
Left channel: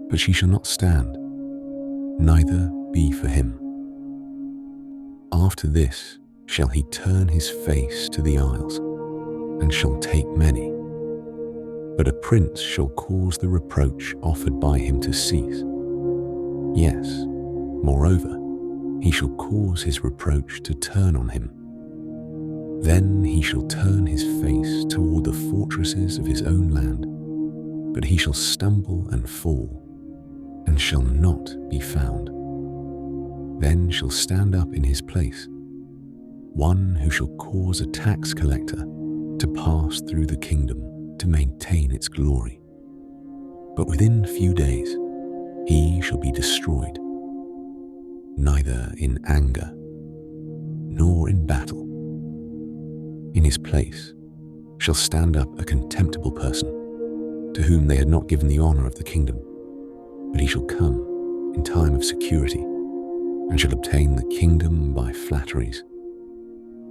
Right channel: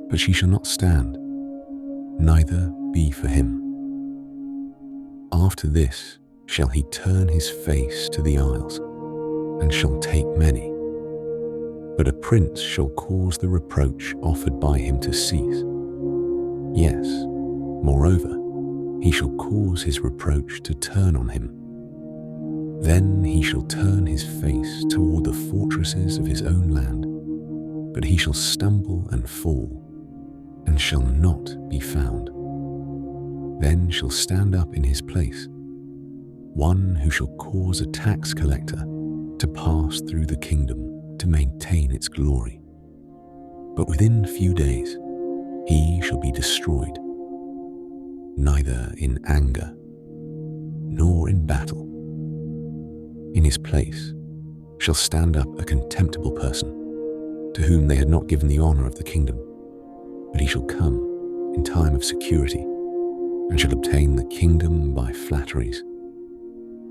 but she shall not stand, neither be for him. After this shall he turn his face to the isles, and shall take many. But a prince shall cause the reproach offered by him to cease. Yes, moreover, he shall cause his reproach to turn on him. Then he shall turn his face toward the fortresses of his own land, but he shall stumble and fall, and shall not be found. Then shall stand up in his place one who shall cause a tax collector to pass through the kingdom to maintain its glory. But within few days he shall be destroyed, neither in anger nor in battle. In his place shall stand up a contemptible person, to whom they had not given the honor of the kingdom, but he shall come in time of security, and shall obtain the kingdom by flatteries.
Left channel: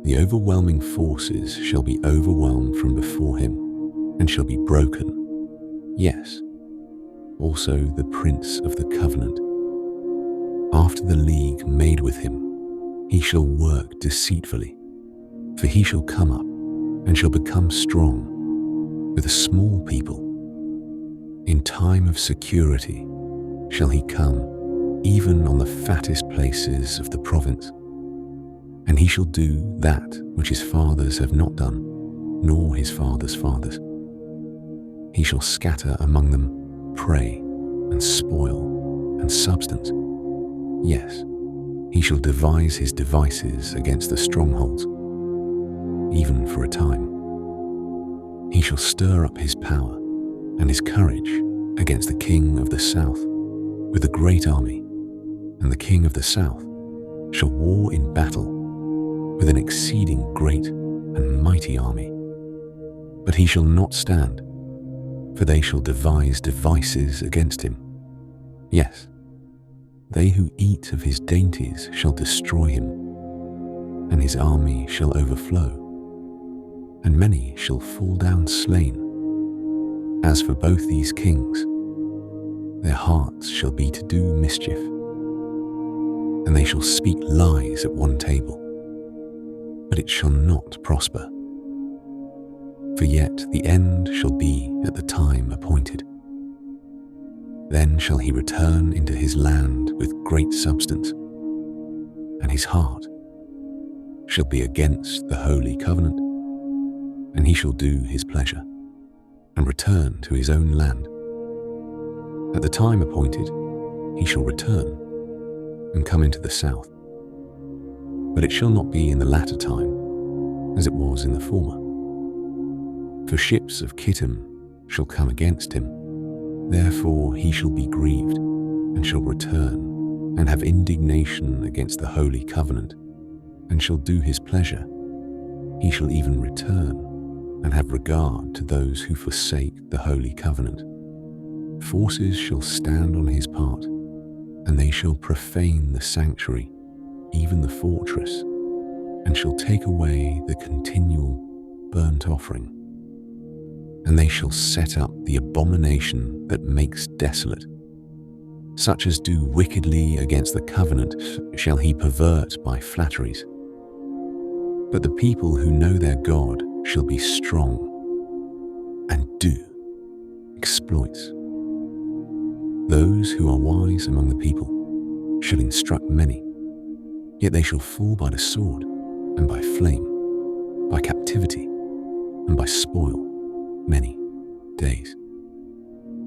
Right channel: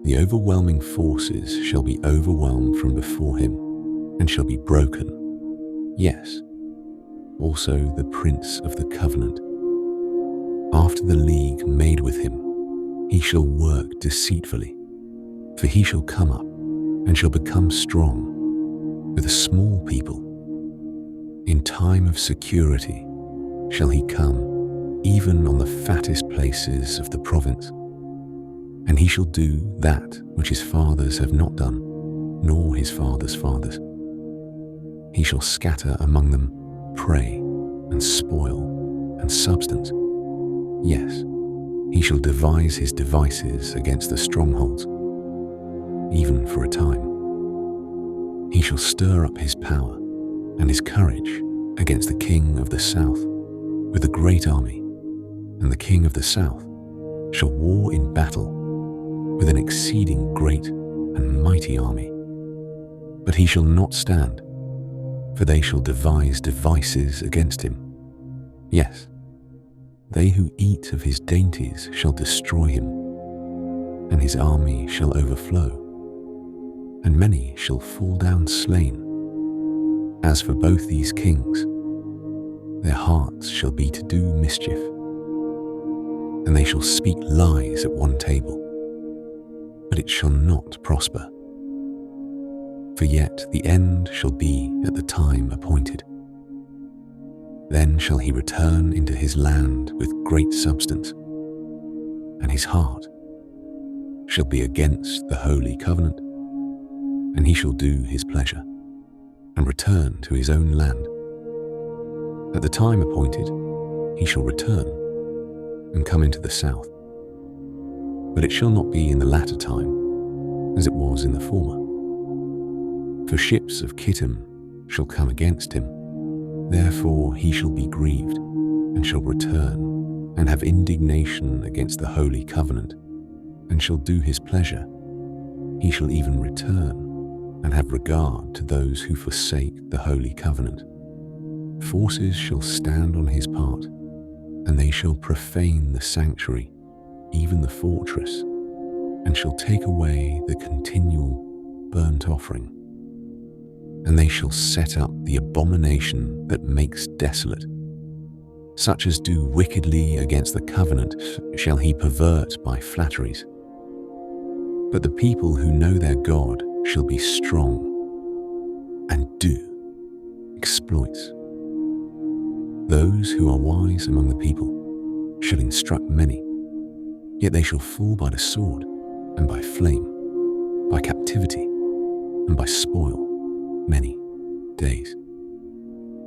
The overwhelming forces shall be overwhelmed from before him, and shall be broken. Yes, also the prince of the covenant. After the league made with him, he shall work deceitfully, for he shall come up and shall become strong with a small people. In time of security shall he come, even on the fattest places of the province. And he shall do that which his fathers have not done, nor his fathers' fathers. He shall scatter among them prey and spoil and substance. Yes, he shall devise his devices against the strongholds, even for a time. He shall stir up his power and his courage against the king of the south with a great army, and the king of the south shall war in battle with an exceeding great and mighty army. But he shall not stand, for they shall devise devices against him. Yes, they who eat of his dainties shall destroy him, and his army shall overflow, and many shall fall down slain. As for both these kings, their hearts shall be to do mischief, and they shall speak lies at one table, but it shall not prosper. For yet the end shall be at the time appointed. Then shall he return into his land with great substance, and his heart shall be against the holy covenant, and he shall do his pleasure, and return to his own land. At the time appointed, he shall return, and come into the south. But it shall not be in the latter time, as it was in the former. For ships of Kittim shall come against him, therefore he shall be grieved, and shall return, and have indignation against the holy covenant, and shall do his pleasure. He shall even return, and have regard to those who forsake the holy covenant. Forces shall stand on his part, and they shall profane the sanctuary, even the fortress, and shall take away the continual burnt offering. And they shall set up the abomination that makes desolate. Such as do wickedly against the covenant shall he pervert by flatteries. But the people who know their God shall be strong, and do exploits. Those who are wise among the people shall instruct many, yet they shall fall by the sword, and by flame, by captivity, and by spoil many days.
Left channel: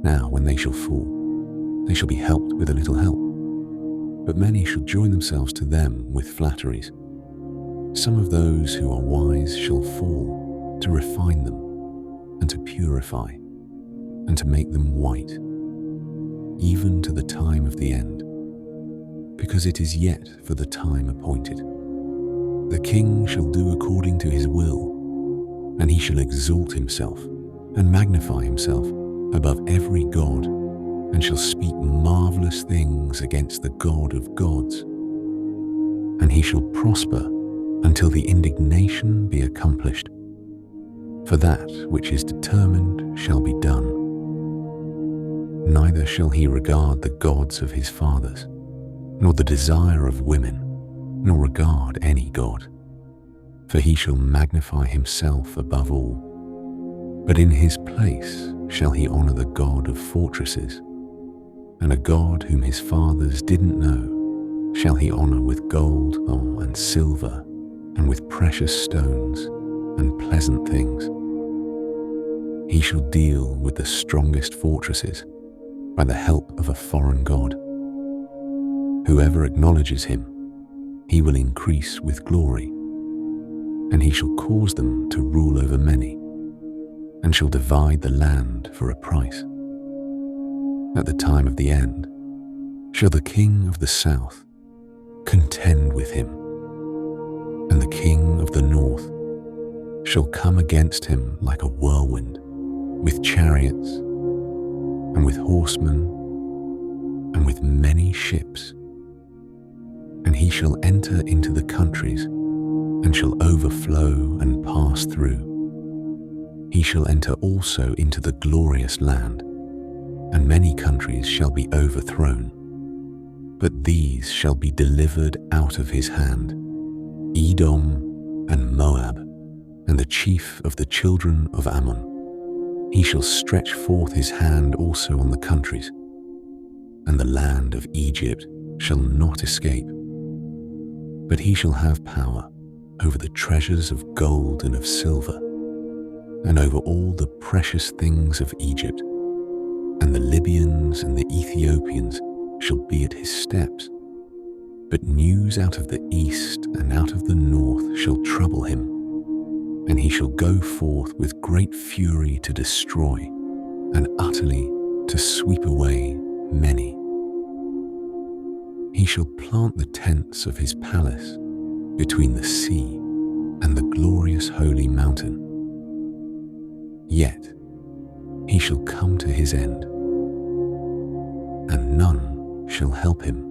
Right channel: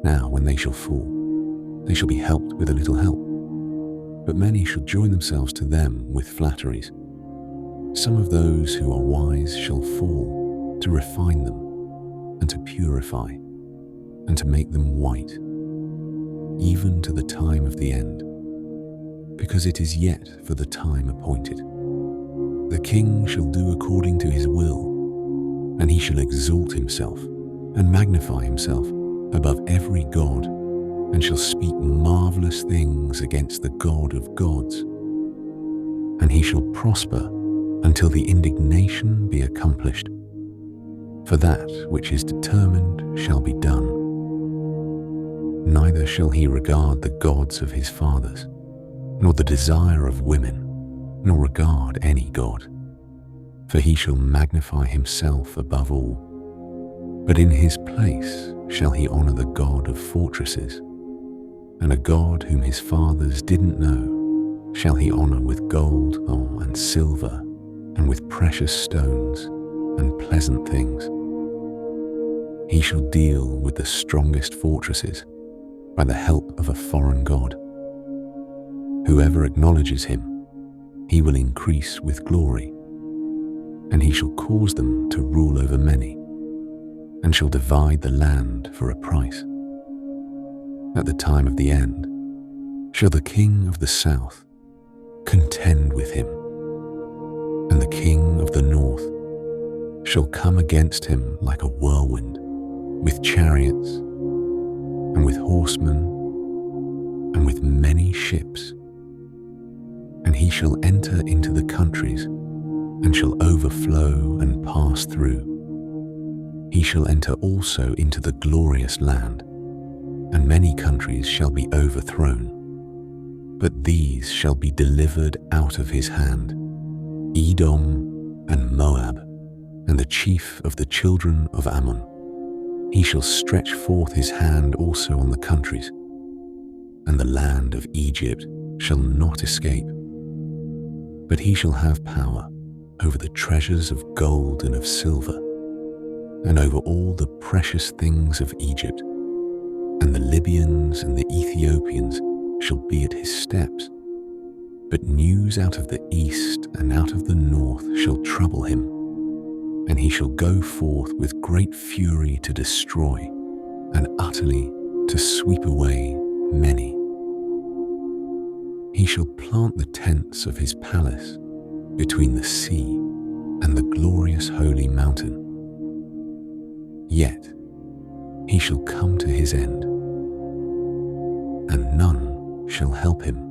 Now when they shall fall, they shall be helped with a little help, but many shall join themselves to them with flatteries. Some of those who are wise shall fall to refine them, and to purify, and to make them white, even to the time of the end, because it is yet for the time appointed. The king shall do according to his will, and he shall exalt himself and magnify himself above every god, and shall speak marvelous things against the God of gods. And he shall prosper until the indignation be accomplished, for that which is determined shall be done. Neither shall he regard the gods of his fathers, nor the desire of women, nor regard any god, for he shall magnify himself above all. But in his place shall he honor the God of fortresses, and a God whom his fathers didn't know shall he honor with gold and silver, and with precious stones and pleasant things. He shall deal with the strongest fortresses by the help of a foreign god. Whoever acknowledges him, he will increase with glory, and he shall cause them to rule over many, and shall divide the land for a price. At the time of the end shall the king of the south contend with him, and the king of the north shall come against him like a whirlwind, with chariots, and with horsemen, and with many ships. And he shall enter into the countries, and shall overflow and pass through. He shall enter also into the glorious land, and many countries shall be overthrown. But these shall be delivered out of his hand, Edom and Moab, and the chief of the children of Ammon. He shall stretch forth his hand also on the countries, and the land of Egypt shall not escape. But he shall have power over the treasures of gold and of silver, and over all the precious things of Egypt, and the Libyans and the Ethiopians shall be at his steps. But news out of the east and out of the north shall trouble him, and he shall go forth with great fury to destroy, and utterly to sweep away many. He shall plant the tents of his palace between the sea and the glorious holy mountain. Yet he shall come to his end, and none shall help him.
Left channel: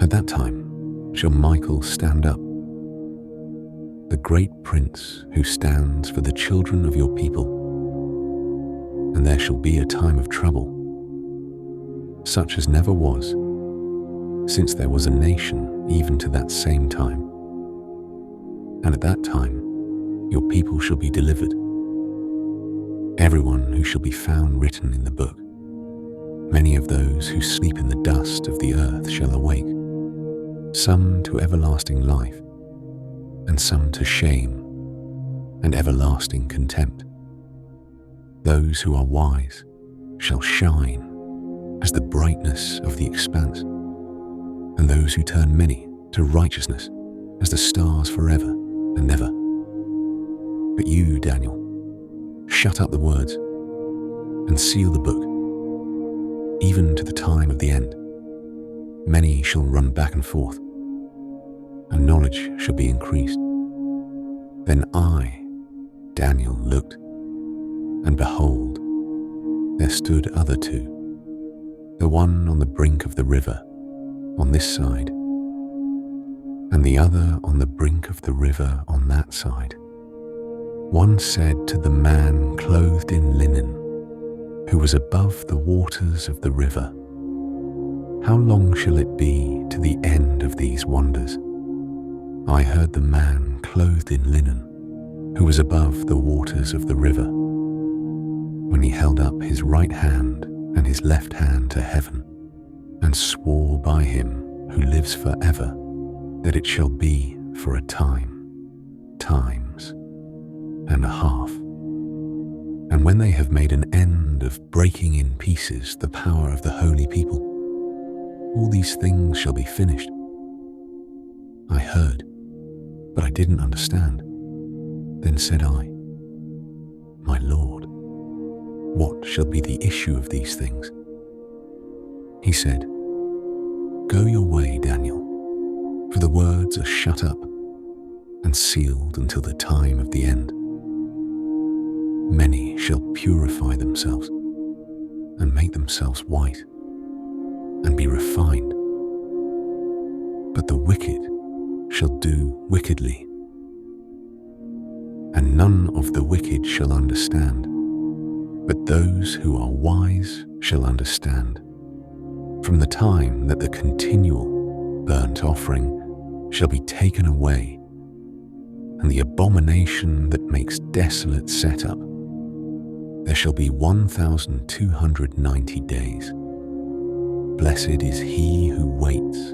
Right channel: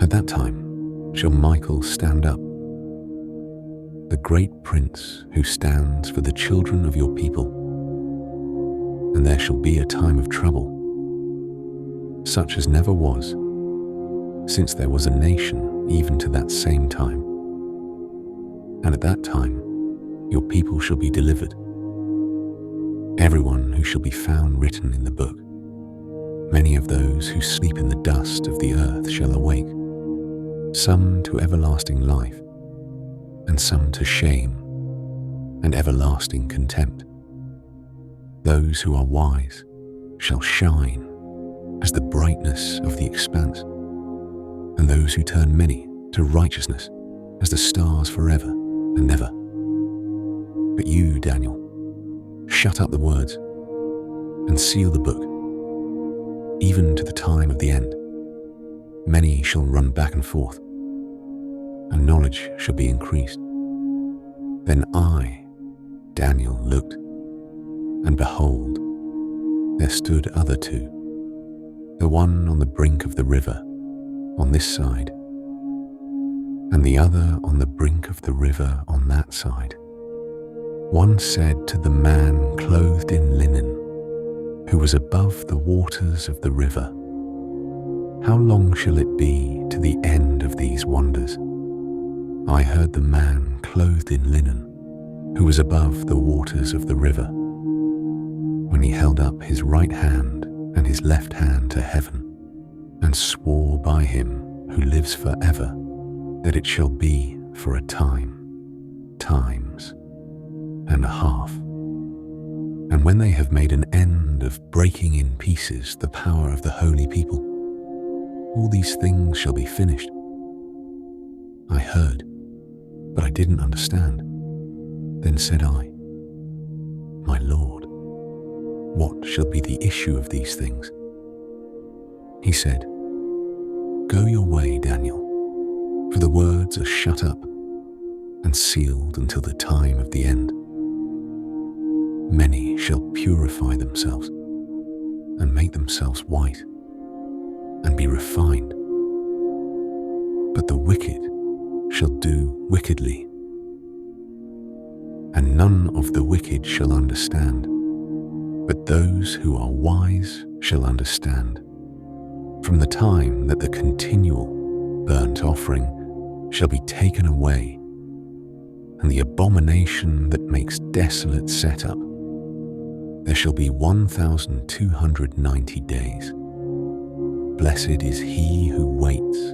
At that time shall Michael stand up, the great prince who stands for the children of your people. And there shall be a time of trouble, such as never was, since there was a nation even to that same time. And at that time your people shall be delivered. everyone who shall be found written in the book. Many of those who sleep in the dust of the earth shall awake, some to everlasting life, and some to shame and everlasting contempt. Those who are wise shall shine as the brightness of the expanse, and those who turn many to righteousness as the stars forever and ever. But you, Daniel, shut up the words and seal the book, even to the time of the end. Many shall run back and forth, and knowledge shall be increased. Then I, Daniel, looked, and behold, there stood other two, the one on the brink of the river on this side, and the other on the brink of the river on that side. One said to the man clothed in linen, who was above the waters of the river, "How long shall it be to the end of these wonders?" I heard the man clothed in linen, who was above the waters of the river, when he held up his right hand and his left hand to heaven, and swore by him who lives forever, that it shall be for a time, times, and a half. And when they have made an end of breaking in pieces the power of the holy people, all these things shall be finished. I heard, but I didn't understand. Then said I, "My Lord, what shall be the issue of these things?" He said, "Go your way, Daniel, for the words are shut up and sealed until the time of the end. Many shall purify themselves and make themselves white and be refined, but the wicked shall do wickedly, and none of the wicked shall understand, but those who are wise shall understand, from the time that the continual burnt offering shall be taken away, and the abomination that makes desolate set up. There shall be 1,290 days. Blessed is he who waits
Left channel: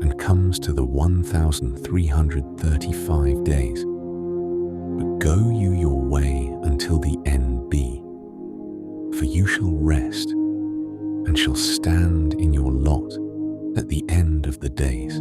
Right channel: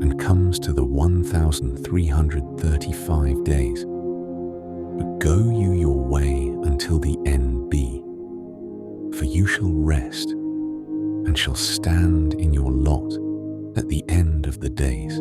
and comes to the 1,335 days. But go you your way until the end be, for you shall rest and shall stand in your lot at the end of the days.